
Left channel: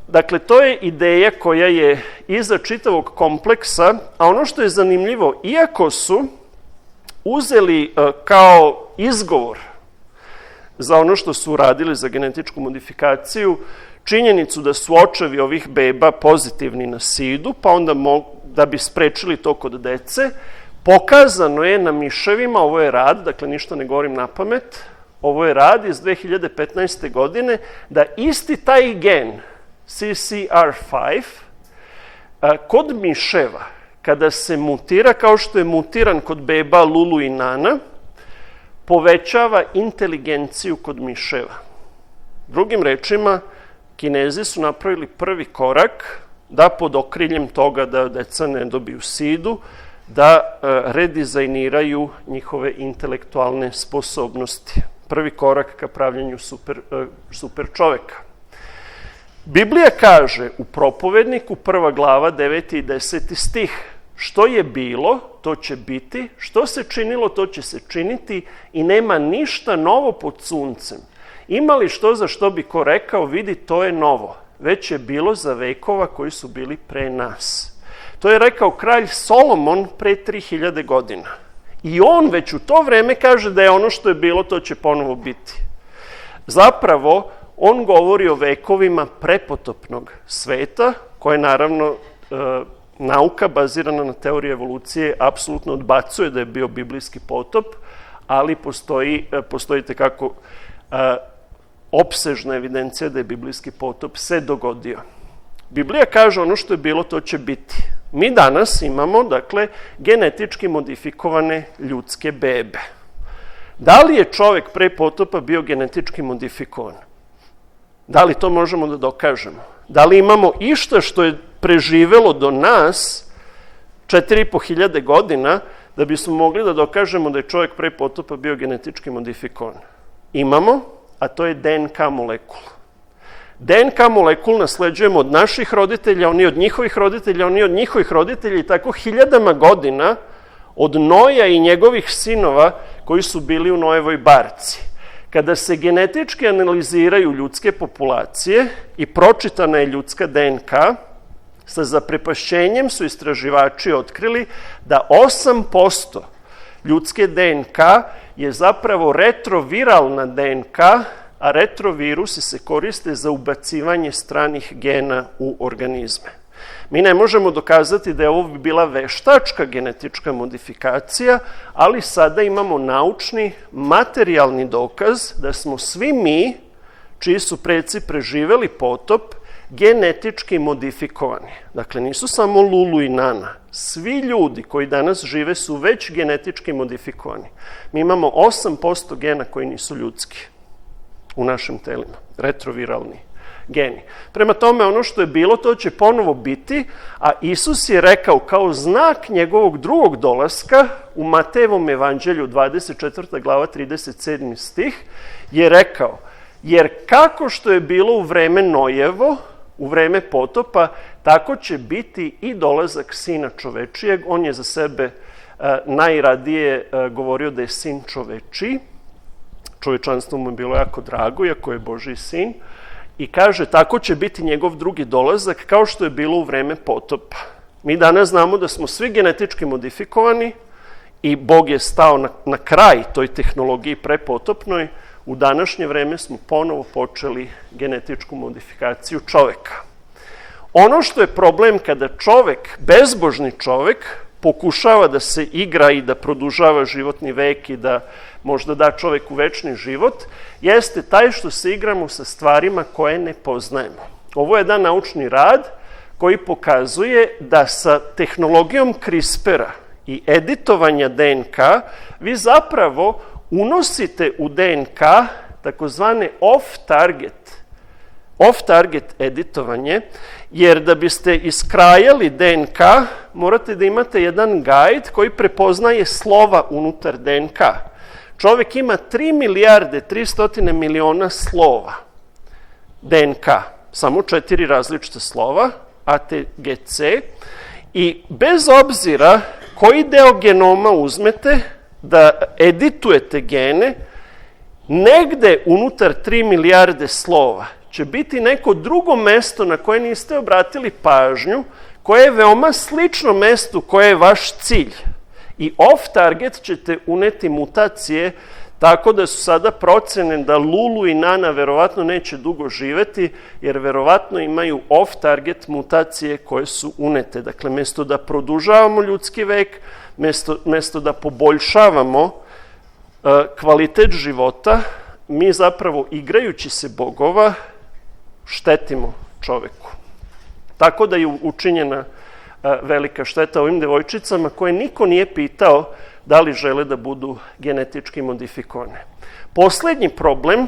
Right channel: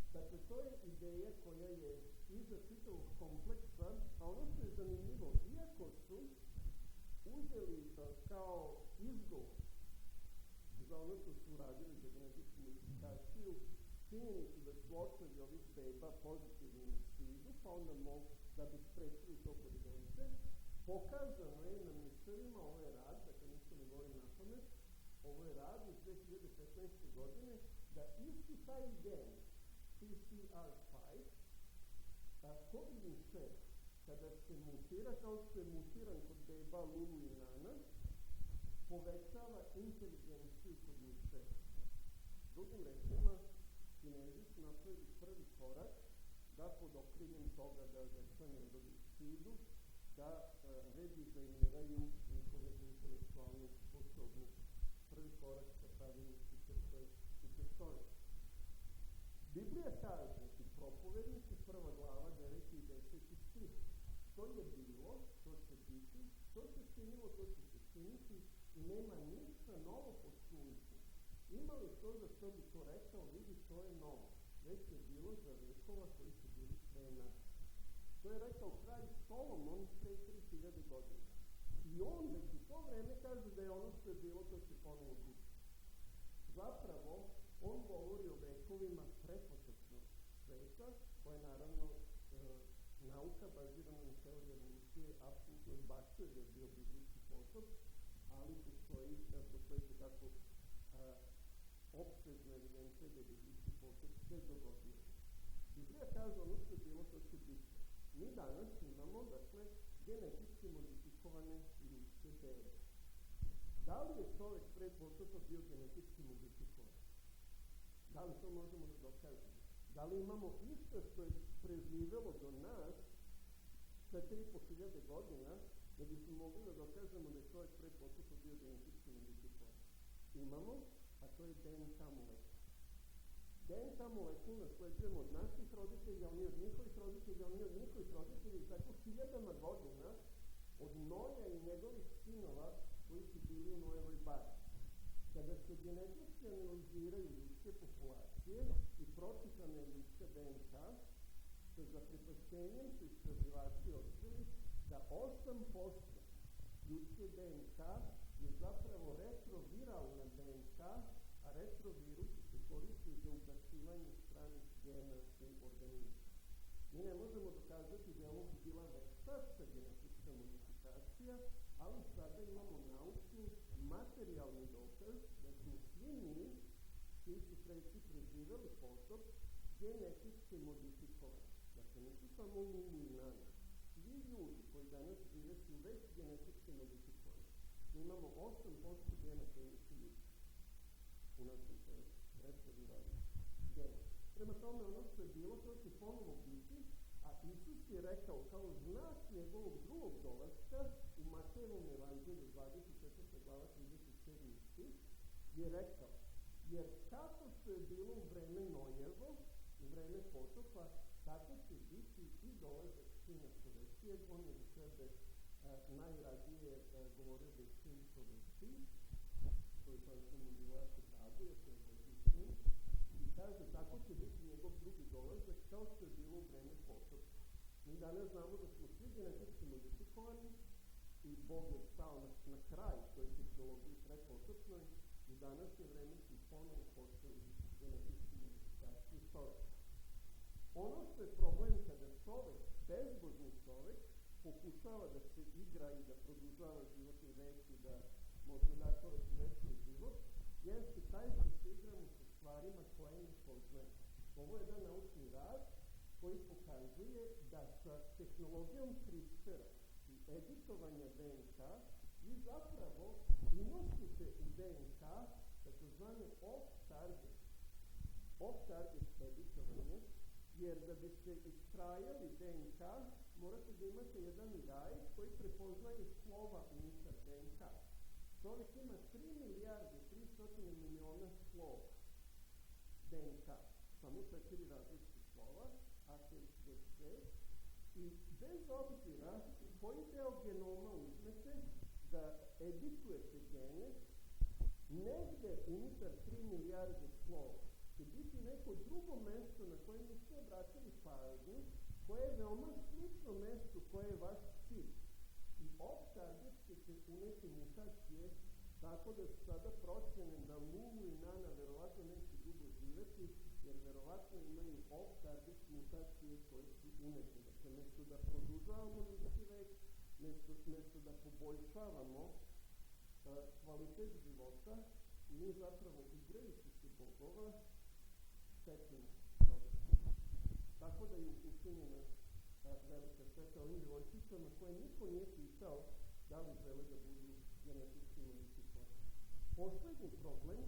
Dakle, to je ideja koja je iza čitavog kompleksa, a ono što je zanimljivo, iako su uzeli kao izgovor za ono što su uradili za genetičku modifikaciju činjenicu da su očevi ovih beba pozitivni na sidu, pa onda da bi sprečili to kod dece, pokazano je na miševima, ovo je rad, dakle ništa ne govorim na pamet, ovo je rad iz 2015. godine, da isti taj gen, CCR5, kod miševa, kada se mutira, kao što je mutiran kod beba Lulu i Nana, povećava inteligenciju kod miševa. Drugim rečima, Kinezi su napravili prvi korak da pod okriljem toga da deca ne dobiju sidu, da redizajniraju njihove intelektualne sposobnosti. Prvi korak ka pravljenju super čoveka. Biblija kaže u Propovedniku, 1. glava, 9. i 10. stih, što je bilo, to će biti, što se činilo, to će se činiti i nema ništa novo pod suncem. Ima li što za što bi ko rekao, vidi, to je novo, već je bilo za vekova koji su bili pre nas. To je rekao kralj Solomon pre 3000 godina. I on već u to vreme kaže da je ono što je bilo, to će ponovo biti. Zapravo, on govori o vekovima prepotopnog sveta, koje naravno nauka bazirana na teoriji evolucije apsolutno odbacuje da je bio biblijski potop, ali postoji tekako opsežna evidencija da je biblijski potop se dogodio. Biblija kaže ono što je bilo, to će biti. Mi danas imamo, dakle, genetički modifikovane ljudske bebe. Da li je čovek pre potopa bio genetički modifikovan? Da li to možemo da dokažemo? Da li imamo išta što je preživelo do nas 4500 godina da bismo mogli da dokažemo da je čovek pre potopa bio genetički modifikovan? Imamo, a to je DNK molekula. DNK molekul nasleđujemo od naših roditelja, oni od njihovih roditelja, oni od njihovih roditelja i tako hiljadama godina od Noja i njegovih sinova koji su bili u Noevoj barci. Kada se genetički analiziraju ljudske populacije i pročitana je ljudska DNK, sa zaprepašćenjem su istraživači otkrili da 8% ljudske DNK je zapravo retroviralna DNK, a retrovirusi se koriste za ubacivanje stranih gena u organizme. Mi ne možemo dokazati da je ovo bila veštačka genetička modifikacija, ali sada imamo naučni, materijalni dokaz da smo svi mi, čiji su preci preživeli potop, genetički modifikovani. Dakle, nisu samo Lulu i Nana. Svi ljudi koji danas žive su već genetički modifikovani. Mi imamo 8% gena koji nisu ljudski u našim telima, retroviralni geni. Prema tome, ono što je bilo, to će ponovo biti, a Isus je rekao kao znak njegovog drugog dolaska u Matejevom evanđelju 24. glava 37. stih je rekao, jer kako što je bilo u vreme Nojevo, u vreme potopa, tako će biti i dolazak Sina čovečijeg. On je za sebe najradije govorio da je sin čovečiji. Čovečanstvo mu je bilo jako drago, iako je Božji sin. I kaže, tako će biti njegov drugi dolazak, kao što je bilo u vreme potopa. Mi danas znamo da smo svi genetički modifikovani i Bog je stao na kraj toj tehnologiji prepotopnoj. U današnje vreme smo ponovo počeli genetičku modifikaciju čoveka. Ono što je problem kada čovek, bezbožni čovek, pokušava da se igra i da produžava životni vek i da možda da čoveku večni život, jeste taj što se igramo sa stvarima koje ne poznajemo. Ovo je jedan naučni rad koji pokazuje da sa tehnologijom CRISPR-a i editovanja DNK vi zapravo unosite u DNK takozvane off-target editovanje, jer da biste iskrajali DNK, morate da imate jedan gajd koji prepoznaje slova unutar DNK. Čovek ima 3 milijarde 300 miliona slova DNK, samo 4 različite slova, A, T, G, C, i bez obzira koji deo genoma uzmete da editujete gene, negde unutar 3 milijarde slova će biti neko drugo mesto na koje niste obratili pažnju, koje je veoma slično mestu koje je vaš cilj. I off-target ćete uneti mutacije, tako da su sada procene da Lulu i Nana verovatno neće dugo živeti, jer verovatno imaju off-target mutacije koje su unete. Dakle, mesto da produžavamo ljudski vek, mesto da poboljšavamo kvalitet života, mi zapravo igrajući se bogova štetimo čoveku. Tako da je učinjena velika šteta ovim devojčicama koje niko nije pitao da li žele da budu genetički modifikovane. Poslednji problem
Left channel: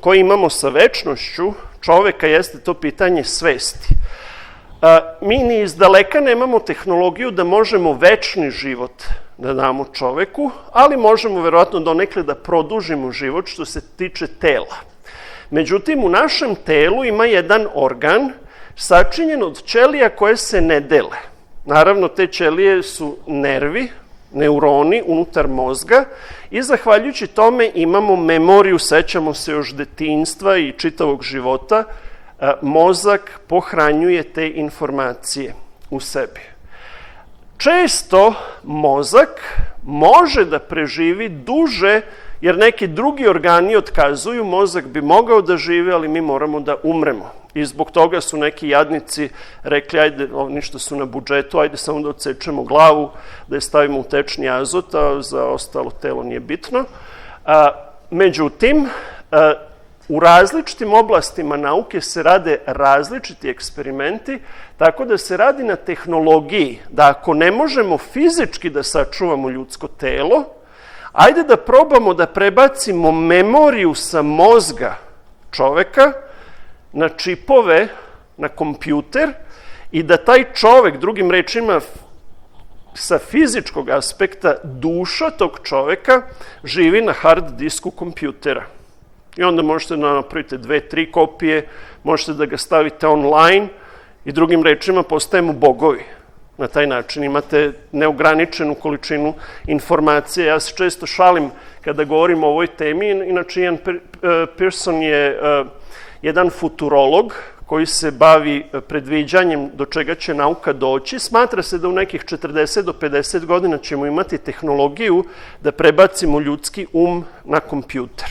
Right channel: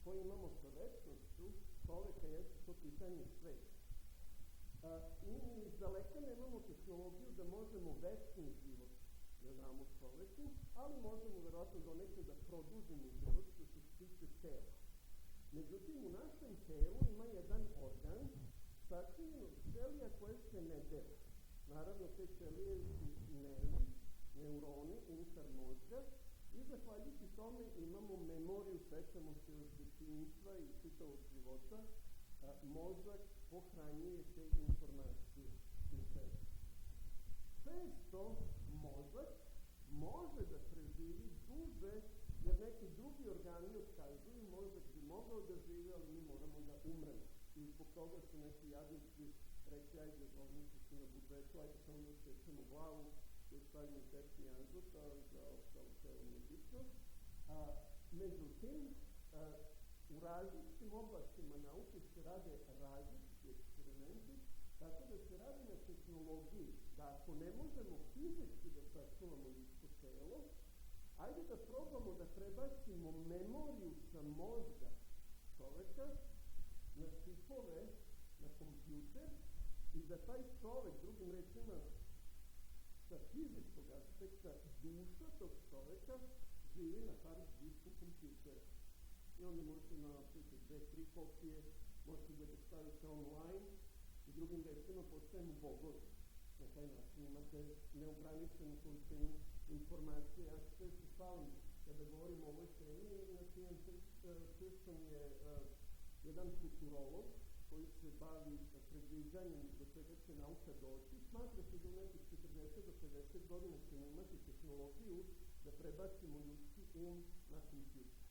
koji imamo sa večnošću čoveka jeste to pitanje svesti. Mi ni izdaleka nemamo tehnologiju da možemo večni život da damo čoveku, ali možemo verovatno donekle da produžimo život što se tiče tela. Međutim, u našem telu ima jedan organ sačinjen od ćelija koje se ne dele. Naravno, te ćelije su nervi, neuroni unutar mozga i zahvaljujući tome imamo memoriju, sećamo se još detinjstva i čitavog života, mozak pohranjuje te informacije u sebi. Često mozak može da preživi duže, jer neki drugi organi otkazuju, mozak bi mogao da živi, ali mi moramo da umremo. I zbog toga su neki jadnici rekli, ajde, ništa su na budžetu, ajde samo da odsečemo glavu, da je stavimo u tečni azot, a za ostalo telo nije bitno. Međutim, u različitim oblastima nauke se rade različiti eksperimenti, tako da se radi na tehnologiji, da ako ne možemo fizički da sačuvamo ljudsko telo, ajde da probamo da prebacimo memoriju sa mozga čoveka na čipove, na kompjuter i da taj čovek, drugim rečima, sa fizičkog aspekta, duša tog čoveka živi na hard disku kompjutera. I onda možete da napravite 2-3 kopije, možete da ga stavite online i drugim rečima postajemo bogovi. Na taj način imate neograničenu količinu informacije. Ja se često šalim kada govorim o ovoj temi. Inače, Ian Pearson je jedan futurolog koji se bavi predviđanjem do čega će nauka doći. Smatra se da u nekih 40 do 50 godina ćemo imati tehnologiju da prebacimo ljudski na kompjuter.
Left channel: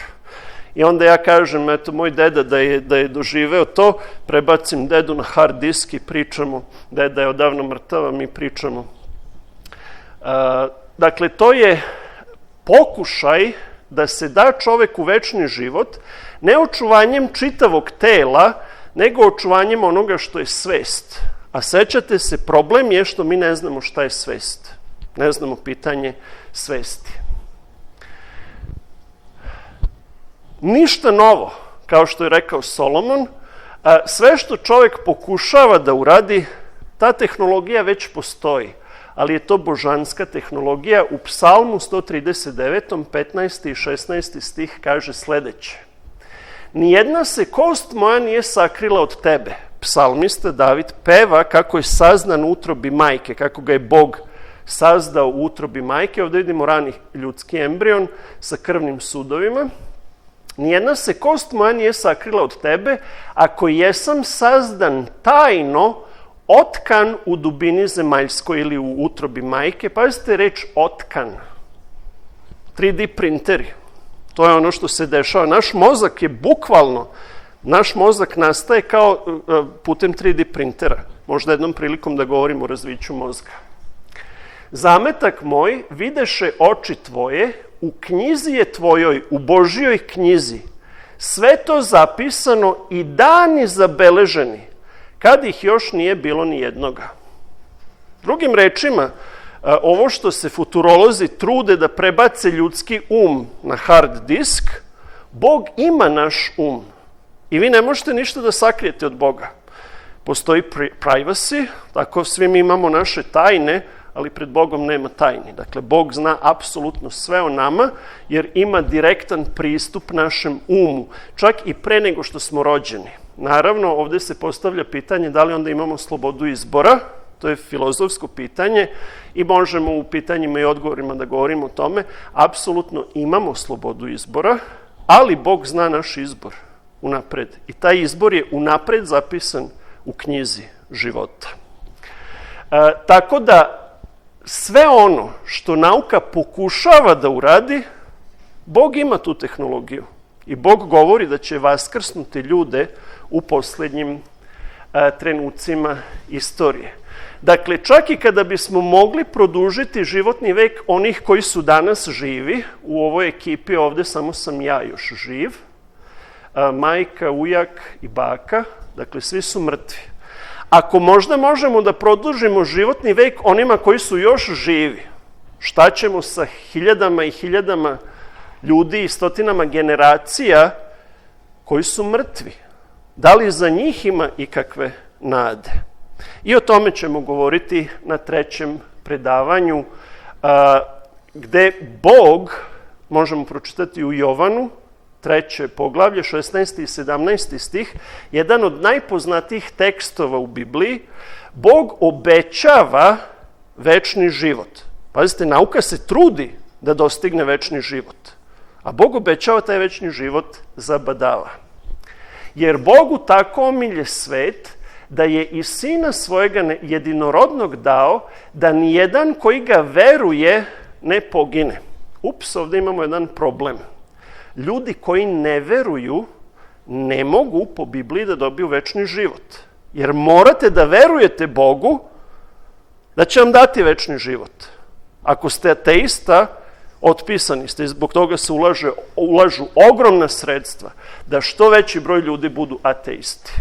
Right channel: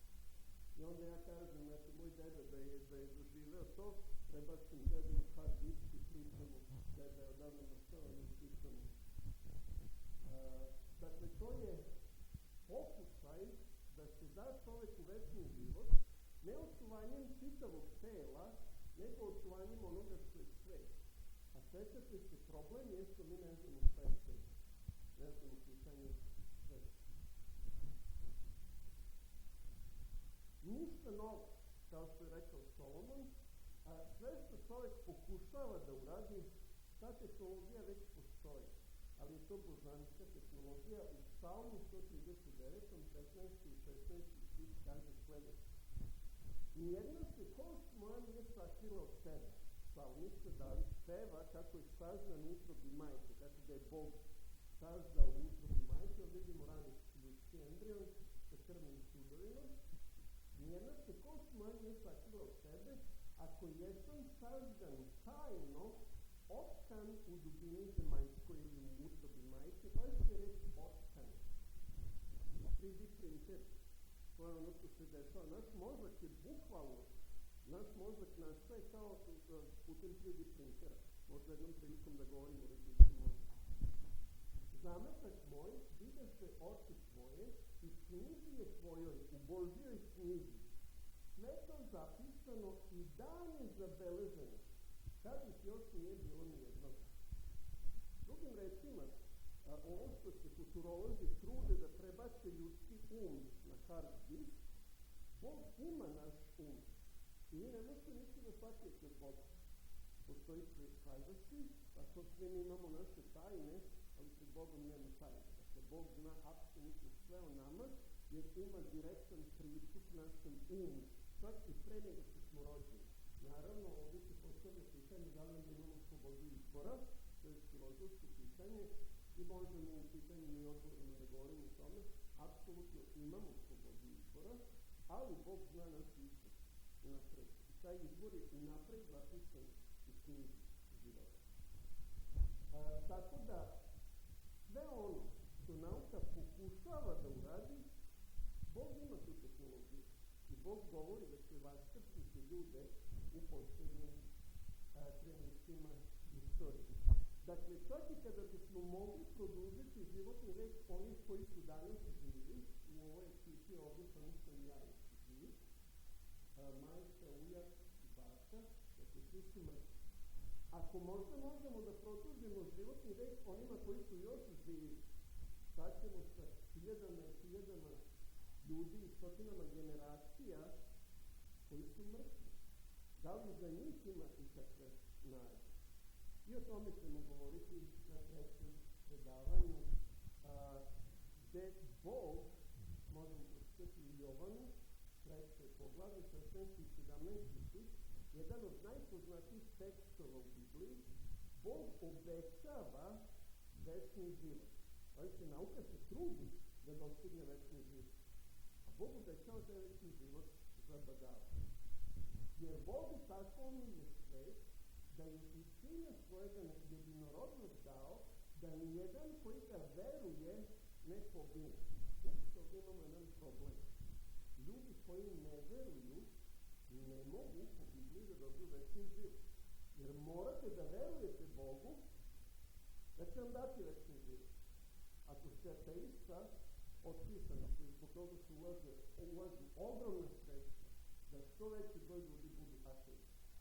I onda ja kažem, eto, moj deda da je doživeo to, prebacim dedu na hard disk i pričamo, deda je odavno mrtav, a mi pričamo. Dakle, to je pokušaj da se da čoveku večni život, ne očuvanjem čitavog tela, nego očuvanjem onoga što je svest. A sećate se, problem je što mi ne znamo šta je svest. Ne znamo pitanje svesti. Ništa novo, kao što je rekao Solomon, sve što čovek pokušava da uradi, ta tehnologija već postoji, ali je to božanska tehnologija. U Psalmu 139. 15. i 16. stih kaže sledeće. Nijedna se kost moja nije sakrila od tebe. Psalmista David peva kako je sazdan u utrobi majke, kako ga je Bog sazdao u utrobi majke. Ovde vidimo rani ljudski embrion sa krvnim sudovima. Nijedna se kost moja nije sakrila od tebe, ako jesam sazdan tajno, otkan u dubini zemaljskoj ili u utrobi majke. Pazite reč otkan. 3D printeri. To je ono što se dešava. Naš mozak je bukvalno, naš mozak nastaje kao putem 3D printera. Možda jednom prilikom da govorimo o razviću mozga. Zametak moj videše oči tvoje, u knjizi je tvojoj, u Božijoj knjizi, sve to zapisano i dani zabeleženi, kad ih još nije bilo ni jednoga. Drugim rečima, ovo što se futurolozi trude da prebace ljudski na hard disk, Bog ima naš i vi ne možete ništa da sakrijete od Boga. Postoji privacy, tako svi mi imamo naše tajne, ali pred Bogom nema tajni. Dakle, Bog zna apsolutno sve o nama, jer ima direktan pristup našem čak i pre nego što smo rođeni. Naravno, ovde se postavlja pitanje da li onda imamo slobodu izbora, to je filozofsko pitanje i možemo u pitanjima i odgovorima da govorimo o tome. Apsolutno imamo slobodu izbora, ali Bog zna naš izbor unapred. I taj izbor je unapred zapisan u knjizi života. Tako da sve ono što nauka pokušava da uradi, Bog ima tu tehnologiju. I Bog govori da će vaskrsnuti ljude u poslednjim trenucima istorije. Dakle, čak i kada bismo mogli produžiti životni vek onih koji su danas živi, u ovoj ekipi ovde samo sam ja još živ, majka, ujak i baka, dakle, svi su mrtvi. Ako možda možemo da produžimo životni vek onima koji su još živi, šta ćemo sa hiljadama i hiljadama ljudi i stotinama generacija koji su mrtvi? Da li za njih ima ikakve nade? I o tome ćemo govoriti na trećem predavanju, gde Bog, možemo pročitati u Jovanu, 3. poglavlje, 16. i 17. stih, jedan od najpoznatijih tekstova u Bibliji, Bog obećava večni život. Pazite, nauka se trudi da dostigne večni život, a Bog obećava taj večni život zabadava. Jer Bogu tako omilje svet, da je i Sina svojega jedinorodnog dao, da nijedan koji ga veruje ne pogine. Ovde imamo jedan problem. Ljudi koji ne veruju ne mogu po Bibliji da dobiju večni život. Jer morate da verujete Bogu da će vam dati večni život. Ako ste ateista, otpisani ste, zbog toga se ulažu ogromna sredstva da što veći broj ljudi budu ateisti.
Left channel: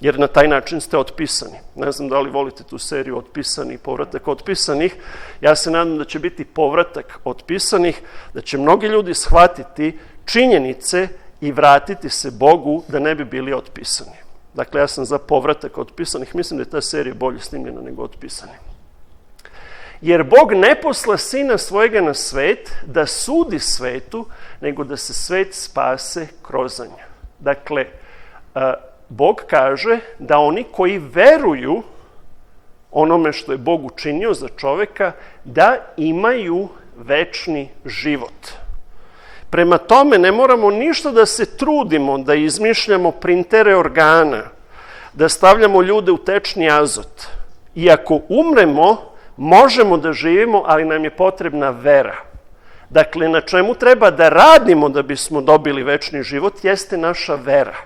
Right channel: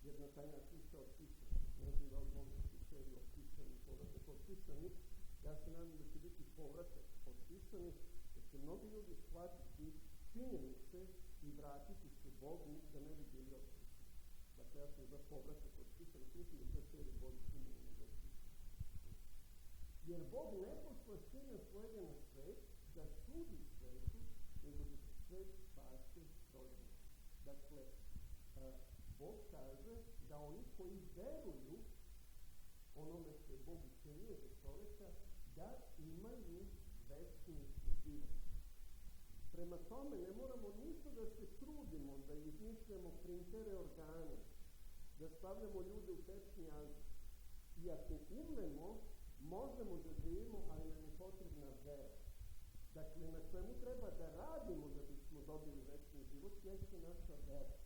Jer na taj način ste otpisani. Ne znam da li volite tu seriju Otpisani i povratak otpisanih. Ja se nadam da će biti povratak otpisanih, da će mnogi ljudi shvatiti činjenice i vratiti se Bogu da ne bi bili otpisani. Dakle, ja sam za povratak otpisanih. Mislim da je ta serija bolje snimljena nego Otpisani. Jer Bog ne posla Sina svojega na svet da sudi svetu, nego da se svet spase kroz njega. Dakle, Bog kaže da oni koji veruju onome što je Bog učinio za čoveka, da imaju večni život. Prema tome, ne moramo ništa da se trudimo, da izmišljamo printere organa, da stavljamo ljude u tečni azot. I ako umremo, možemo da živimo, ali nam je potrebna vera. Dakle, na čemu treba da radimo da bismo dobili večni život, jeste naša vera.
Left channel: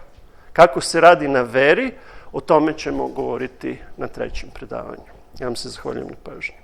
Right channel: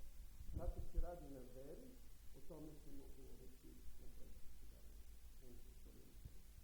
Kako se radi na veri, o tome ćemo govoriti na trećem predavanju. Ja vam se zahvaljujem na pažnji.